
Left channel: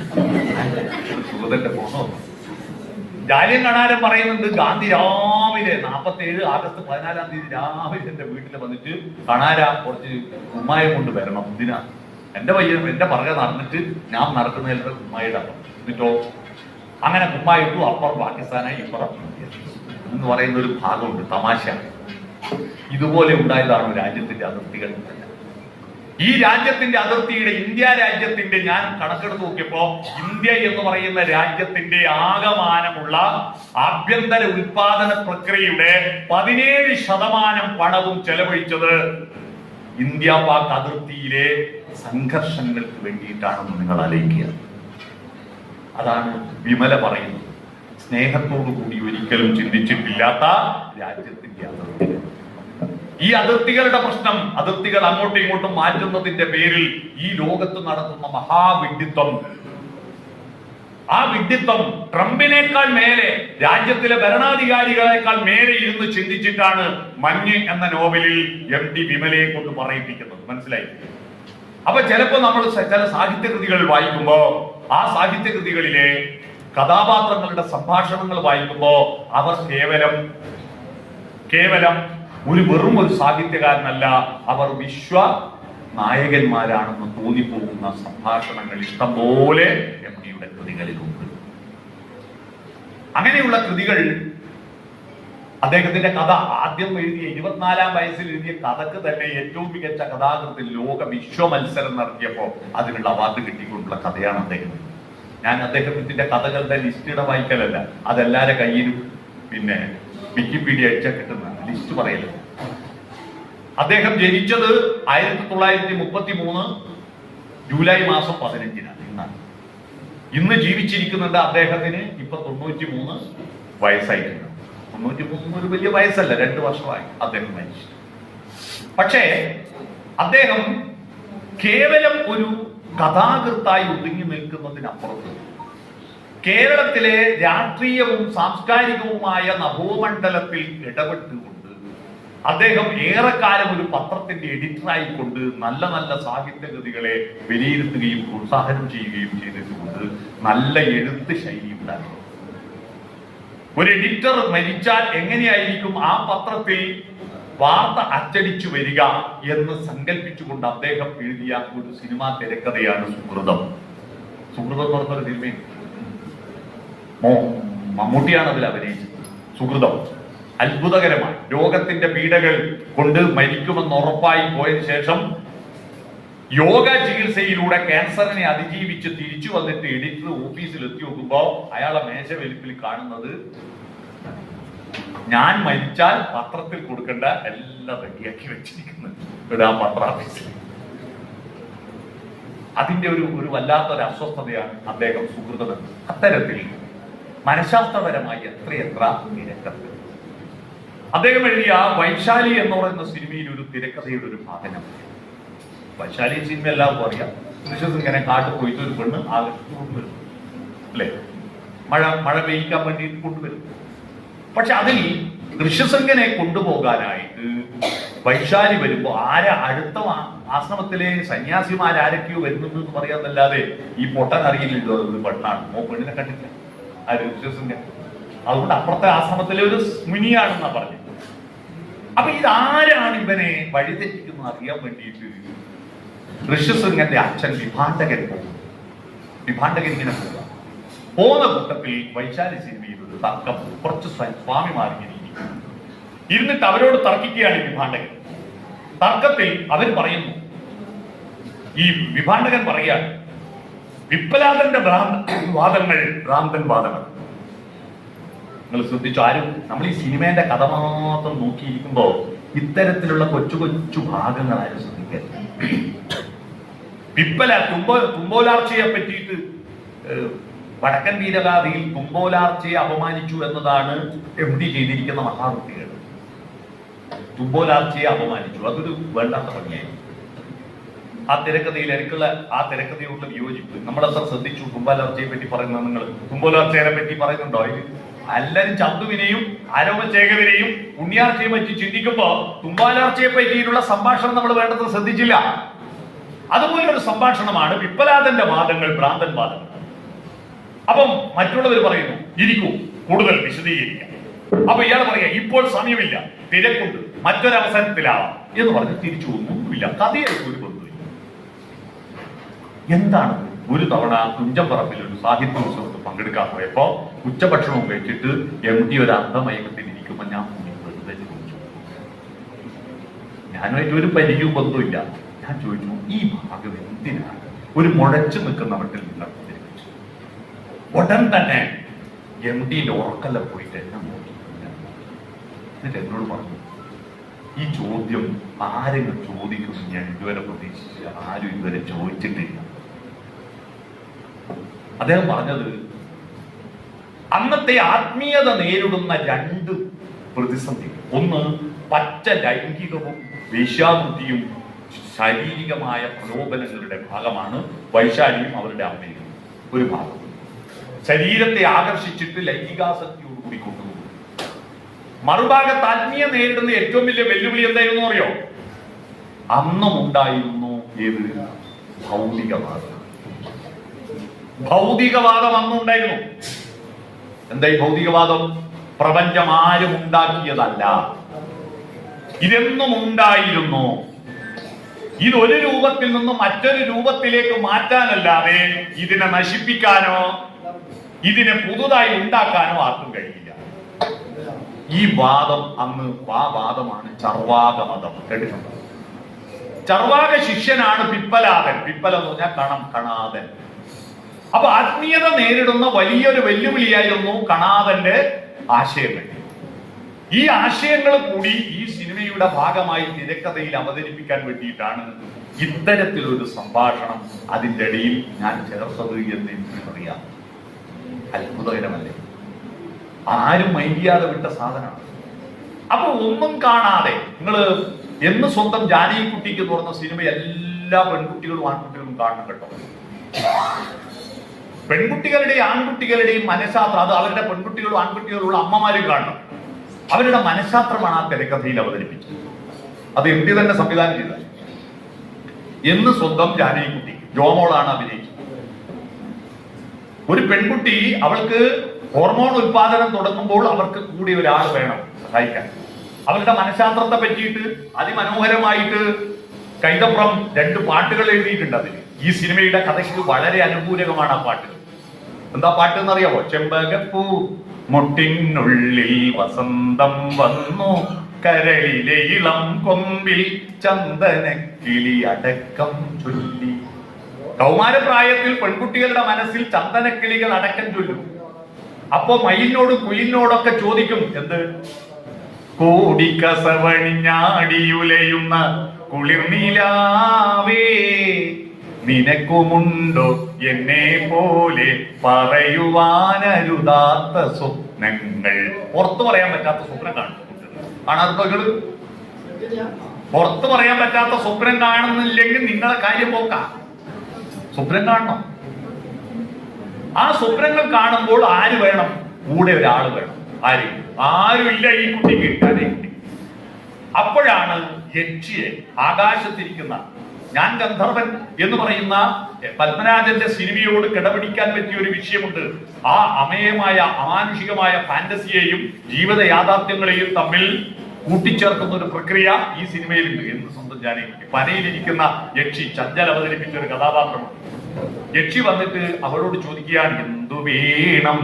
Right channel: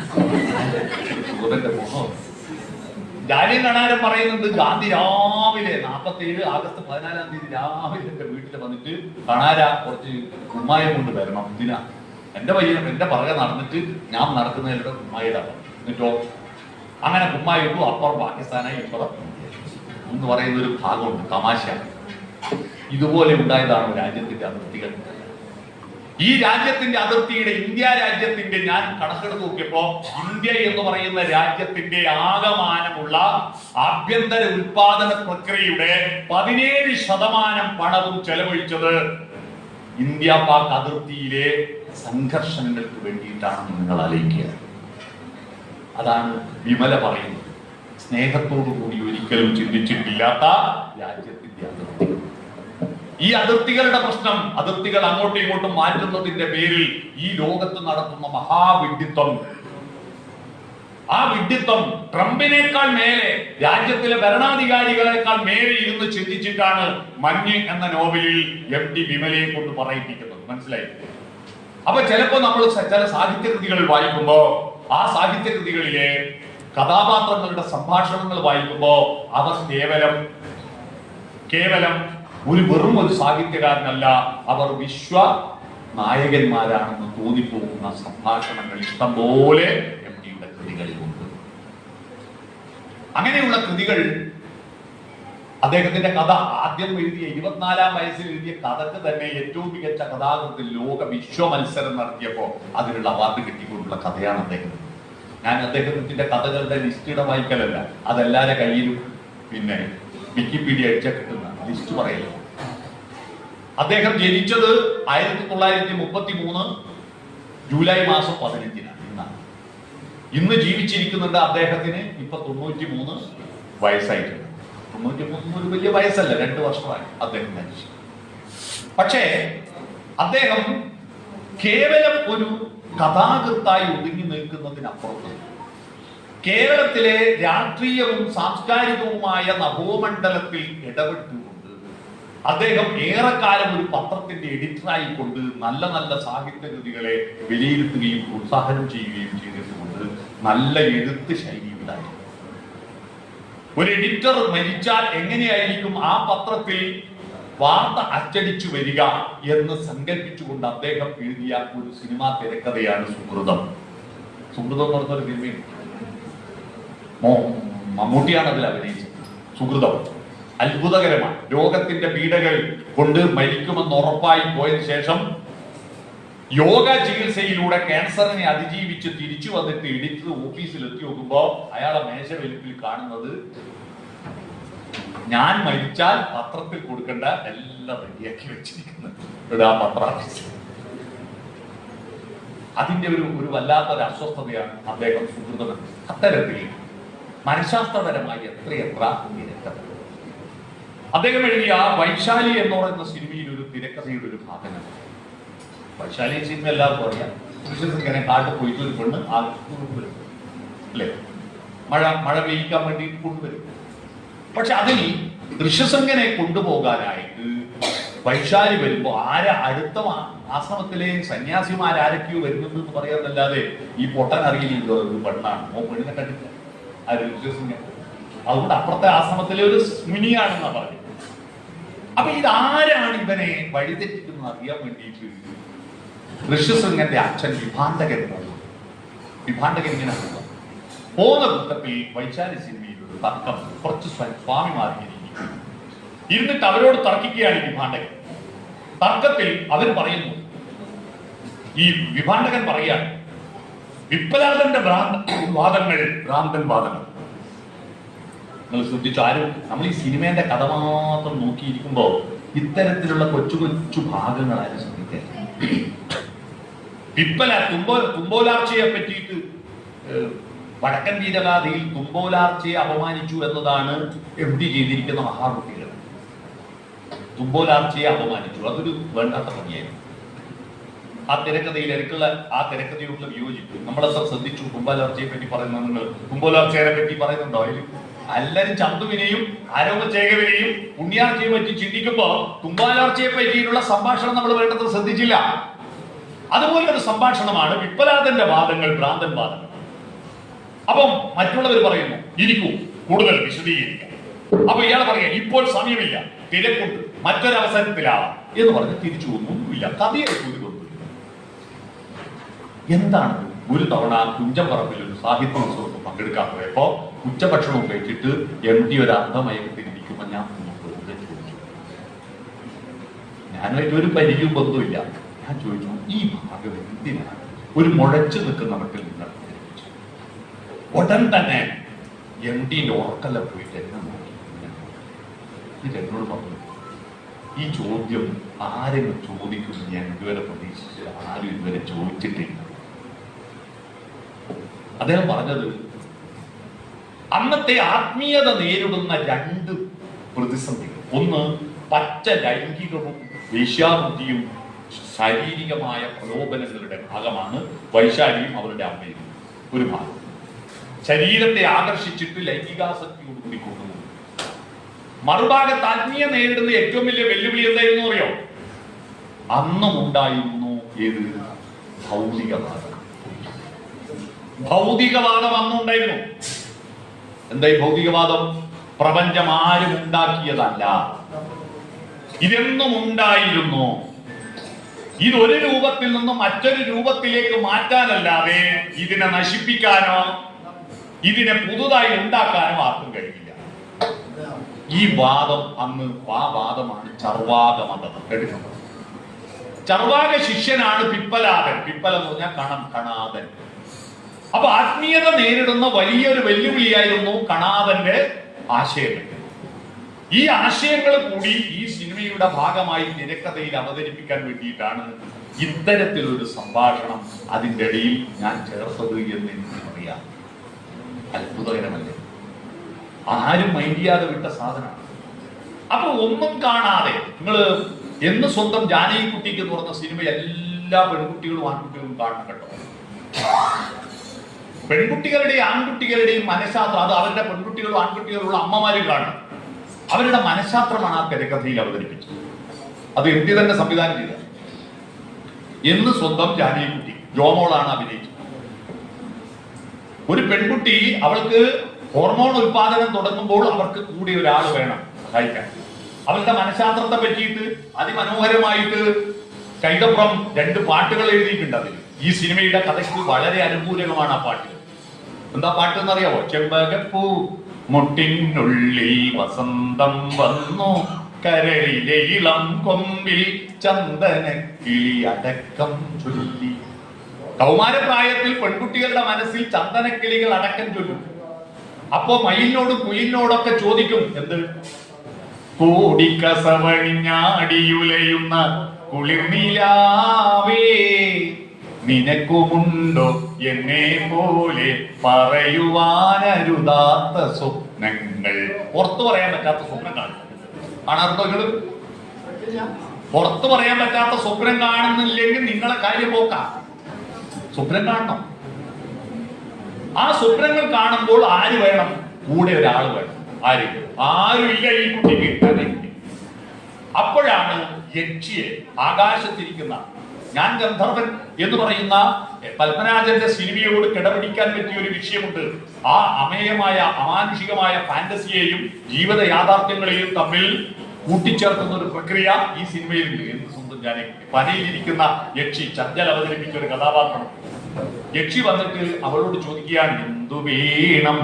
ഒരു സൂതന്റെ പോണോ? ജാലിയൻ കണാരൻ പറയുന്നുണ്ട്, ഗാന്ധി രാവിലെ 47 ആഗസ്റ്റ് 14 രാവിലെ എന്റെ വീട്ടിൽ വന്നിട്ട്, കണാര കുറച്ച് കുമ്മായം കൊണ്ട് വരണം. ഇതിനാ എന്റെ പയ്യൻ എന്റെ പുറകെ നടന്നിട്ട് ഞാൻ നടക്കുന്നതിലൂടെ കുമ്മായിട്ട് എന്നിട്ടോ അങ്ങനെ കുമ്മായിട്ടു. അപ്പുറം പാകിസ്ഥാനായി, ഇപ്പുറം എന്ന് പറയുന്ന ഒരു ഭാഗമുണ്ട്. തമാശ. ഇതുപോലെ ഉണ്ടായതാണ് രാജ്യത്തിന്റെ അതിർത്തികൾ. ഈ രാജ്യത്തിന്റെ അതിർത്തിയുടെ, ഇന്ത്യ രാജ്യത്തിന്റെ ഞാൻ കണക്കെടുത്ത് നോക്കിയപ്പോ ഇന്ത്യ എന്ന് പറയുന്ന രാജ്യത്തിന്റെ ആകമാനമുള്ള ആഭ്യന്തര ഉൽപാദന പ്രക്രിയയുടെ 17% പണവും ചെലവഴിച്ചത് ഇന്ത്യ പാക് അതിർത്തിയിലെ സംഘർഷങ്ങൾക്ക് വേണ്ടിയിട്ടാണെന്ന് നിങ്ങൾ ആലോചിക്കുക. അതാണ് വിമല പറയുന്നത്. സ്നേഹത്തോടു കൂടി ഒരിക്കലും ചിന്തിച്ചിട്ടില്ലാത്ത രാജ്യത്തിന്റെ അതിർത്തി. ഈ അതിർത്തികളുടെ പ്രശ്നം, അതിർത്തികൾ അങ്ങോട്ടും ഇങ്ങോട്ടും മാറ്റുന്നതിന്റെ പേരിൽ ഈ ലോകത്ത് നടത്തുന്ന മഹാവിഡ്ഢിത്വം, ആ വിഡ്ഢിത്വം ട്രംപിനേക്കാൾ മേലെ, രാജ്യത്തിലെ ഭരണാധികാരികളെക്കാൾ മേലെ ഇരുന്ന് ചിന്തിച്ചിട്ടാണ് മഞ്ഞ് എന്ന നോവലിൽ MT വിമലയെ കൊണ്ട് പറയിപ്പിക്കുന്നത്. മനസ്സിലായി? അപ്പൊ ചിലപ്പോ നമ്മൾ ചില സാഹിത്യകൃതികൾ വായിക്കുമ്പോ ആ സാഹിത്യകൃതികളിലെ കഥാപാത്രങ്ങളുടെ സംഭാഷണങ്ങൾ വായിക്കുമ്പോ അവർ കേവലം വെറും ഒരു സാഹിത്യകാരനല്ല, അവർ വിശ്വ നായകന്മാരാണെന്ന് തോന്നിപ്പോകുന്ന സംഭാഷണങ്ങൾ ഇഷ്ടംപോലെ MTയുടെ കൃതികളിലുണ്ട്. അങ്ങനെയുള്ള കൃതികൾ, അദ്ദേഹത്തിന്റെ കഥ ആദ്യം എഴുതിയ 24-ാം വയസ്സിൽ എഴുതിയ കഥക്ക് തന്നെ ഏറ്റവും മികച്ച കഥാകൃത്തിൽ ലോക വിശ്വ മത്സരം നടത്തിയപ്പോ അതിനുള്ള അവാർഡ് കിട്ടിക്കൊണ്ടുള്ള കഥയാണ് അദ്ദേഹം. ഞാൻ അദ്ദേഹത്തിന്റെ കഥകളുടെ ലിസ്റ്റ് വായിക്കലല്ല, അതെല്ലാവരുടെ കയ്യിലും പിന്നെ വിക്കിപീഡിയ അടിച്ചാൽ കിട്ടുന്ന ലിസ്റ്റ് പറയല്ലോ. അദ്ദേഹം ജനിച്ചത് 1933 ജൂലൈ മാസം 15 ഇന്ന് ജീവിച്ചിരിക്കുന്നുണ്ട് അദ്ദേഹത്തിന് ഇപ്പൊ 93 വയസ്സായിട്ടുണ്ട്. 93 ഒരു വലിയ വയസ്സല്ല, 2 വർഷമായി അദ്ദേഹം മരിച്ചു. പക്ഷേ അദ്ദേഹം കേവലം ഒരു കഥാകൃത്തായി ഒതുങ്ങി നിൽക്കുന്നതിനപ്പുറത്ത് കേരളത്തിലെ രാഷ്ട്രീയവും സാംസ്കാരികവുമായ നഭോമണ്ഡലത്തിൽ ഇടപെട്ടുകൊണ്ട് അദ്ദേഹം ഏറെക്കാലം ഒരു പത്രത്തിന്റെ എഡിറ്ററായിക്കൊണ്ട് നല്ല നല്ല സാഹിത്യകൃതികളെ വിലയിരുത്തുകയും പ്രോത്സാഹനം ചെയ്യുകയും ചെയ്തിട്ടുണ്ട്. നല്ല എഴുത്ത് ശൈലി ഉണ്ടായി. ഒരു എഡിറ്റർ മരിച്ചാൽ എങ്ങനെയായിരിക്കും ആ പത്രത്തിൽ വാർത്ത അച്ചടിച്ചു വരിക എന്ന് സങ്കല്പിച്ചുകൊണ്ട് അദ്ദേഹം എഴുതിയ ഒരു സിനിമാ തിരക്കഥയാണ് സുഹൃതം. സുഹൃതം എന്ന് പറഞ്ഞൊരു സിനിമയും മമ്മൂട്ടിയാണ് അതിൽ അഭിനയിച്ചത്. സുഹൃതം അത്ഭുതകരമാണ്. രോഗത്തിന്റെ പീഡകൾ കൊണ്ട് മരിക്കുമെന്ന് ഉറപ്പായി പോയതിനു ശേഷം യോഗ ചികിത്സയിലൂടെ ക്യാൻസറിനെ അതിജീവിച്ച് തിരിച്ചു വന്നിട്ട് എഡിറ്റർ ഓഫീസിൽ എത്തി നോക്കുമ്പോ അയാളെ മേശവലിപ്പിൽ കാണുന്നത് ഞാൻ മരിച്ചാൽ പത്രത്തിൽ കൊടുക്കേണ്ട എല്ലാം റെഡിയാക്കി വെച്ചിരിക്കുന്നത് ആ പത്ര ഓഫീസിൽ. അതിന്റെ ഒരു വല്ലാത്തൊരു അസ്വസ്ഥതയാണ് അദ്ദേഹം സുഹൃതം. അത്തരത്തിൽ മനഃശാസ്ത്രപരമായി എത്രയെത്ര തിരക്കഥ അദ്ദേഹം എഴുതിയ വൈശാലി എന്ന് പറയുന്ന സിനിമയിൽ ഒരു തിരക്കഥയുടെ ഒരു ഭാഗം. വൈശാലി സിനിമ എല്ലാവർക്കും അറിയാം. ഇങ്ങനെ കാട്ടിൽ പോയിട്ട് ഒരു പെണ്ണ് ആകർഷിച്ച് കൊണ്ടുവരും അല്ലെ, മഴ പെയ്യിക്കാൻ വേണ്ടി കൊണ്ടുവരും. പക്ഷെ അതിൽ ഋഷ്യശൃംഖനെ കൊണ്ടുപോകാനായിട്ട് വൈശാലി വരുമ്പോ അടുത്ത ആശ്രമത്തിലെ സന്യാസിമാരൊക്കെയോ വരുന്നുണ്ട് എന്ന് പറയാന്നല്ലാതെ ഈ പൊട്ടൻ അറിയില്ലല്ലോ ഒരു പെണ്ണാണ്. പെണ്ണിനെ കണ്ടില്ല ആ ഋഷ്യശൃംഖൻ. അതുകൊണ്ട് അപ്പുറത്തെ ആശ്രമത്തിലെ ഒരു മുനിയാണെന്നാ പറഞ്ഞത്. അപ്പൊ ഇതാരാണ് ഇവനെ വഴിതെറ്റിക്കുന്നത് അറിയാൻ വേണ്ടിയിട്ട് ഋഷ്യശൃംഖന്റെ അച്ഛൻ വിഭാണ്ഡകൻ പോകും. വിഭാണ്ഡകൻ ഇങ്ങനെ പോകുന്ന കൂട്ടത്തിൽ വൈശാലി സിനിമയിൽ ഒരു തർക്കം. കുറച്ച് സ്വാമിമാർ ഇരുന്നിട്ട് അവരോട് തർക്കിക്കുകയാണ് വിഭാണ്ഡകൻ. തർക്കത്തിൽ അവർ പറയുന്നു, ഈ വിഭാണ്ഡകൻ പറയാണ് വിപ്ലവാദന്റെ വാദങ്ങൾ ഭ്രാന്തൻ വാദങ്ങൾ. നിങ്ങൾ ശ്രദ്ധിച്ചു, ആരും നമ്മൾ ഈ സിനിമേന്റെ കഥ മാത്രം നോക്കിയിരിക്കുമ്പോ ഇത്തരത്തിലുള്ള കൊച്ചു കൊച്ചു ഭാഗങ്ങൾ ആരും ശ്രദ്ധിക്കാൻ. തുമ്പോലാർച്ചയെ പറ്റിയിട്ട് വടക്കൻ വീരഗാഥയിൽ തുമ്പോലാർച്ചയെ അപമാനിച്ചു എന്നതാണ് MD ചെയ്തിരിക്കുന്ന മഹാവൃത്തികൾ. തുമ്പോലാർച്ചയെ അപമാനിച്ചു, അതൊരു വേണ്ടാത്ത പണിയായിരുന്നു. ആ തിരക്കഥയിൽ എനിക്കുള്ള ആ തിരക്കഥയുള്ള വിയോജിപ്പ് നമ്മളെത്ര ശ്രദ്ധിച്ചു. തുമ്പോലാർച്ചയെ പറ്റി പറയുന്നത് നിങ്ങൾ തുമ്പോലാർച്ചയെ പറ്റി പറയുന്നുണ്ടോ? എല്ലാരും ചന്തുവിനെയും ആരോപചേകവിനെയും പുണ്യാർച്ചയെ പറ്റി ചിന്തിക്കുമ്പോ തുമ്പാലാർച്ചയെ പറ്റിയിട്ടുള്ള സംഭാഷണം നമ്മൾ വേണ്ടത് ശ്രദ്ധിച്ചില്ല. അതുപോലെ ഒരു സംഭാഷണമാണ് വിപ്ലവാദന്റെ വാദങ്ങൾ ഭ്രാന്തൻ വാദങ്ങൾ. അപ്പം മറ്റുള്ളവർ പറയുന്നു ഇരിക്കൂ കൂടുതൽ വിശദീകരിക്കാം. അപ്പൊ ഇയാൾ പറയാ ഇപ്പോൾ സമയമില്ല, തിരക്കുണ്ട്, മറ്റൊരവസരത്തിലാവാം എന്ന് പറഞ്ഞ് തിരിച്ചു ഒന്നുമില്ല. കഥയായിട്ട് ഒരു ബന്ധമില്ല. എന്താണ്? ഒരു തവണ തുഞ്ചംപറമ്പിൽ ഒരു സാഹിത്യോത്സവത്തിൽ പങ്കെടുക്കാൻ പോയപ്പോ ഉച്ചഭക്ഷണം ഉപയോഗിച്ചിട്ട് MD ഒരു അർദ്ധമയക്കത്തിൽ ഇരിക്കുമ്പോ ഞാൻ വെറുതെ ചോദിച്ചു. ഞാനുമായിട്ട് ഒരു പരിചയവും ബന്ധമില്ല. ഞാൻ ചോദിച്ചു, ഈ ഭാഗം എന്തിനാണ് ഒരു മുഴച്ചു നിൽക്കുന്ന മട്ടിൽ നിങ്ങൾ അവതരിപ്പിച്ചു? ഉടൻ തന്നെ MDന്റെ ഉറക്കല്ല പോയിട്ട് എന്നെ നോക്കി. എന്നിട്ട് എന്നോട് പറഞ്ഞു, ഈ ചോദ്യം ആരെങ്കിലും ചോദിക്കും ഞാൻ ഇതുവരെ പ്രതീക്ഷിച്ച് ആരും ഇതുവരെ ചോദിച്ചിട്ടില്ല. അദ്ദേഹം പറഞ്ഞത് അന്നത്തെ ആത്മീയത നേരിടുന്ന രണ്ട് പ്രതിസന്ധികൾ. ഒന്ന്, പച്ച ലൈംഗികവും വേശ്യാവൃത്തിയും ശാരീരികമായ പ്രലോഭനങ്ങളുടെ ഭാഗമാണ് വൈശാലിയും അവരുടെ അമ്മയും. ഒരു ഭാഗം ശരീരത്തെ ആകർഷിച്ചിട്ട് ലൈംഗികാസക്തിയോടുകൂടി കൊണ്ടുപോകും. മറുഭാഗത്ത് ആത്മീയ നേരിടുന്ന ഏറ്റവും വലിയ വെല്ലുവിളി എന്തായിരുന്നു അറിയോ? അന്നും ഉണ്ടായിരുന്നു ഏത്? ഭൗതികവാദം. ഭൗതികവാദം അന്നുണ്ടായിരുന്നു. എന്താ ഈ ഭൗതികവാദം? പ്രപഞ്ചം ആരും ഉണ്ടാക്കിയതല്ല, ഇതെന്നും ഉണ്ടായിരുന്നു. ഇതൊരു രൂപത്തിൽ നിന്നും മറ്റൊരു രൂപത്തിലേക്ക് മാറ്റാനല്ലാതെ ഇതിനെ നശിപ്പിക്കാനോ ഇതിനെ പുതുതായി ഉണ്ടാക്കാനോ ആർക്കും കഴിയില്ല. ഈ വാദം അന്ന് ആ വാദമാണ് ചർവാക മതം. കേട്ടിട്ടുണ്ടോ? ചർവാക ശിഷ്യനാണ് പിപ്പലാദൻ. പിപ്പല എന്ന് പറഞ്ഞാൽ കണാദൻ. അപ്പൊ ആത്മീയത നേരിടുന്ന വലിയൊരു വെല്ലുവിളിയായിരുന്നു കണാദന്റെ ആശയങ്ങൾ. ഈ ആശയങ്ങൾ കൂടി ഈ സിനിമയുടെ ഭാഗമായി തിരക്കഥയിൽ അവതരിപ്പിക്കാൻ വേണ്ടിയിട്ടാണ് ഇത്തരത്തിലൊരു സംഭാഷണം അതിൻ്റെ ഇടയിൽ ഞാൻ ചേർത്തത് എന്ന് എനിക്ക് പറയാം. അത്ഭുതകരമല്ലേ? ആരും മൈൻഡ് ചെയ്യാതെ വിട്ട സാധനമാണ്. അപ്പൊ ഒന്നും കാണാതെ നിങ്ങൾ എന്ന് സ്വന്തം ജാനകിക്കുട്ടിക്ക് തുറന്ന സിനിമ എല്ലാ പെൺകുട്ടികളും ആൺകുട്ടികളും കാണണം കേട്ടോ. പെൺകുട്ടികളുടെയും ആൺകുട്ടികളുടെയും മനഃശാസ്ത്രം അത് അവരുടെ പെൺകുട്ടികളും ആൺകുട്ടികളുള്ള അമ്മമാരും കാണണം. അവരുടെ മനഃശാസ്ത്രമാണ് ആ തിരക്കഥയിൽ അവതരിപ്പിച്ചത്. അത് എം ടി തന്നെ സംവിധാനം ചെയ്തത്. എന്ന് സ്വന്തം ജാനകിക്കുട്ടി ജോമോളാണ് അഭിനയിച്ചത്. ഒരു പെൺകുട്ടി, അവൾക്ക് ഹോർമോൺ ഉൽപാദനം തുടങ്ങുമ്പോൾ അവർക്ക് കൂടി ഒരാൾ വേണം സഹായിക്കാൻ. അവരുടെ മനഃശാസ്ത്രത്തെ പറ്റിയിട്ട് അതിമനോഹരമായിട്ട് കൈതപ്രം 2 പാട്ടുകൾ എഴുതിയിട്ടുണ്ട്. അതിൽ ഈ സിനിമയുടെ കഥയ്ക്ക് വളരെ അനുകൂലകമാണ് ആ പാട്ടുകൾ. എന്താ പാട്ട് എന്നറിയാവോ? ചെമ്പകപ്പൂ മുട്ടിനുള്ളിൽ വസന്തം വന്നു, കരളിലെ ഇളം കൊമ്പിൽ ചന്ദനക്കിളി അടക്കം ചൊല്ലി. കൗമാരപ്രായത്തിൽ പെൺകുട്ടികളുടെ മനസ്സിൽ ചന്ദനക്കിളികൾ അടക്കം ചൊല്ലും. അപ്പോ മയിലിനോടും കുയിലിനോടൊക്കെ ചോദിക്കും, എന്ത്? കോടിക്കസവണിഞ്ഞാടിയുലയുന്ന കുളിർനിലാവേ, നിനക്കുമുണ്ടോ എന്നെ പോലെ പറയുവാനരുതാത്ത സ്വപ്നങ്ങൾ? പുറത്തു പറയാൻ പറ്റാത്ത സ്വപ്നം കാണാറുണ്ടോ നിങ്ങൾ? പുറത്തു പറയാൻ പറ്റാത്ത സ്വപ്നം കാണുന്നില്ലെങ്കിൽ നിങ്ങളെ കാര്യം പോക്കാം. സ്വപ്നം കാണണം. ആ സ്വപ്നങ്ങൾ കാണുമ്പോൾ ആര് വേണം? കൂടെ ഒരാൾ വേണം. ആരുമില്ല ഈ കുട്ടിക്ക്, അതേ കുട്ടി. അപ്പോഴാണ് യക്ഷിയെ ആകാശത്തിരിക്കുന്ന ഞാൻ ഗന്ധർവൻ എന്ന് പറയുന്ന പത്മരാജന്റെ സിനിമയോട് കിടപിടിക്കാൻ പറ്റിയ ഒരു വിഷയമുണ്ട്. ആ അമേയമായ അമാനുഷികമായ ഫാന്റസിയെയും ജീവിത യാഥാർത്ഥ്യങ്ങളെയും തമ്മിൽ കൂട്ടിച്ചേർക്കുന്ന ഒരു പ്രക്രിയ ഈ സിനിമയിലുണ്ട്. എന്ന് സ്വന്തം ജാനകിക്കുട്ടി പനയിലിരിക്കുന്ന യക്ഷി ചഞ്ചൽ അവതരിപ്പിച്ച ഒരു കഥാപാത്രമാണ്. യക്ഷി വന്നിട്ട് അവളോട് ചോദിക്കുകയാണ്, എന്തു വേണം?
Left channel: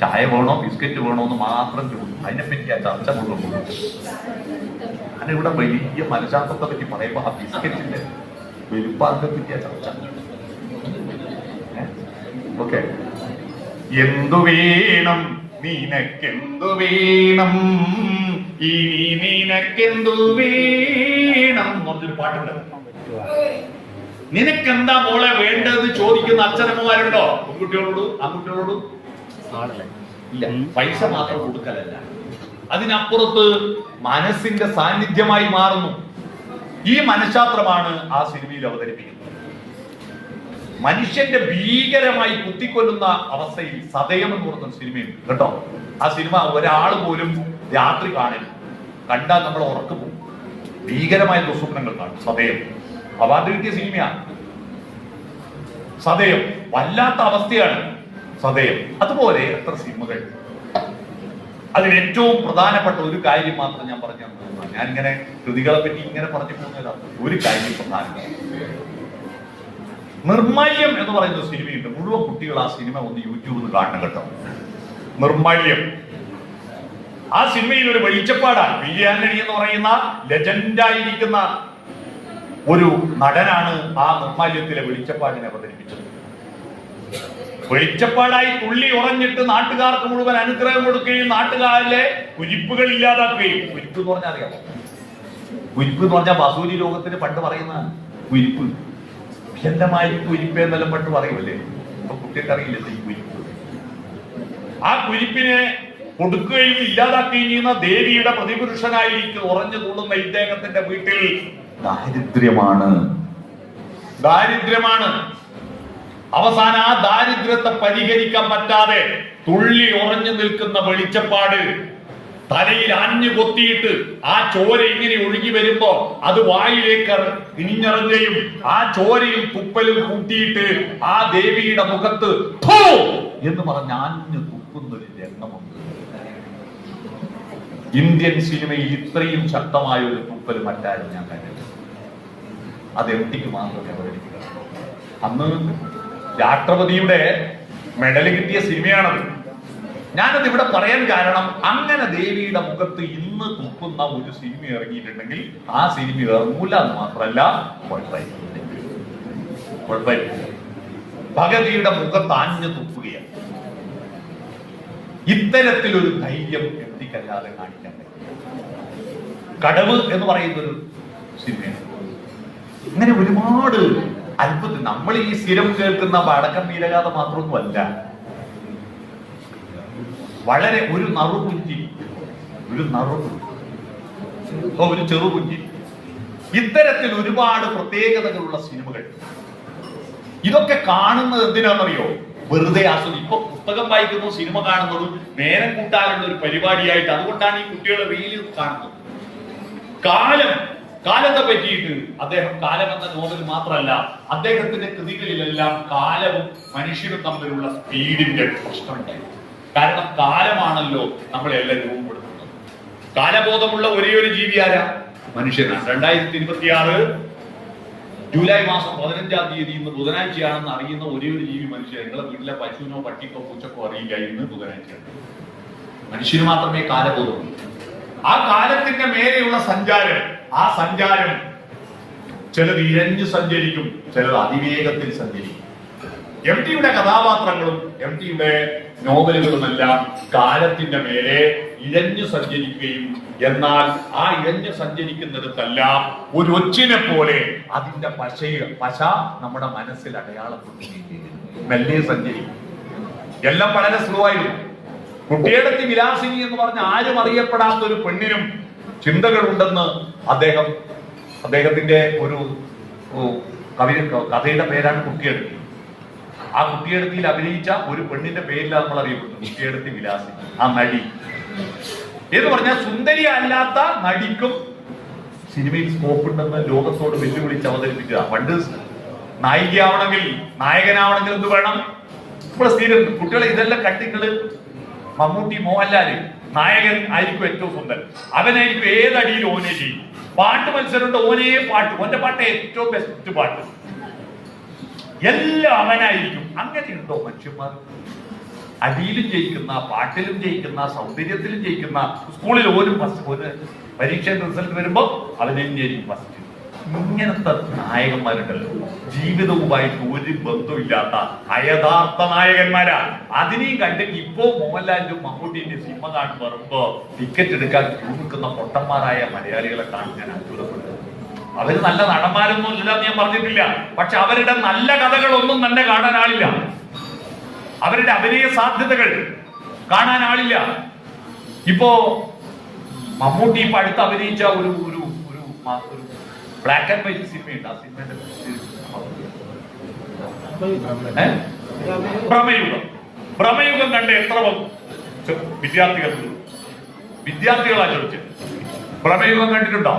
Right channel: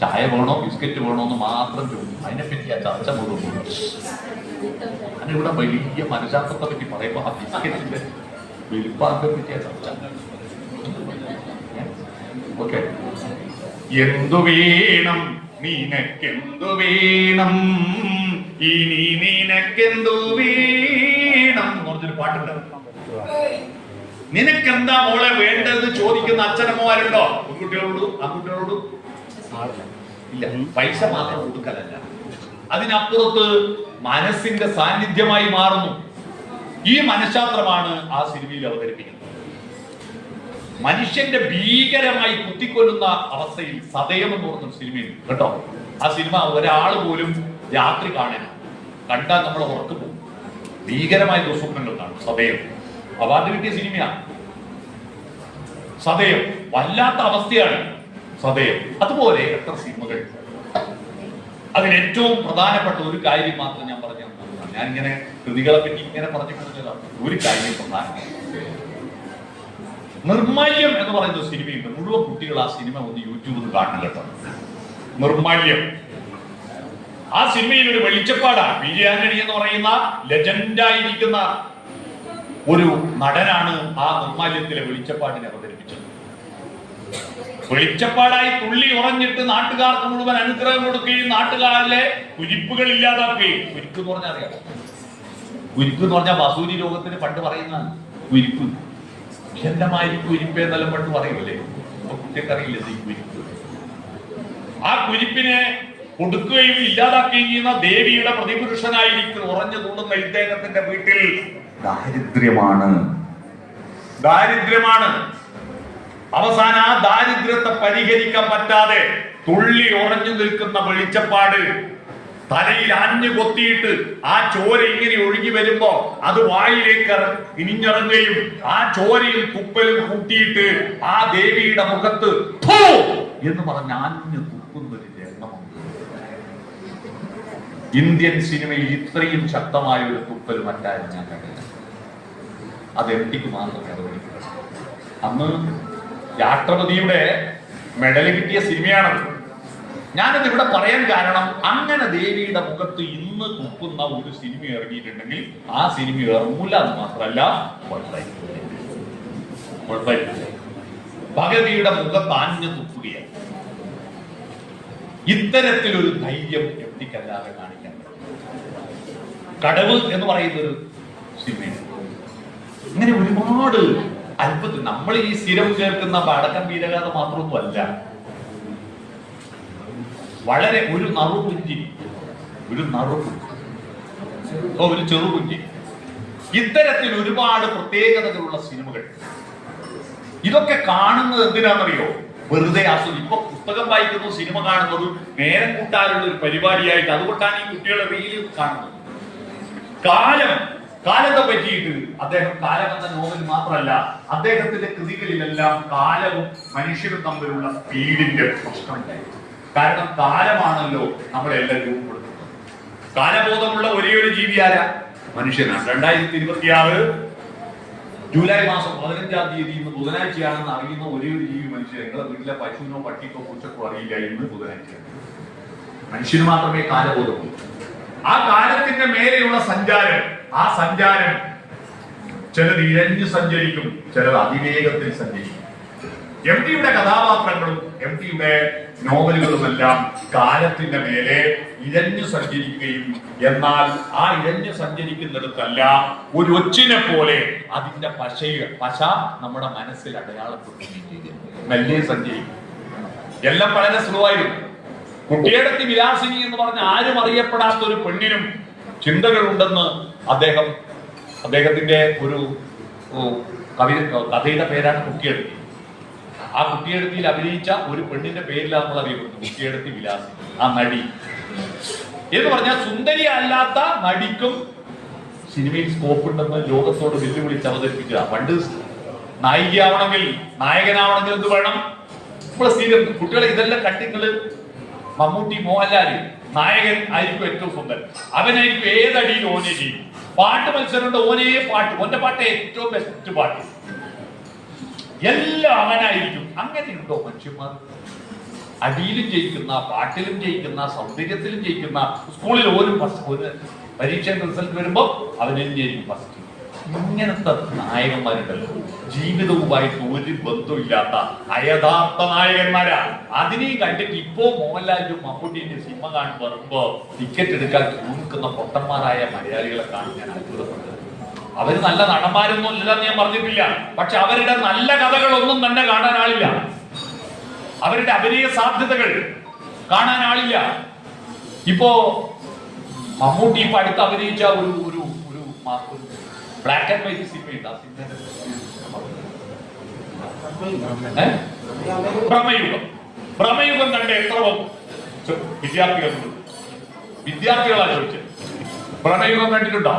ചായ വേണോ ബിസ്ക്കറ്റ് വേണോ എന്ന് മാത്രം ചോദിക്കും. അതിനെപ്പറ്റി ആ ചർച്ച മുഴുവൻ. ഞാനിവിടെ വലിയ മനഃശാസ്ത്രത്തെ പറ്റി പറയുമ്പോ ആ ബിസ്ക്കറ്റിന്റെ വലുപ്പാറിനെ പറ്റി ആ ചർച്ച. ഓക്കെ, എന്തു വേണം നിനക്കെന്തു വേണം, ഇനി നിനക്കെന്തു വേണം എന്ന് പറഞ്ഞൊരു പാട്ടുണ്ട്. നിനക്കെന്താ മോളെ വേണ്ടത് ചോദിക്കുന്ന അച്ഛനമ്മമാരുണ്ടോ? പെൺകുട്ടികളോടും ആൺകുട്ടികളോടും ഇല്ല. പൈസ മാത്രം കൊടുക്കലല്ല, അതിനപ്പുറത്ത് മനസ്സിന്റെ സാന്നിധ്യമായി മാറുന്നു. ഈ മനഃശാസ്ത്രമാണ് ആ സിനിമയിൽ അവതരിപ്പിക്കുന്നത്. മനുഷ്യന്റെ ഭീകരമായി കുത്തിക്കൊല്ലുന്ന അവസ്ഥയിൽ സതയം എന്ന് പറഞ്ഞൊരു സിനിമയുണ്ട് കേട്ടോ. ആ സിനിമ ഒരാൾ പോലും രാത്രി കണ്ടാൽ നമ്മൾ ഉറക്കു പോകും. ഭീകരമായ ദുസ്വപ്നങ്ങൾ കാണും. സതയം അവാർഡ് കിട്ടിയ സിനിമയാണ്. സതയം വല്ലാത്ത അവസ്ഥയാണ് സതയം. അതുപോലെ എത്ര സിനിമകൾ. അതിൽ ഏറ്റവും പ്രധാനപ്പെട്ട ഒരു കാര്യം മാത്രം ഞാൻ പറഞ്ഞു. ഞാനിങ്ങനെ കൃതികളെ പറ്റി ഇങ്ങനെ പറഞ്ഞു പോകുന്നതാണ്. ഒരു കാര്യം പ്രധാനം, നിർമ്മല്യം എന്ന് പറയുന്ന സിനിമയുണ്ട്. മുഴുവൻ കുട്ടികൾ ആ സിനിമ ഒന്ന് യൂട്യൂബിൽ കാണണം കേട്ടോ. നിർമ്മല്യം. ആ സിനിമയിൽ ഒരു വെളിച്ചപ്പാടാണ്. പി ആന്റണി എന്ന് പറയുന്ന ലെജൻഡായിരിക്കുന്ന ഒരു നടനാണ് ആ നിർമ്മല്യത്തിലെ വെളിച്ചപ്പാടിനെ അവതരിപ്പിച്ചത്. വെളിച്ചപ്പാടായി തുള്ളി ഉറഞ്ഞിട്ട് നാട്ടുകാർക്ക് മുഴുവൻ അനുഗ്രഹം കൊടുക്കുകയും നാട്ടുകാരിലെ കുരിപ്പുകൾ ഇല്ലാതാക്കുകയും. കുരിപ്പ് എന്ന് പറഞ്ഞാൽ അറിയാമോ? കുരിപ്പ് എന്ന് പറഞ്ഞാൽ വസൂരി രോഗത്തിന് പണ്ട് പറയുന്നതാണ് കുരിപ്പ്. വിഷന്തമായി കുരിപ്പ് എന്നെല്ലാം പണ്ട് പറയുമല്ലേ? അപ്പൊ കുട്ടികൾക്ക് അറിയില്ല ഈ കുരിപ്പ്. ആ കുരിപ്പിനെ കൊടുക്കുകയും ഇല്ലാതാക്കുകയും ചെയ്യുന്ന ദേവിയുടെ പ്രതിപുരുഷനായിരിക്കും ഉറഞ്ഞു തുള്ളുന്ന ഇദ്ദേഹത്തിന്റെ വീട്ടിൽ ദാരിദ്ര്യമാണ്. അവസാനം ആ ദാരിദ്ര്യത്തെ പരിഹരിക്കാൻ പറ്റാതെ തുള്ളി ഉറഞ്ഞു നിൽക്കുന്ന വെളിച്ചപ്പാട് തലയിൽ അഞ്ഞു കൊത്തിയിട്ട് ആ ചോര ഇങ്ങനെ ഒഴുകി വരുമ്പോ അത് വായിലേക്ക് ഇനിഞ്ഞിറങ്ങുകയും ആ ചോരയും തുപ്പലും കൂട്ടിയിട്ട് ആ ദേവിയുടെ മുഖത്ത് എന്ന് പറഞ്ഞ് അഞ്ഞു തുപ്പുന്നൊരു രംഗമുണ്ട്. ഇന്ത്യൻ സിനിമയിൽ ഇത്രയും ശക്തമായ ഒരു തുപ്പൽ മറ്റാരും ഞാൻ കണ്ടില്ല. അത് എട്ടിക്ക് മാത്രമേ അവതരിക്കുന്നത്. അന്ന് രാഷ്ട്രപതിയുടെ മെഡൽ കിട്ടിയ സിനിമയാണത്. ഞാനത് ഇവിടെ പറയാൻ കാരണം, അങ്ങനെ ദേവിയുടെ മുഖത്ത് ഇന്ന് തുപ്പുന്ന ഒരു സിനിമ ഇറങ്ങിയിട്ടുണ്ടെങ്കിൽ ആ സിനിമ ഇറങ്ങൂല എന്ന് മാത്രമല്ല കുഴപ്പമില്ല. ഭഗതിയുടെ മുഖത്ത് ആഞ്ഞു തുപ്പുകയാണ്. ഇത്തരത്തിലൊരു ധൈര്യം എത്തിക്കല്ലാതെ കാണിക്കാൻ പറ്റും. കടവ് എന്ന് പറയുന്നൊരു സിനിമയാണ്. ഇങ്ങനെ ഒരുപാട് അത്ഭുതം. നമ്മൾ ഈ സ്ഥിരം കേൾക്കുന്ന വടക്കൻ വീരഗാഥ മാത്രമൊന്നുമല്ല. വളരെ ഒരു നറുപുഞ്ചി, ഒരു ചെറുപുഞ്ചി, ഇത്തരത്തിൽ ഒരുപാട് പ്രത്യേകതകളുള്ള സിനിമകൾ. ഇതൊക്കെ കാണുന്നത് എന്തിനാണെന്നറിയോ? വെറുതെ ഇപ്പൊ പുസ്തകം വായിക്കുന്നു, സിനിമ കാണുന്നതും നേരം കൂട്ടാനുള്ള ഒരു പരിപാടിയായിട്ട്, അതുകൊണ്ടാണ് ഈ കുട്ടികളെ റീല് കാണുന്നത്. കാലത്തെ പറ്റിയിട്ട് അദ്ദേഹം കാലം എന്ന നോവൽ മാത്രമല്ല, അദ്ദേഹത്തിന്റെ കൃതികളിലെല്ലാം കാലവും മനുഷ്യരും തമ്മിലുള്ള സ്പീഡിന്റെ പ്രശ്നമുണ്ടായി. കാരണം കാലമാണല്ലോ നമ്മളെല്ലാം രൂപപ്പെടുത്തുന്നത്. കാലബോധമുള്ള ഒരേ ഒരു ജീവി ആരാ? മനുഷ്യനാണ്. 2026 ജൂലൈ മാസം 15-ാം തീയതി ഇന്ന് ബുധനാഴ്ചയാണെന്ന് അറിയുന്ന ഒരേ ഒരു ജീവി മനുഷ്യൻ. നിങ്ങളെ വീട്ടിലെ പശുവിനോ പട്ടിക്കോ പൂച്ചക്കോ അറിയില്ല ഇന്ന് ബുധനാഴ്ചയാണ്. മനുഷ്യന് മാത്രമേ കാലബോധമുള്ളൂ. ആ കാലത്തിന്റെ മേലെയുള്ള സഞ്ചാരം, ആ സഞ്ചാരം ചിലത് ഇഴഞ്ഞു സഞ്ചരിക്കും, ചിലത് അതിവേഗത്തിൽ സഞ്ചരിക്കും. എം.ടിയുടെ കഥാപാത്രങ്ങളും എം.ടിയുടെ നോവലുകളുമെല്ലാം കാലത്തിന്റെ മേലെ ഇഴഞ്ഞു സഞ്ചരിക്കുകയും, എന്നാൽ ആ ഇഴഞ്ഞു സഞ്ചരിക്കുന്നിടത്തല്ല ഒരു ഒച്ചിനെ പോലെ അതിന്റെ പശ നമ്മുടെ മനസ്സിൽ അടയാളപ്പെടുകയും ചെയ്തിരുന്നു. മെല്ലെ സഞ്ചരിക്കും. എല്ലാം വളരെ സ്ലോ ആയിരുന്നു. കുട്ടിയെടുത്തി വിലാസിനി എന്ന് പറഞ്ഞ ആരും അറിയപ്പെടാത്ത ഒരു പെണ്ണിനും ചിന്തകളുണ്ടെന്ന് അദ്ദേഹത്തിന്റെ ഒരു കഥയുടെ പേരാണ് കുട്ടിയെടുത്തി. ആ കുട്ടിയെടുത്തിയിൽ അഭിനയിച്ച ഒരു പെണ്ണിന്റെ പേരിലാണ് നമ്മൾ അറിയപ്പെട്ടു, കുട്ടിയെടുത്തി വിലാസിനി. ആ നടി എന്ന് പറഞ്ഞാൽ സുന്ദരി അല്ലാത്ത നടിക്കും സിനിമയിൽ സ്കോപ്പ് ഉണ്ടെന്ന് ലോകത്തോട് വെല്ലുവിളിച്ച് അവതരിപ്പിക്കുക. പണ്ട് നായികയാവണമെങ്കിൽ, നായകനാവണമെങ്കിൽ എന്ത് വേണം? ഇപ്പോൾ സ്ഥിരം കുട്ടികളെ ഇതെല്ലാം കണ്ടിങ്ങള് മമ്മൂട്ടി, മോഹൻലാല് നായകൻ ആയിരിക്കും ഏറ്റവും സുന്ദരൻ. അവനായിരിക്കും ഏതടിയിൽ ഓനെ ചെയ്യും. പാട്ട് മത്സരമുണ്ട്, ഓനേ പാട്ട്, ഓന്റെ പാട്ട് ഏറ്റവും ബെസ്റ്റ് പാട്ട്, എല്ലാം അവനായിരിക്കും. അങ്ങനെയുണ്ടോ മനുഷ്യന്മാർ? അടിയിലും ജയിക്കുന്ന, പാട്ടിലും ജയിക്കുന്ന, സൗന്ദര്യത്തിലും ജയിക്കുന്ന, സ്കൂളിൽ ഒരു പരീക്ഷ റിസൾട്ട് വരുമ്പോ അതിനും ജയിക്കും ഫസ്റ്റ്. ഇങ്ങനത്തെ നായകന്മാരുണ്ടല്ലോ, ജീവിതവുമായിട്ട് ഒരു ബന്ധമില്ലാത്ത അയഥാർത്ഥ നായകന്മാരാ. അതിനെയും കണ്ടിട്ട് ഇപ്പോ മോഹൻലാലിന്റെയും മമ്മൂട്ടിന്റെയും സിനിമ കാണുമ്പോൾ വരുമ്പോ ടിക്കറ്റ് എടുക്കാൻ ക്യൂ നിൽക്കുന്ന പൊട്ടന്മാരായ മലയാളികളെ കാണാൻ ഞാൻ അത്ഭുതപ്പെട്ടത്. അവര് നല്ല നടന്മാരൊന്നും ഇല്ലെന്ന് ഞാൻ പറഞ്ഞിട്ടില്ല, പക്ഷെ അവരുടെ നല്ല കഥകളൊന്നും തന്നെ കാണാൻ ആളില്ല. അവരുടെ അഭിനയ സാധ്യതകൾ കാണാൻ ആളില്ല. ഇപ്പോ മമ്മൂട്ടി ഇപ്പൊ അടുത്ത് അഭിനയിച്ച ഒരു ബ്ലാക്ക് ആൻഡ് വൈറ്റ് സിനിമയുണ്ട്. ആ സിനിമയുടെ ഭ്രമയുഗം കണ്ട് എത്ര വിദ്യാർത്ഥികളാ ചോദിച്ചത്? ഭ്രമയുഗം കണ്ടിട്ടുണ്ടോ?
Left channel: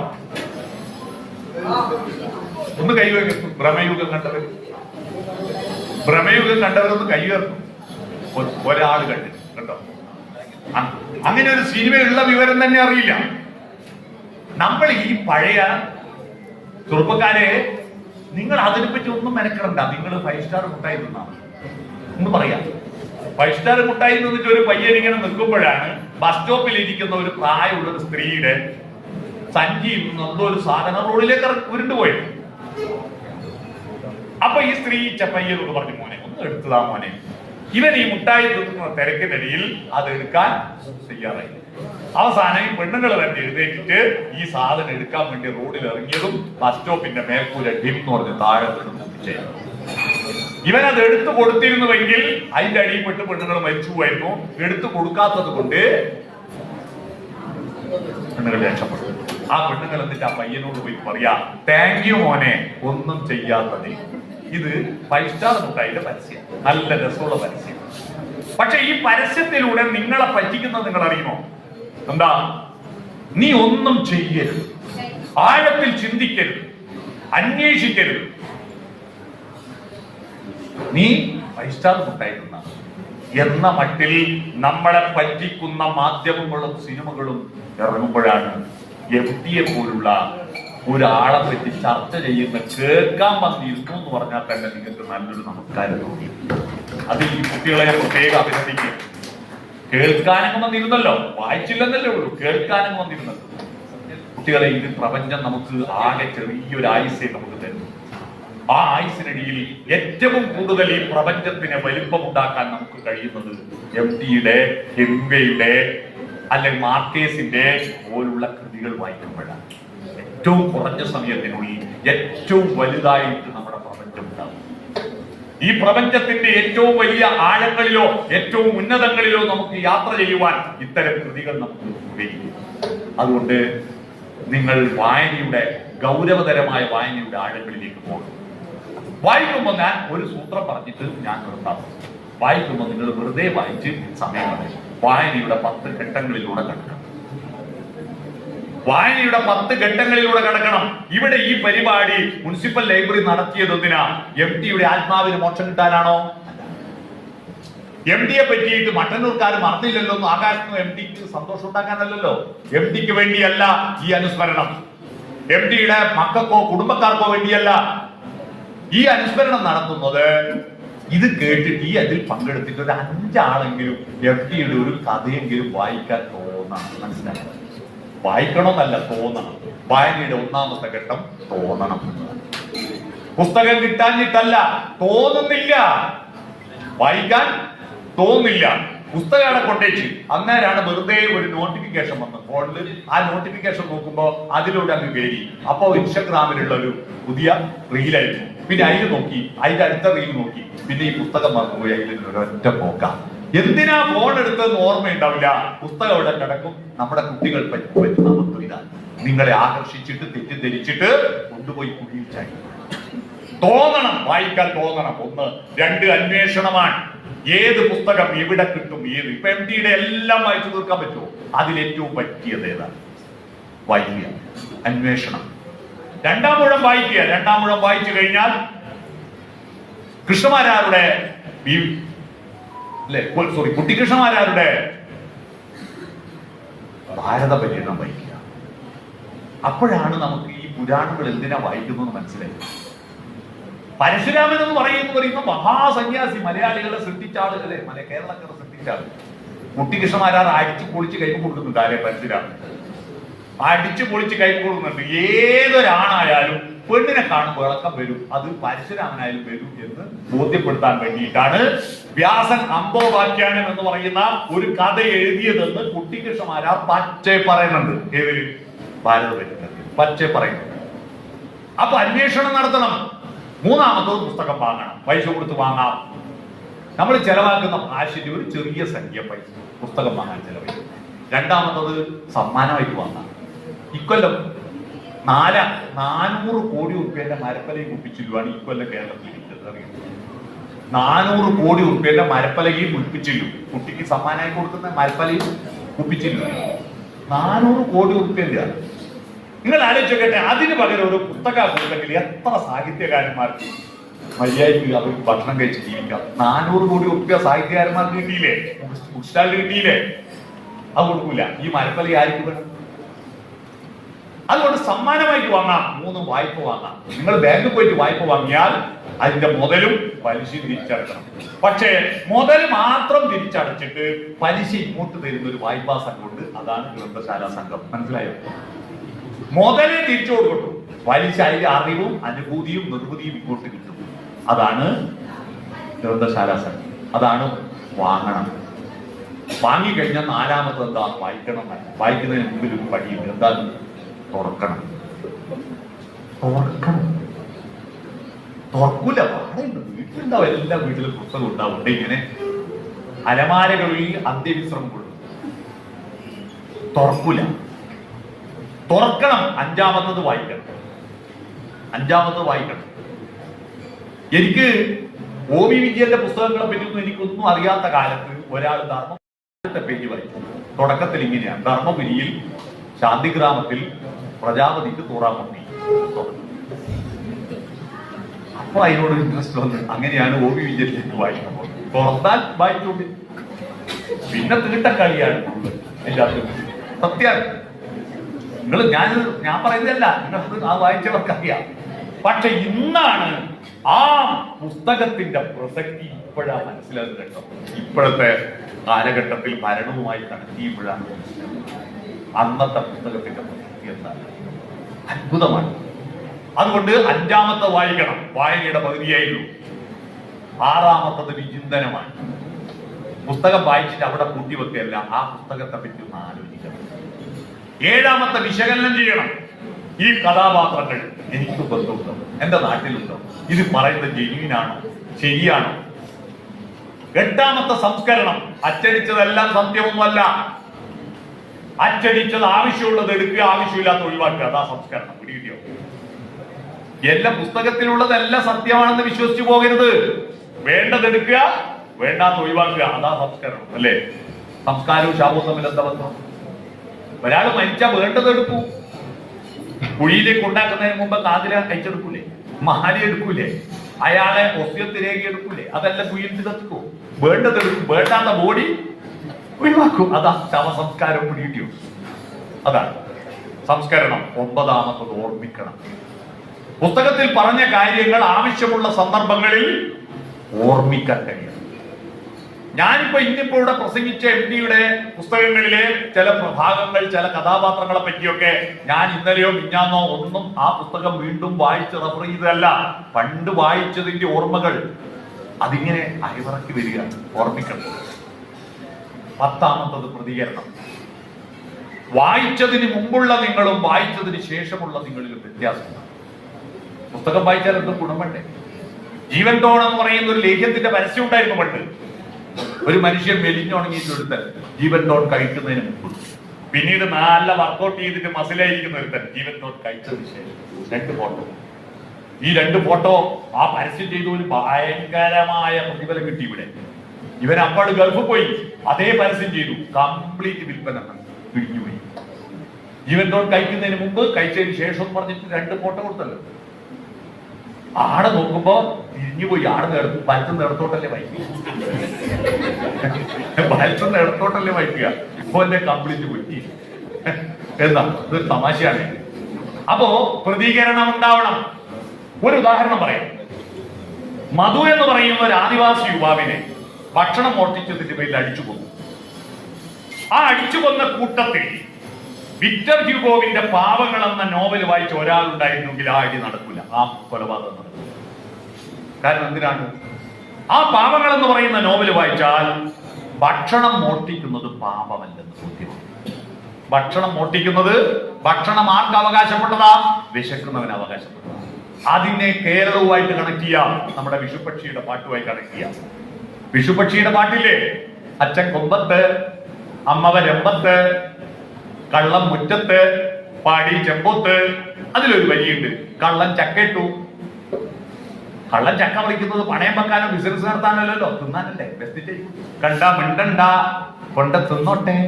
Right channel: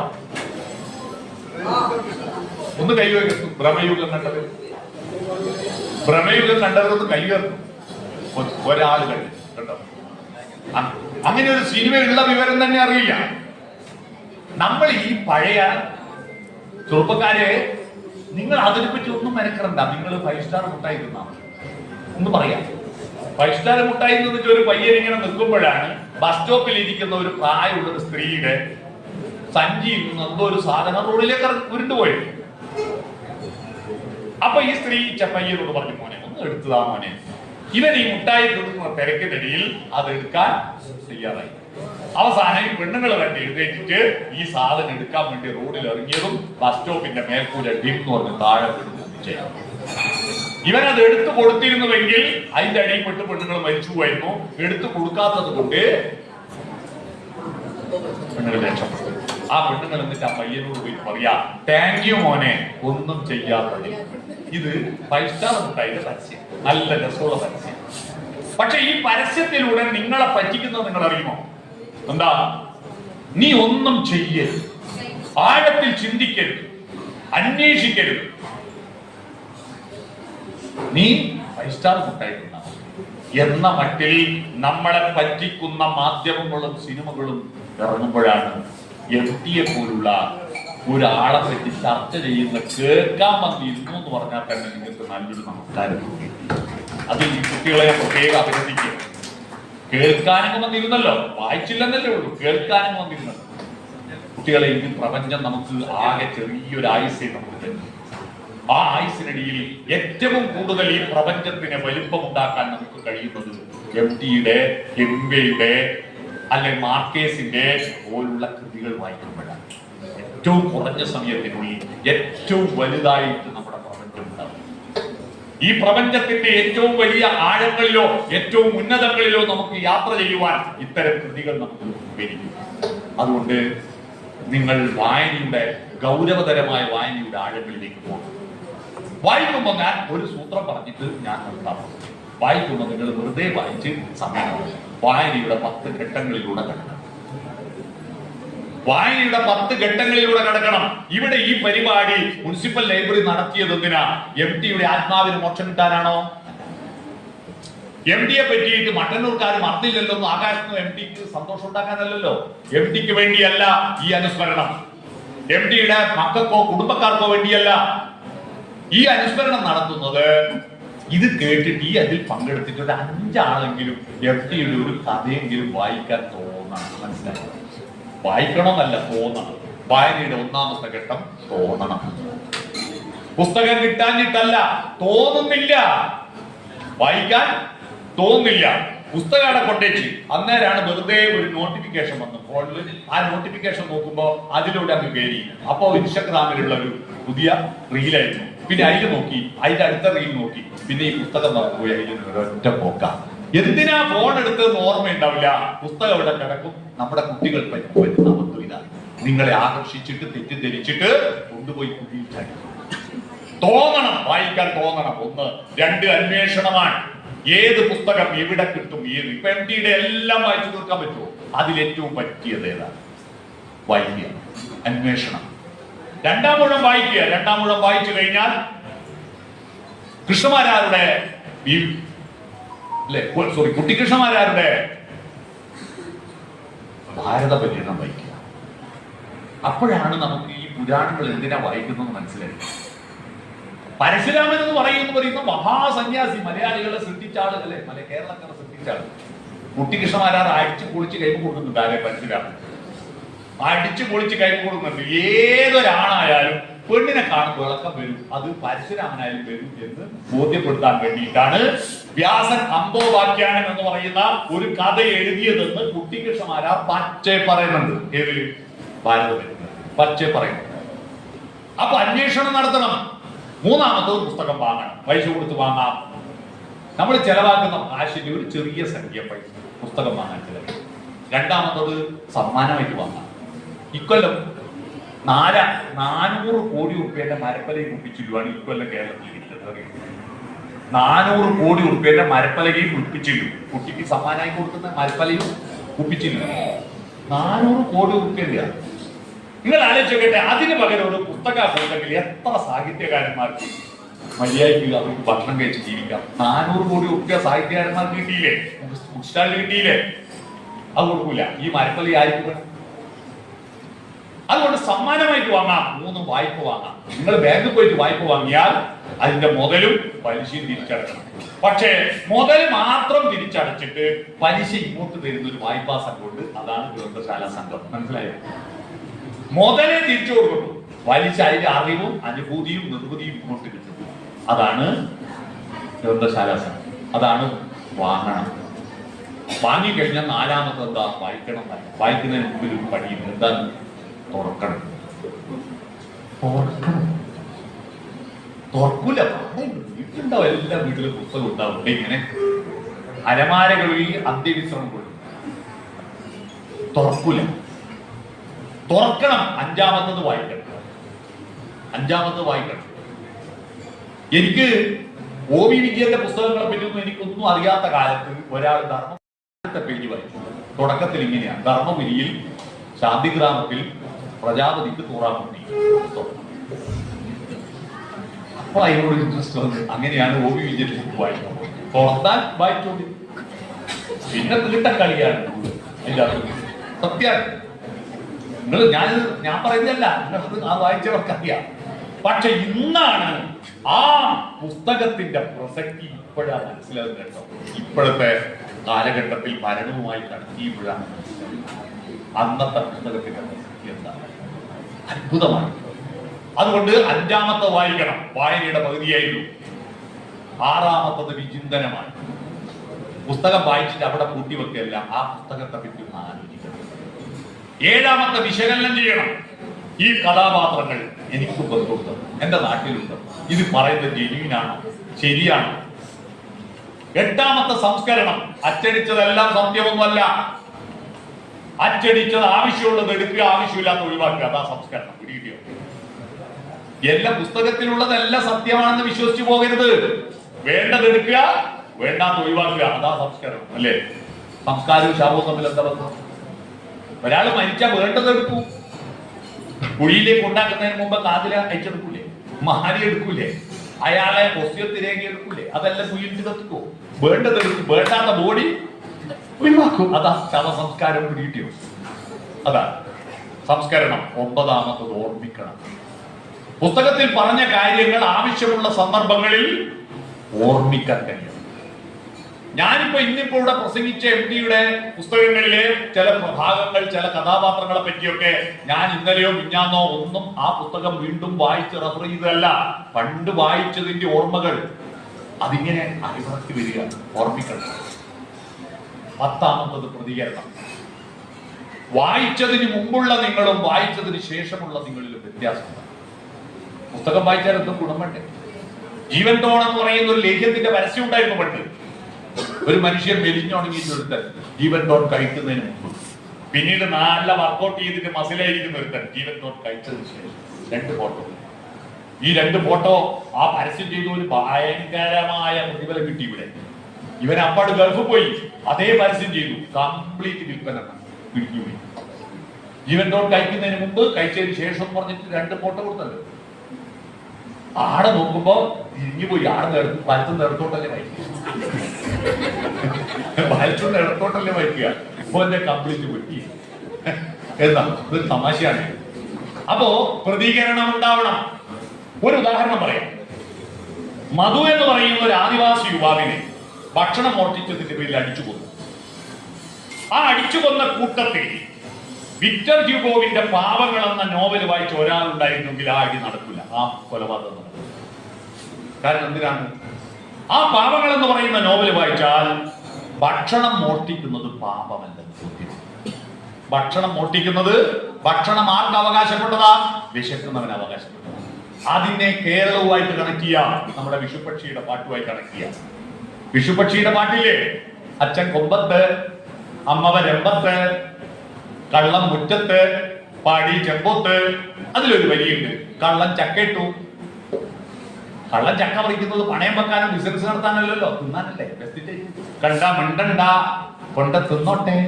ഒന്ന് കൈവയ്ക്കുന്നു. ഭ്രമയുഗം കണ്ടവരൊന്ന് കൈവയ്ക്കുന്നു. ഒരാൾ കണ്ടിട്ട് കേട്ടോ. അങ്ങനെ ഒരു സിനിമയുള്ള വിവരം തന്നെ അറിയില്ല. നമ്മൾ ഈ പഴയ ചെറുപ്പക്കാരെ, നിങ്ങൾ അതിനെപ്പറ്റി ഒന്നും മെനക്കെടണ്ട. നിങ്ങൾ 5 സ്റ്റാർ മുട്ടായി തിന്നാണ് ഒന്ന് പറയാം. 5 സ്റ്റാർ മുട്ടായി തിന്നിട്ട് ഒരു പയ്യൻ ഇങ്ങനെ നിൽക്കുമ്പോഴാണ് ബസ് സ്റ്റോപ്പിൽ ഇരിക്കുന്ന ഒരു പ്രായമുള്ള ഒരു സ്ത്രീയുടെ സഞ്ചിയിൽ നിന്ന് എന്തോ ഒരു സാധനം റോഡിലേക്ക് ഉരുണ്ടുപോയി. അപ്പൊ ഈ സ്ത്രീ പയ്യനോട് പറഞ്ഞു, മോനെ ഒന്ന് എടുത്തതാ മോനെ. ഇവൻ ഈ മുട്ടായി തിന്നുന്ന തിരക്കിനിടയിൽ അത് എടുക്കാൻ തയ്യാറായി. അവസാനം ഈ പെണ്ണുങ്ങൾ തന്നെ എഴുന്നേറ്റിട്ട് ഈ സാധനം എടുക്കാൻ വേണ്ടി റോഡിൽ ഇറങ്ങിയതും ബസ് സ്റ്റോപ്പിന്റെ മേൽക്കൂര ഡിം എന്ന് പറഞ്ഞ് താഴെ വീണു. ഇവനത് എടുത്തു കൊടുത്തിരുന്നുവെങ്കിൽ അതിന്റെ അടിയിൽപ്പെട്ട് പെണ്ണുങ്ങൾ മരിച്ചു പോയിരുന്നു. എടുത്തു കൊടുക്കാത്തത് കൊണ്ട് പെണ്ണുങ്ങൾ രക്ഷപ്പെട്ടു. ആ പെണ്ണുങ്ങൾ എന്നിട്ട് ആ പയ്യനോട് പോയി പറയാ, താങ്ക് യു മോനെ, ഒന്നും ചെയ്യാത്തത്. ഇത് 5 സ്റ്റാർ മുട്ടായിന്റെ പരസ്യം, നല്ല രസമുള്ള പരസ്യം. പക്ഷെ ഈ പരസ്യത്തിലൂടെ നിങ്ങളെ പറ്റിക്കുന്നത് നിങ്ങൾ അറിയുമോ? എന്താ? നീ ഒന്നും ചെയ്യരുത്, ആഴത്തിൽ ചിന്തിക്കരുത്, അന്വേഷിക്കരുത്. നീ 5 സ്റ്റാർ മുട്ടായി എന്ന മട്ടിൽ നമ്മളെ പറ്റിക്കുന്ന മാധ്യമങ്ങളും സിനിമകളും ഇറങ്ങുമ്പോഴാണ് എം.ടിയെ പോലുള്ള ഒരാളെ പറ്റി ചർച്ച ചെയ്യുന്ന കേൾക്കാൻ വന്നിരുന്നു എന്ന് പറഞ്ഞാൽ തന്നെ നിങ്ങൾക്ക് നല്ലൊരു നമസ്കാരം. അതിൽ ഈ കുട്ടികളെ പ്രത്യേകം അഭിനന്ദിക്കുക. കേൾക്കാനും വന്നിരുന്നല്ലോ, വായിച്ചില്ലെന്നല്ലേ ഉള്ളൂ, കേൾക്കാനും വന്നിരുന്നല്ലോ. കുട്ടികളെ, ഈ പ്രപഞ്ചം നമുക്ക് ആകെ ചെറിയൊരു ആയുസ്സേ നമുക്ക് തരുന്നു. ആ ആയുസിനിടയിൽ ഏറ്റവും കൂടുതൽ ഈ പ്രപഞ്ചത്തിന് വലിപ്പമുണ്ടാക്കാൻ നമുക്ക് കഴിയുന്നത് എം.ടിയുടെ, ഹെമിംഗ്വേയുടെ അല്ലെങ്കിൽ മാർക്കേസിന്റെ പോലുള്ള കൃതികൾ വായിക്കുമ്പോഴാണ്. ഏറ്റവും കുറഞ്ഞ സമയത്തിനുള്ളിൽ ഏറ്റവും വലുതായിട്ട് നമ്മുടെ പ്രപഞ്ചം ഉണ്ടാകും. ഈ പ്രപഞ്ചത്തിന്റെ ഏറ്റവും വലിയ ആഴങ്ങളിലോ ഏറ്റവും ഉന്നതങ്ങളിലോ നമുക്ക് യാത്ര ചെയ്യുവാൻ ഇത്തരം കൃതികൾ നമുക്ക് ഉപകരിക്കും. അതുകൊണ്ട് നിങ്ങൾ വായനയുടെ ഗൗരവതരമായ വായനയുടെ ആഴങ്ങളിലേക്ക് പോകണം. വായിക്കുമ്പോൾ ഞാൻ ഒരു സൂത്രം പറഞ്ഞിട്ട് ഞാൻ നിർത്താം. വായിക്കുമ്പോൾ നിങ്ങൾ വെറുതെ വായിച്ച് സമയം കളയും. വായനയുടെ 10 ഘട്ടങ്ങളിലൂടെ കടക്കണം. വായനയുടെ 10 ഘട്ടങ്ങളിലൂടെ കടക്കണം. ഇവിടെ ഈ പരിപാടി മുനിസിപ്പൽ ലൈബ്രറി നടത്തിയത് എന്തിനാ? MT യുടെ ആത്മാവിന് മോക്ഷം കിട്ടാനാണോ? MT യെ പറ്റിയിട്ട് മട്ടന്നൂർക്കാർ മറന്നില്ലല്ലോ എന്ന് ആകാശത്തിന് MT ക്ക് സന്തോഷം ഉണ്ടാക്കാനല്ലോ. MT ക്ക് വേണ്ടിയല്ല ഈ അനുസ്മരണം. MT യുടെ മക്കൾക്കോ കുടുംബക്കാർക്കോ വേണ്ടിയല്ല ഈ അനുസ്മരണം നടത്തുന്നത്. ഇത് കേട്ടിട്ട് ഈ അതിൽ പങ്കെടുത്തിട്ട് ഒരു 5 ആളെങ്കിലും MT യുടെ ഒരു കഥയെങ്കിലും വായിക്കാൻ തോന്നണം. മനസ്സിലാക്കണം. വായിക്കണമെന്നല്ല, തോന്നണം. വായനയുടെ 1ാമത്തെ ഘട്ടം തോന്നണം. പുസ്തകം കിട്ടാഞ്ഞിട്ടല്ല, തോന്നുന്നില്ല. വായിക്കാൻ തോന്നില്ല. പുസ്തകം അവിടെ കൊണ്ടേച്ച് അന്നേരമാണ് വെറുതെ ഒരു നോട്ടിഫിക്കേഷൻ വന്നത് ഫോണിൽ. ആ നോട്ടിഫിക്കേഷൻ നോക്കുമ്പോ അതിലൂടെ അങ്ങ് കയറി. അപ്പോ ഇൻസ്റ്റഗ്രാമിലുള്ള ഒരു പുതിയ റീലായിരുന്നു. പിന്നെ അതിൽ നോക്കി, അതിന്റെ അടുത്ത റീൽ നോക്കി, പിന്നെ ഈ പുസ്തകം മറന്നുപോയി. അതിൽ ഒരൊറ്റ പോക്ക. എന്തിനാ ഫോൺ എടുത്തതെന്ന് ഓർമ്മയുണ്ടാവില്ല. പുസ്തകം അവിടെ കിടക്കും. നമ്മുടെ കുട്ടികൾ പറ്റുന്ന മൊത്തം ഇതാണ്. നിങ്ങളെ ആകർഷിച്ചിട്ട് തെറ്റിദ്ധരിച്ചിട്ട് കൊണ്ടുപോയി കുഴിയിൽ ചാടി. തോന്നണം, വായിക്കാൻ തോന്നണം. 1. 2 അന്വേഷണമാണ്. ഏത് പുസ്തകം എവിടെ കിട്ടും? ഏത് ഇപ്പൊ MT യുടെ എല്ലാം വായിച്ചു തീർക്കാൻ പറ്റുമോ? അതിലേറ്റവും പറ്റിയത് ഏതാണ്? വായിക്കുക, അന്വേഷണം. 2ാം ഊഴം വായിക്കുക. 2ാം ഊഴം വായിച്ചു കഴിഞ്ഞാൽ കൃഷ്ണമാരാരുടെ കുട്ടിക്കൃഷ്ണമാരാരുടെ ഭാരത പര്യടനം വായിക്കുക. അപ്പോഴാണ് നമുക്ക് ഈ പുരാണങ്ങൾ എന്തിനാ വായിക്കുന്നത് മനസ്സിലായി. പരശുരാമൻ എന്ന് പറയുന്ന മഹാസന്യാസി, മലയാളികളെ സൃഷ്ടിച്ച ആളുകളെ, കേരളക്കാരെ സൃഷ്ടിച്ച ആള്. കുട്ടിക്കൃഷ്ണമാരാർ അടിച്ചു പൊളിച്ച് കൈ കൊടുക്കുന്നുണ്ട്. ആരെ? പരശുരാമൻ അടിച്ചു പൊളിച്ച് കൈ കൊടുക്കുന്നുണ്ട്. ഏതൊരാണായാലും പെണ്ണിനെ കാണുമ്പോൾ ഇളക്കം വരും. അത് പരശുരാമനായാലും വരും എന്ന് ബോധ്യപ്പെടുത്താൻ വേണ്ടിയിട്ടാണ് വ്യാസൻ അംബോപാഖ്യാനം എന്ന് പറയുന്ന ഒരു കഥ എഴുതിയതെന്ന് കുട്ടിക്കൃഷ്ണമാരാർ പച്ചേ പറയുന്നുണ്ട്. ഏത്? ഭാരതത്തിൽ പച്ചേ പറയുന്നുണ്ട്. അപ്പൊ അന്വേഷണം നടത്തണം. 3ാമത്തത് പുസ്തകം വാങ്ങണം. പൈസ കൊടുത്ത് വാങ്ങാം. നമ്മൾ ചെലവാക്കുന്ന ഭാഷയുടെ ഒരു ചെറിയ സംഖ്യ പൈസ പുസ്തകം വാങ്ങാൻ ചെലവഴിക്കും. 2ാമത്തത് സമ്മാനമായിട്ട് വാങ്ങാം. ഇക്കൊല്ലം 400 കോടി റുപ്യന്റെ മരപ്പലകയും കുപ്പിച്ചില്ലുവാണ് ഇക്കൊല്ലം കേരളത്തിൽ ഇരിക്കുന്നത്. 400 കോടി റുപ്യന്റെ മരപ്പലകയും കുപ്പിച്ചില്ലും. കുട്ടിക്ക് സമ്മാനമായി കൊടുക്കുന്ന മരപ്പലയും കുപ്പിച്ചില്ലും 400 കോടി റുപ്യന്റെ. നിങ്ങൾ ആലോചിച്ചോട്ടെ, അതിന് പകരം ഒരു പുസ്തകം കൊടുത്തെങ്കിൽ എത്ര സാഹിത്യകാരന്മാർക്ക് മര്യാദയ്ക്ക് അവർക്ക് ഭക്ഷണം കഴിച്ച് ജീവിക്കാം. 400 കോടി റുപ്യ സാഹിത്യകാരന്മാർക്ക് കിട്ടിയില്ലേ? ബുക്ക് സ്റ്റാളിൽ കിട്ടിയില്ലേ? അത് കൊടുക്കൂല. ഈ മരപ്പലി ആയിരിക്കും വേണം. അതുകൊണ്ട് സമ്മാനമായിട്ട് വാങ്ങാം. 3 വായ്പ വാങ്ങാം. നിങ്ങൾ ബാങ്കിൽ പോയിട്ട് വായ്പ വാങ്ങിയാൽ അതിന്റെ മുതലും പലിശയും തിരിച്ചടക്കണം. പക്ഷേ മുതൽ മാത്രം തിരിച്ചടച്ചിട്ട് പലിശ ഇങ്ങോട്ട് തരുന്ന ഒരു വായ്പാ സംഘമുണ്ട്. അതാണ് ഗ്രന്ഥശാല സംഘം. മനസ്സിലായോ? മുതലേ തിരിച്ചു കൊടുക്കുന്നു. പലിശ അതിന്റെ അറിവും അനുഭൂതിയും നിർവൃതിയും ഇങ്ങോട്ട് കിട്ടും. അതാണ് ഗ്രന്ഥശാല സംഘം. അതാണ് വാങ്ങണം. വാങ്ങിക്കഴിഞ്ഞാൽ 4ാമത്തെ എന്താ? വായിക്കണം. വായിക്കുന്നതിന് മുമ്പിൽ ഒരു പടിയും. എന്താണ്? തുറക്കണം. തുറക്കൂല. വീട്ടിലുണ്ടാവും. എല്ലാ വീട്ടിലും പുസ്തകം ഉണ്ടാവും. ഇങ്ങനെ അലമാരകളിൽ അന്ത്യവിശ്രമം കൊടുക്കും. തുറക്കൂല. തുറക്കണം. 5ാമത്തത് വായിക്കണം. 5ാമത്തത് വായിക്കണം. എനിക്ക് OV വിജയന്റെ പുസ്തകങ്ങളെ പറ്റിയൊന്നും എനിക്കൊന്നും അറിയാത്ത കാലത്ത് ഒരാൾ ധർമ്മത്തെ പേജ് വായിച്ചു. തുടക്കത്തിൽ ഇങ്ങനെയാണ്: ധർമ്മപുരിയിൽ ശാന്തിഗ്രാമത്തിൽ പ്രജാപതിക്ക് തൂറാമുട്ടി. അപ്പൊ അതിനോട് ഇൻട്രസ്റ്റ് വന്ന് അങ്ങനെയാണ് OV വിജയത്തിലേക്ക് വായിക്കുന്നത്. തുറന്നാൽ വായിച്ചോണ്ട് പിന്നെ തീട്ടക്കളിയാണ് അതിന്റെ അർത്ഥം. സത്യാണ്. നിങ്ങൾ ഞാൻ പറയുന്നതല്ല, നിങ്ങൾക്ക് ആ വായിച്ചവർക്കറിയാം. പക്ഷെ ഇന്നാണ് ആ പുസ്തകത്തിന്റെ പ്രസക്തി ഇപ്പോഴാണ് മനസ്സിലാകുന്നത് കേട്ടോ. ഇപ്പോഴത്തെ കാലഘട്ടത്തിൽ ഭരണവുമായി നടത്തിയപ്പോഴാണ് അന്നത്തെ പുസ്തകത്തിന്റെ പ്രസക്തി എന്താണ്. അത്ഭുതമാണ്. അതുകൊണ്ട് 5ാമത്തെ വായിക്കണം. വായനയുടെ പകുതിയായിരുന്നു. 6ാമത്തത് വിചിന്തനമാണ്. പുസ്തകം വായിച്ചിട്ട് അവിടെ കൂട്ടിവെക്കല്ല, ആ പുസ്തകത്തെ പറ്റി ഒന്ന് ആലോചിക്കണം. 7ാമത്തെ വിശകലനം ചെയ്യണം. ഈ കഥാപാത്രങ്ങൾ എനിക്ക് ബന്ധമുണ്ടോ? എന്റെ നാട്ടിലുണ്ടോ? ഇത് പറയുന്നത് ജെന്യൂനാണോ? ശരിയാണോ? 8ാമത്തെ സംസ്കരണം. അച്ചടിച്ചതെല്ലാം സത്യമൊന്നുമല്ല. അച്ചടിച്ചത് ആവശ്യമുള്ളത് എടുക്കുക, ആവശ്യമില്ലാത്ത ഒഴിവാക്കുക. അതാ സംസ്കരണം. പിടികിട്ടിയോ? എല്ലാ പുസ്തകത്തിലുള്ളതെല്ലാം സത്യമാണെന്ന് വിശ്വസിച്ചു പോകരുത്. വേണ്ടത് എടുക്കുക, വേണ്ടാത്ത ഒഴിവാക്കുക, അതാ സംസ്കരണം അല്ലേ? സംസ്കാരവും ശാപവും തമ്മിൽ എന്താ ബന്ധം? ഒരാൾ മരിച്ചാൽ വേണ്ടതെടുക്കൂ. കുഴിയിലേക്ക് ഉണ്ടാക്കുന്നതിന് മുമ്പ് കാതില അയച്ചെടുക്കൂലേ? മാലി എടുക്കൂലേ? അയാളെ ഒസ്യത്തിലേക്ക് എടുക്കൂലേ? അതെല്ലാം കുഴിയിൽ കത്തുക്കോ? വേണ്ടതെടുക്കും, വേണ്ടാത്ത ബോഡി ഒഴിവാക്കും. അതാ ശവസംസ്കാരം പിടികിട്ടിയോ? അതാണ് സംസ്കരണം. 9ാമത്തത് ഓർമ്മിക്കണം. പുസ്തകത്തിൽ പറഞ്ഞ കാര്യങ്ങൾ ആവശ്യമുള്ള സന്ദർഭങ്ങളിൽ ഓർമ്മിക്കാൻ കഴിയണം. ഞാനിപ്പോ ഇന്നിപ്പോ ഇവിടെ പ്രസംഗിച്ച MDയുടെ പുസ്തകങ്ങളിലെ ചില ഭാഗങ്ങൾ, ചില കഥാപാത്രങ്ങളെ പറ്റിയൊക്കെ ഞാൻ ഇന്നലെയോ മിഞ്ഞാന്നോ ഒന്നും ആ പുസ്തകം വീണ്ടും വായിച്ച് റെഫർ ചെയ്തതല്ല. പണ്ട് വായിച്ചതിന്റെ ഓർമ്മകൾ അതിങ്ങനെ അയവിറക്കി വരിക, ഓർമ്മിക്കണം. 10ാമത്തത് പ്രതികരണം. വായിച്ചതിന് മുമ്പുള്ള നിങ്ങളും വായിച്ചതിന് ശേഷമുള്ള നിങ്ങളിലും വ്യത്യാസമുണ്ട്. പുസ്തകം വായിച്ചാൽ എന്തും ഗുണം വേണ്ടേ? ജീവൻ ടോൺ എന്ന് പറയുന്ന ഒരു ലേഖ്യത്തിന്റെ പരസ്യം ഉണ്ടായിരുന്നു പണ്ട്. ഒരു മനുഷ്യൻ മെലിഞ്ഞുണങ്ങിയിട്ട് എടുത്താൽ ജീവൻ ടോൺ കഴിക്കുന്നതിന് മുമ്പ്, പിന്നീട് നല്ല വർക്കൗട്ട് ചെയ്തിട്ട് മസിലായിരിക്കുന്ന ഒരുത്തൻ ജീവൻ ടോൺ കഴിച്ചതിന് ശേഷം 2 ഫോട്ടോ. ഈ 2 ഫോട്ടോ ആ പരസ്യം ചെയ്ത ഒരു ഭയങ്കരമായ പ്രതിഫലം കിട്ടി. ഇവൻ അപ്പാട് ഗൾഫ് പോയി അതേ പരസ്യം ചെയ്തു, കംപ്ലീറ്റ് വിൽപ്പന പിടിഞ്ഞുപോയി. ജീവൻ ടോൺ കഴിക്കുന്നതിന് മുമ്പ്, കഴിച്ചതിന് ശേഷം എന്ന് പറഞ്ഞിട്ട് 2 ഫോട്ടോ കൊടുത്തല്ലോ. ആടെ നോക്കുമ്പോ തിരിഞ്ഞുപോയി. വലത്തുനിന്ന് ഇടത്തോട്ടല്ലേ വായിക്കുക, വലത്തുനിന്ന് ഇടത്തോട്ടല്ലേ വായിക്കുക. ഇപ്പൊ എന്റെ കംപ്ലീറ്റ് പോയി. എന്താ ഇത് തമാശയാണ്. അപ്പോ പ്രതികരണം ഉണ്ടാവണം. ഒരു ഉദാഹരണം പറയാം. മധു എന്ന് പറയുന്ന ഒരു ആദിവാസി യുവാവിനെ ഭക്ഷണം മോഷ്ടിച്ചതിന്റെ പേരിൽ അടിച്ചു കൊന്നു. ആ അടിച്ചു കൊന്ന കൂട്ടത്തിൽ വിക്ടർ ഹ്യൂഗോവിന്റെ പാവങ്ങൾ എന്ന നോവൽ വായിച്ച ഒരാളുണ്ടായിരുന്നെങ്കിൽ ആ അടി നടക്കില്ല, ആ കൊലപാതകം നടക്കില്ല. കാരണം എന്തിനാണ്? ആ പാവങ്ങൾ എന്ന് പറയുന്ന നോവൽ വായിച്ചാൽ ഭക്ഷണം മോഷ്ടിക്കുന്നത് പാപമല്ലെന്ന് ബോധ്യമാണ്. ഭക്ഷണം മോഷ്ടിക്കുന്നത്, ഭക്ഷണം ആർക്ക് അവകാശപ്പെട്ടതാ? വിശക്കുന്നവന് അവകാശപ്പെട്ടതാ. അതിനെ കേരളവുമായിട്ട് കണക്ട് ചെയ്യാം, നമ്മുടെ വിഷുപക്ഷിയുടെ പാട്ടുമായി കണക്ട് ചെയ്യാം. വിഷുപക്ഷിയുടെ പാട്ടില്ലേ? അച്ഛൻ കൊമ്പത്ത്, അമ്മവ രമ്പത്ത്, കള്ളം മുറ്റത്ത്, പാടി ചെമ്പൊത്ത്. അതിലൊരു വരിയുണ്ട്, കള്ളൻ ചക്കയിട്ടു. കള്ളൻ ചക്ക വിളിക്കുന്നത് പണയം വെക്കാനോ ബിസിനസ് നടത്താനല്ലോ, തിന്നാനല്ലേ. കണ്ട മിണ്ടണ്ട, കൊണ്ട തിന്നോട്ടെ.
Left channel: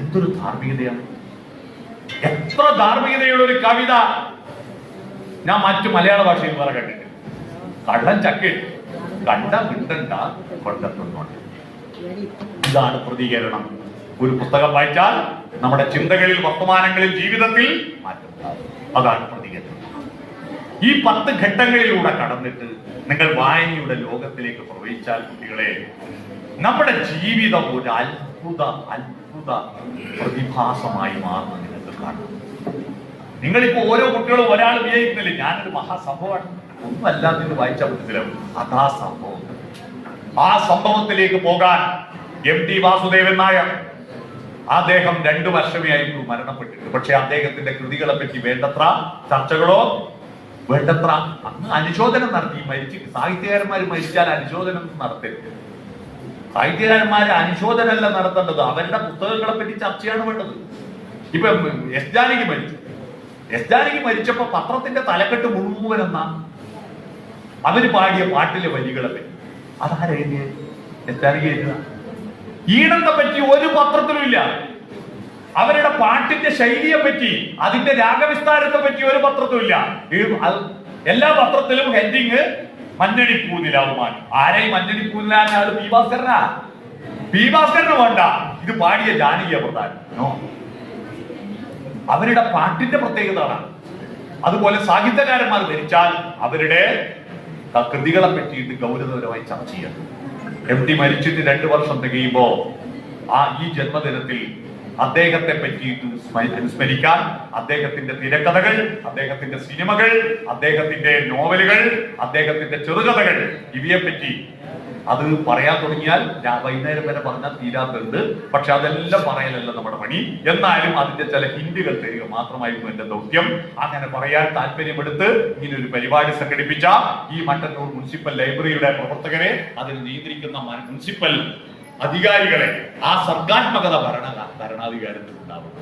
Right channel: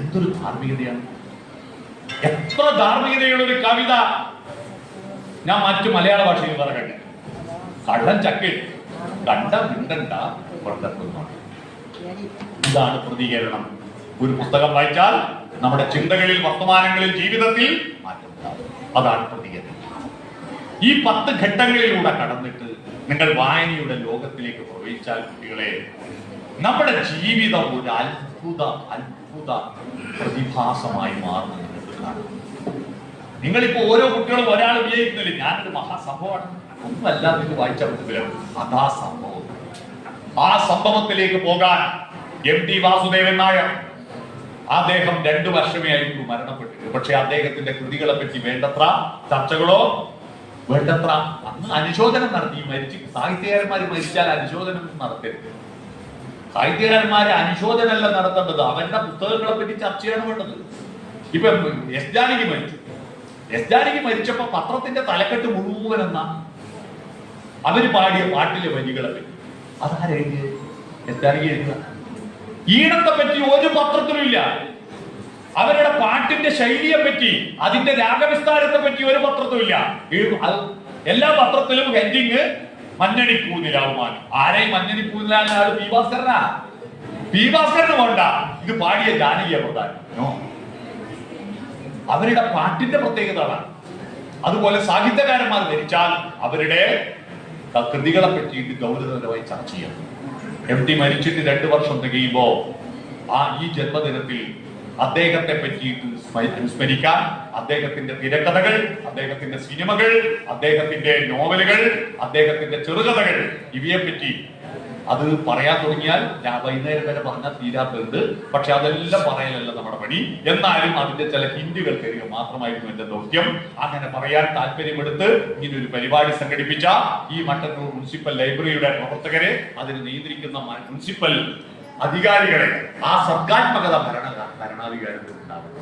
എന്തൊരു ധാർമ്മികതയാണ്! എത്ര ധാർമ്മികതയുള്ള ഒരു കവിത ഞാൻ മറ്റു മലയാള ഭാഷയിൽ വേറെ കണ്ടിട്ട്. കള്ളൻ ചക്കയിട്ടു, കണ്ട മിണ്ടണ്ട, കൊണ്ട തിന്നോട്ടെ. ഇതാണ് പ്രതികരണം. ഒരു പുസ്തകം വായിച്ചാൽ നമ്മുടെ ചിന്തകളിൽ, വർത്തമാനങ്ങളിൽ, ജീവിതത്തിൽ മാറ്റം ഉണ്ടാകും. അതാണ് പ്രതികരണം. ഈ 10 ഘട്ടങ്ങളിലൂടെ കടന്നിട്ട് നിങ്ങൾ വായനയുടെ ലോകത്തിലേക്ക് പ്രവേശിച്ചാൽ കുട്ടികളെ, നമ്മുടെ ജീവിതം ഒരു അത്ഭുത പ്രതിഭാസമായി മാറുന്നത് നിങ്ങൾക്ക് കാണാം. നിങ്ങളിപ്പോ ഓരോ കുട്ടികളും ഒരാൾ വിജയിക്കുന്നില്ല, ഞാനൊരു മഹാസംഭവമാണ് ഒന്നുമല്ലാതെ ഇത് വായിച്ചാൽ മനസ്സിലാവും. അതാ സംഭവം. ആ സംഭവത്തിലേക്ക് പോകാൻ MT വാസുദേവൻ നായർ, അദ്ദേഹം 2 വർഷമേ ആയിട്ടു മരണപ്പെട്ടിട്ട്. പക്ഷെ അദ്ദേഹത്തിന്റെ കൃതികളെ പറ്റി വേണ്ടത്ര ചർച്ചകളോ, വേണ്ടത്ര അന്ന് അനുശോചനം നടത്തി. സാഹിത്യകാരന്മാർ മരിച്ചാൽ അനുശോചനം നടത്തരുത്. സാഹിത്യകാരന്മാര് അനുശോചനമല്ല നടത്തേണ്ടത്, അവരുടെ പുസ്തകങ്ങളെ പറ്റി ചർച്ചയാണ് വേണ്ടത്. ഇപ്പൊ എസ് ജാനകി മരിച്ചു. എസ് ജാനകി മരിച്ചപ്പോ പത്രത്തിന്റെ തലക്കെട്ട് മുഴുവൻ എന്ന അവര് പാടിയ പാട്ടിലെ വരികളെ പറ്റി അതാരെഴുതിയ? എസ് ജാനകി എഴുതുക. ഈണത്തെ പറ്റി ഒരു പത്രത്തിലും ഇല്ല. അവരുടെ പാട്ടിന്റെ ശൈലിയെ പറ്റി, അതിന്റെ രാഗവിസ്താരത്തെ പറ്റി ഒരു പത്രത്തിലും ഇല്ല. എല്ലാ പത്രത്തിലും ഹെഡിങ് മഞ്ഞണിപ്പൂനിലാവുമാൻ. ആരെയും മഞ്ഞണിപ്പൂനിലാണ്? ആള് പി ഭാസ്കരനാ? പി ഭാസ്കരന് വേണ്ട, ഇത് പാടിയ ജാനകിയ പ്രധാനം. അവരുടെ പാട്ടിന്റെ പ്രത്യേകത. അതുപോലെ സാഹിത്യകാരന്മാർ മരിച്ചാൽ അവരുടെ കൃതികളെ പറ്റിയിട്ട് ഗൗരവപരമായി ചർച്ച ചെയ്യണം. MT മരിച്ചിട്ട് 2 വർഷം തികയുമ്പോ ഈ ജന്മദിനത്തിൽ അദ്ദേഹത്തെ പറ്റിയിട്ട് അനുസ്മരിക്കാൻ അദ്ദേഹത്തിന്റെ തിരക്കഥകൾ, അദ്ദേഹത്തിന്റെ സിനിമകൾ, അദ്ദേഹത്തിന്റെ നോവലുകൾ, അദ്ദേഹത്തിന്റെ ചെറുകഥകൾ, ഇവയെ പറ്റി അത് പറയാൻ തുടങ്ങിയാൽ വൈകുന്നേരം വരെ പറഞ്ഞാൽ തീരാത്തത്. പക്ഷെ അതെല്ലാം പറയലല്ല നമ്മുടെ പണി. എന്നാലും അതിന്റെ ചില ഹിന്റുകൾ തരിക മാത്രമായിരുന്നു എന്റെ ദൗത്യം. അങ്ങനെ പറയാൻ താല്പര്യമെടുത്ത് ഇങ്ങനെ ഒരു പരിപാടി സംഘടിപ്പിച്ച ഈ മട്ടന്നൂർ മുനിസിപ്പൽ ലൈബ്രറിയുടെ പ്രവർത്തകരെ, അതിന് നിയന്ത്രിക്കുന്ന മുനിസിപ്പൽ അധികാരികളെ, ആ സർഗാത്മകത ഭരണാധികാരത്തിൽ ഉണ്ടാകും.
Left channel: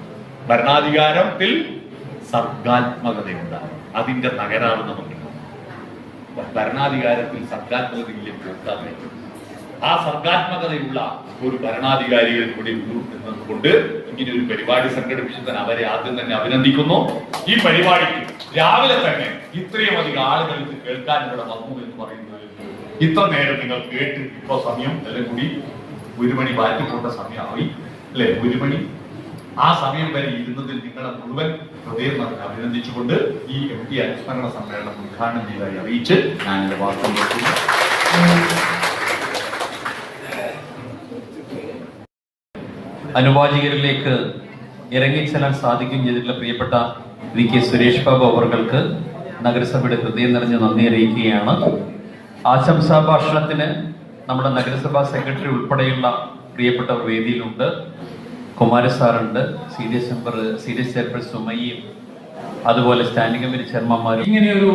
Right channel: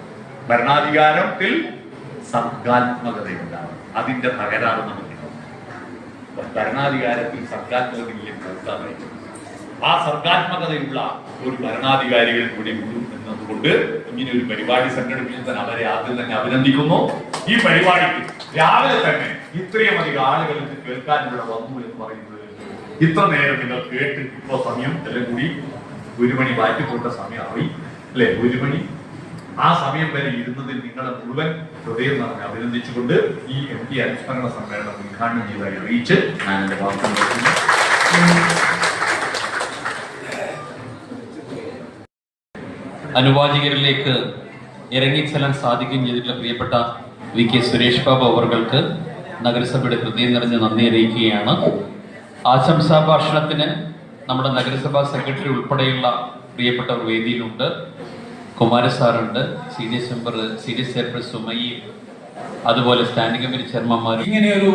ഭരണാധികാരത്തിൽ സർഗാത്മകത ഉണ്ടാകും. അതിന്റെ തകരാറ് നമുക്ക് ഭരണാധികാരത്തിൽ സർഗാത്മകതയിലെ പോക്കാതെ ആ സർഗാത്മകതയുള്ള ഒരു ഭരണാധികാരികൾ കൂടി ഉള്ളൂ എന്നതുകൊണ്ട് ഇങ്ങനെ ഒരു പരിപാടി സംഘടിപ്പിച്ചതിന് അവരെ ആദ്യം തന്നെ അഭിനന്ദിക്കുന്നു. ഈ പരിപാടിക്ക് രാവിലെ തന്നെ ഇത്രയും അധികം ആളുകൾ ഇത് കേൾക്കാൻ ഇവിടെ വന്നു എന്ന് പറയുന്നത് ഇത്ര നേരം നിങ്ങൾ കേട്ട് ഇപ്പൊ സമയം എല്ലാം കൂടി 1 മണി വാറ്റിപ്പോട്ട സമയമായി അല്ലെ, 1 മണി. ആ സമയം വരെ ഇരുന്നതിൽ നിങ്ങളെ മുഴുവൻ ഹൃദയം നിറഞ്ഞ് അഭിനന്ദിച്ചുകൊണ്ട് ഈ MP അനുസ്മരണ സമ്മേളനം ഉദ്ഘാടനം ചെയ്തതായി അറിയിച്ച് ഞാൻ എന്റെ വാർത്ത നോക്കുന്നു. അനുവാചകരിലേക്ക് ഇറങ്ങിച്ചെല്ലാൻ സാധിക്കുകയും ചെയ്തിട്ടുള്ള പ്രിയപ്പെട്ട VK സുരേഷ് ബാബു അവർക്ക് നഗരസഭയുടെ ഹൃദയം നിറഞ്ഞ നന്ദി അറിയിക്കുകയാണ്. ആശംസാ ഭാഷണത്തിന് നമ്മുടെ നഗരസഭാ സെക്രട്ടറി ഉൾപ്പെടെയുള്ള പ്രിയപ്പെട്ടവർ വേദിയിലുണ്ട്. കുമാരസാറുണ്ട്, സീരിയസ് ചെയർപേഴ്സൺ സുമയ്യ, അതുപോലെ സ്റ്റാൻഡിംഗ് കമ്മിറ്റി ചെയർമാൻമാർ. ഇങ്ങനെയൊരു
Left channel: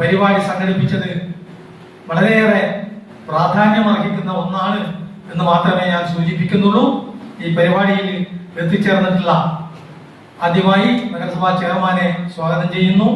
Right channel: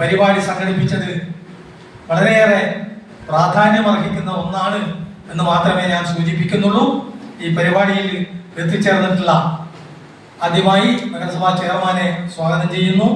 പരിപാടി സംഘടിപ്പിച്ചത് വളരെയേറെ പ്രാധാന്യമർഹിക്കുന്ന ഒന്നാണ് എന്ന് മാത്രമേ ഞാൻ സൂചിപ്പിക്കുന്നുള്ളൂ. ഈ പരിപാടിയിൽ എത്തിച്ചേർന്നിട്ടുള്ള ആദ്യമായി നഗരസഭാ ചെയർമാനെ സ്വാഗതം ചെയ്യുന്നു.